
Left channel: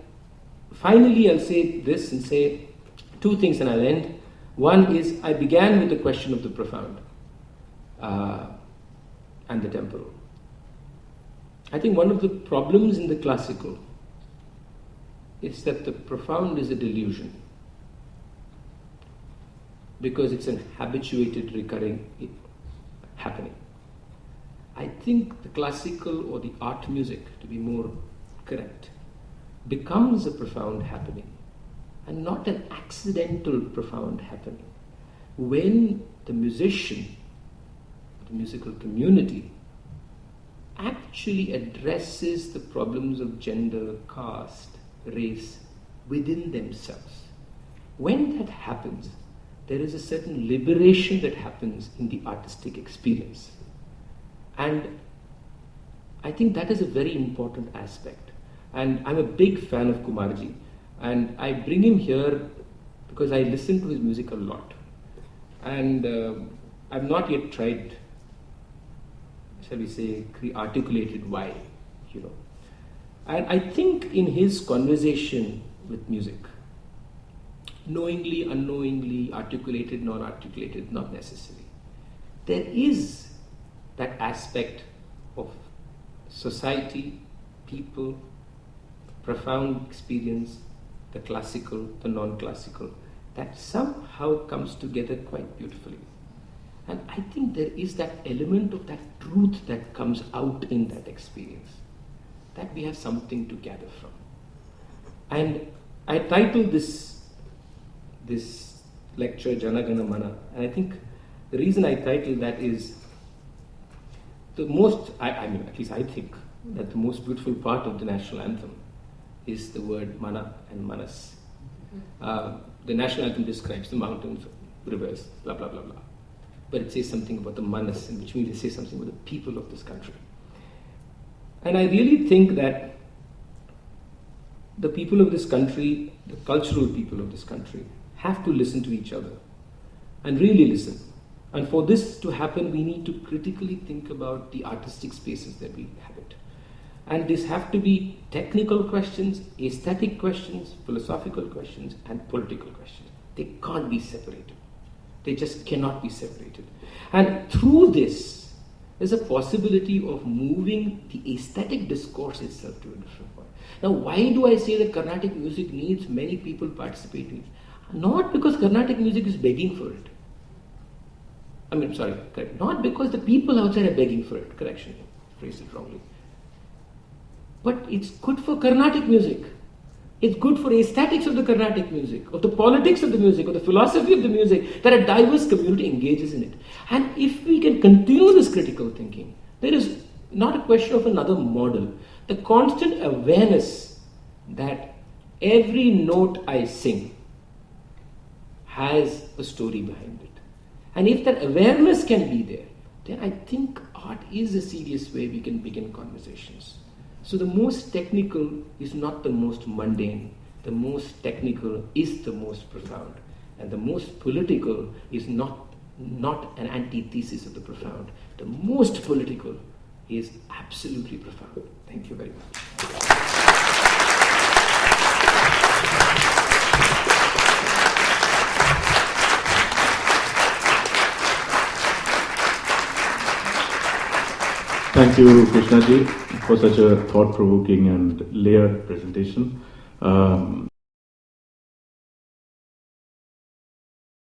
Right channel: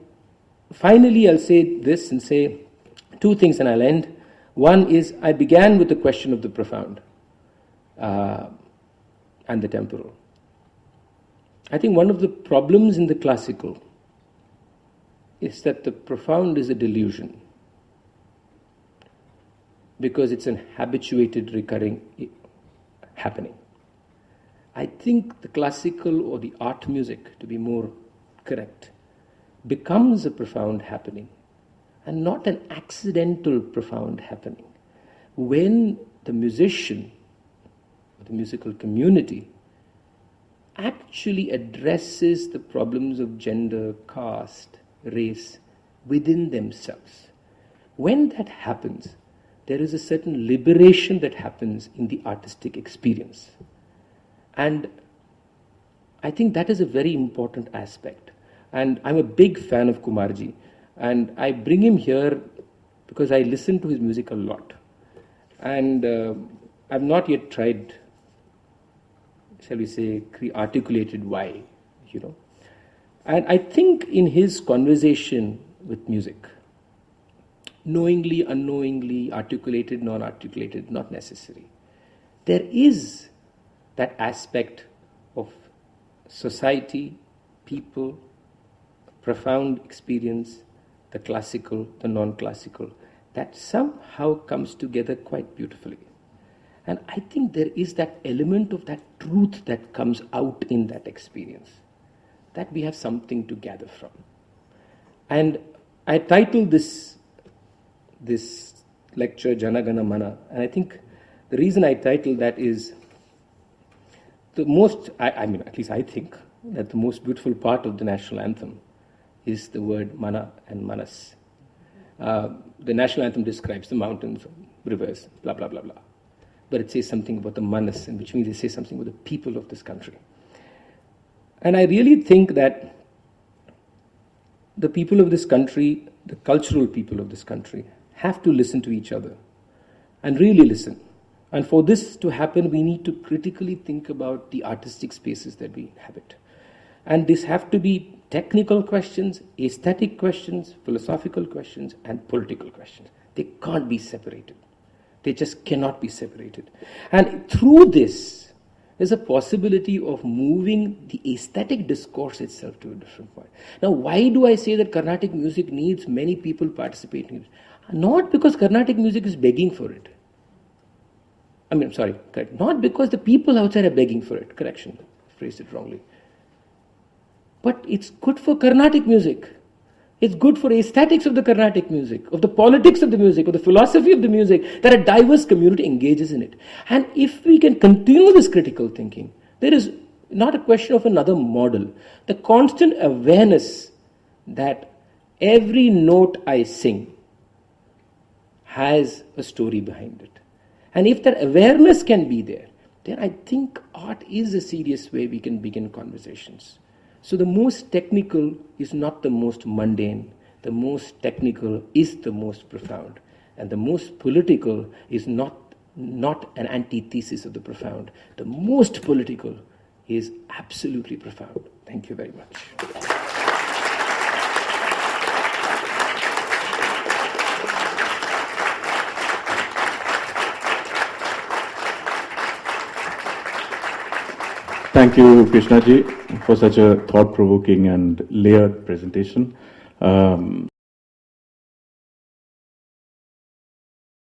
finally, I'll say this and say two things, and I'll end. One is, I began with the question of the profound and the temporal. I think one of the problems in the classical is that the profound is a delusion, because it's an habituated, recurring happening. I think the classical, or the art music, to be more correct, becomes a profound happening, and not an accidental profound happening, when the musician, the musical community, actually addresses the problems of gender, caste, race within themselves. When that happens, there is a certain liberation that happens in the artistic experience. And I think that is a very important aspect. And I'm a big fan of Kumarji. And I bring him here because I listen to his music a lot. And I've not yet tried, shall we say, articulated why, And I think in his conversation with music, knowingly, unknowingly, articulated, non-articulated, not necessary, there is that aspect of society, people, profound experience, the classical, the non-classical, that somehow comes together quite beautifully. And I think there is that element of that truth that comes out in that experience, that we have something to gather from. And I titled this lecture Jana Gana Mana, and I think the reason I titled that is the most, at least I think, that the most beautiful part of the national anthem is the word mana and manas. The national anthem describes the mountains, rivers, blah, blah, blah, blah. But it says something about the manas, which means it says something about the people of this country. And I really think that the people of this country, the cultural people of this country, have to listen to each other and really listen. And for this to happen, we need to critically think about the artistic spaces that we inhabit. And these have to be technical questions, aesthetic questions, philosophical questions, and political questions. They can't be separated. They just cannot be separated. And through this, there's a possibility of moving the aesthetic discourse itself to a different point. Now, why do I say that Carnatic music needs many people participating? Not because Carnatic music is begging for it. Not because the people outside are begging for it. Correction, phrased it wrongly. But it's good for Carnatic music. It's good for aesthetics of the Carnatic music, of the politics of the music, of the philosophy of the music, that a diverse community engages in it. And if we can continue this critical thinking, there is not a question of another model. The constant awareness that every note I sing has a story behind it. And if that awareness can be there, then I think art is a serious way we can begin conversations. So the most technical is not the most mundane. The most technical is the most profound. And the most political is not an antithesis of the profound. The most political is absolutely profound. Thank you very much. Thank you, Krishna ji, for such a thought-provoking and layered presentation.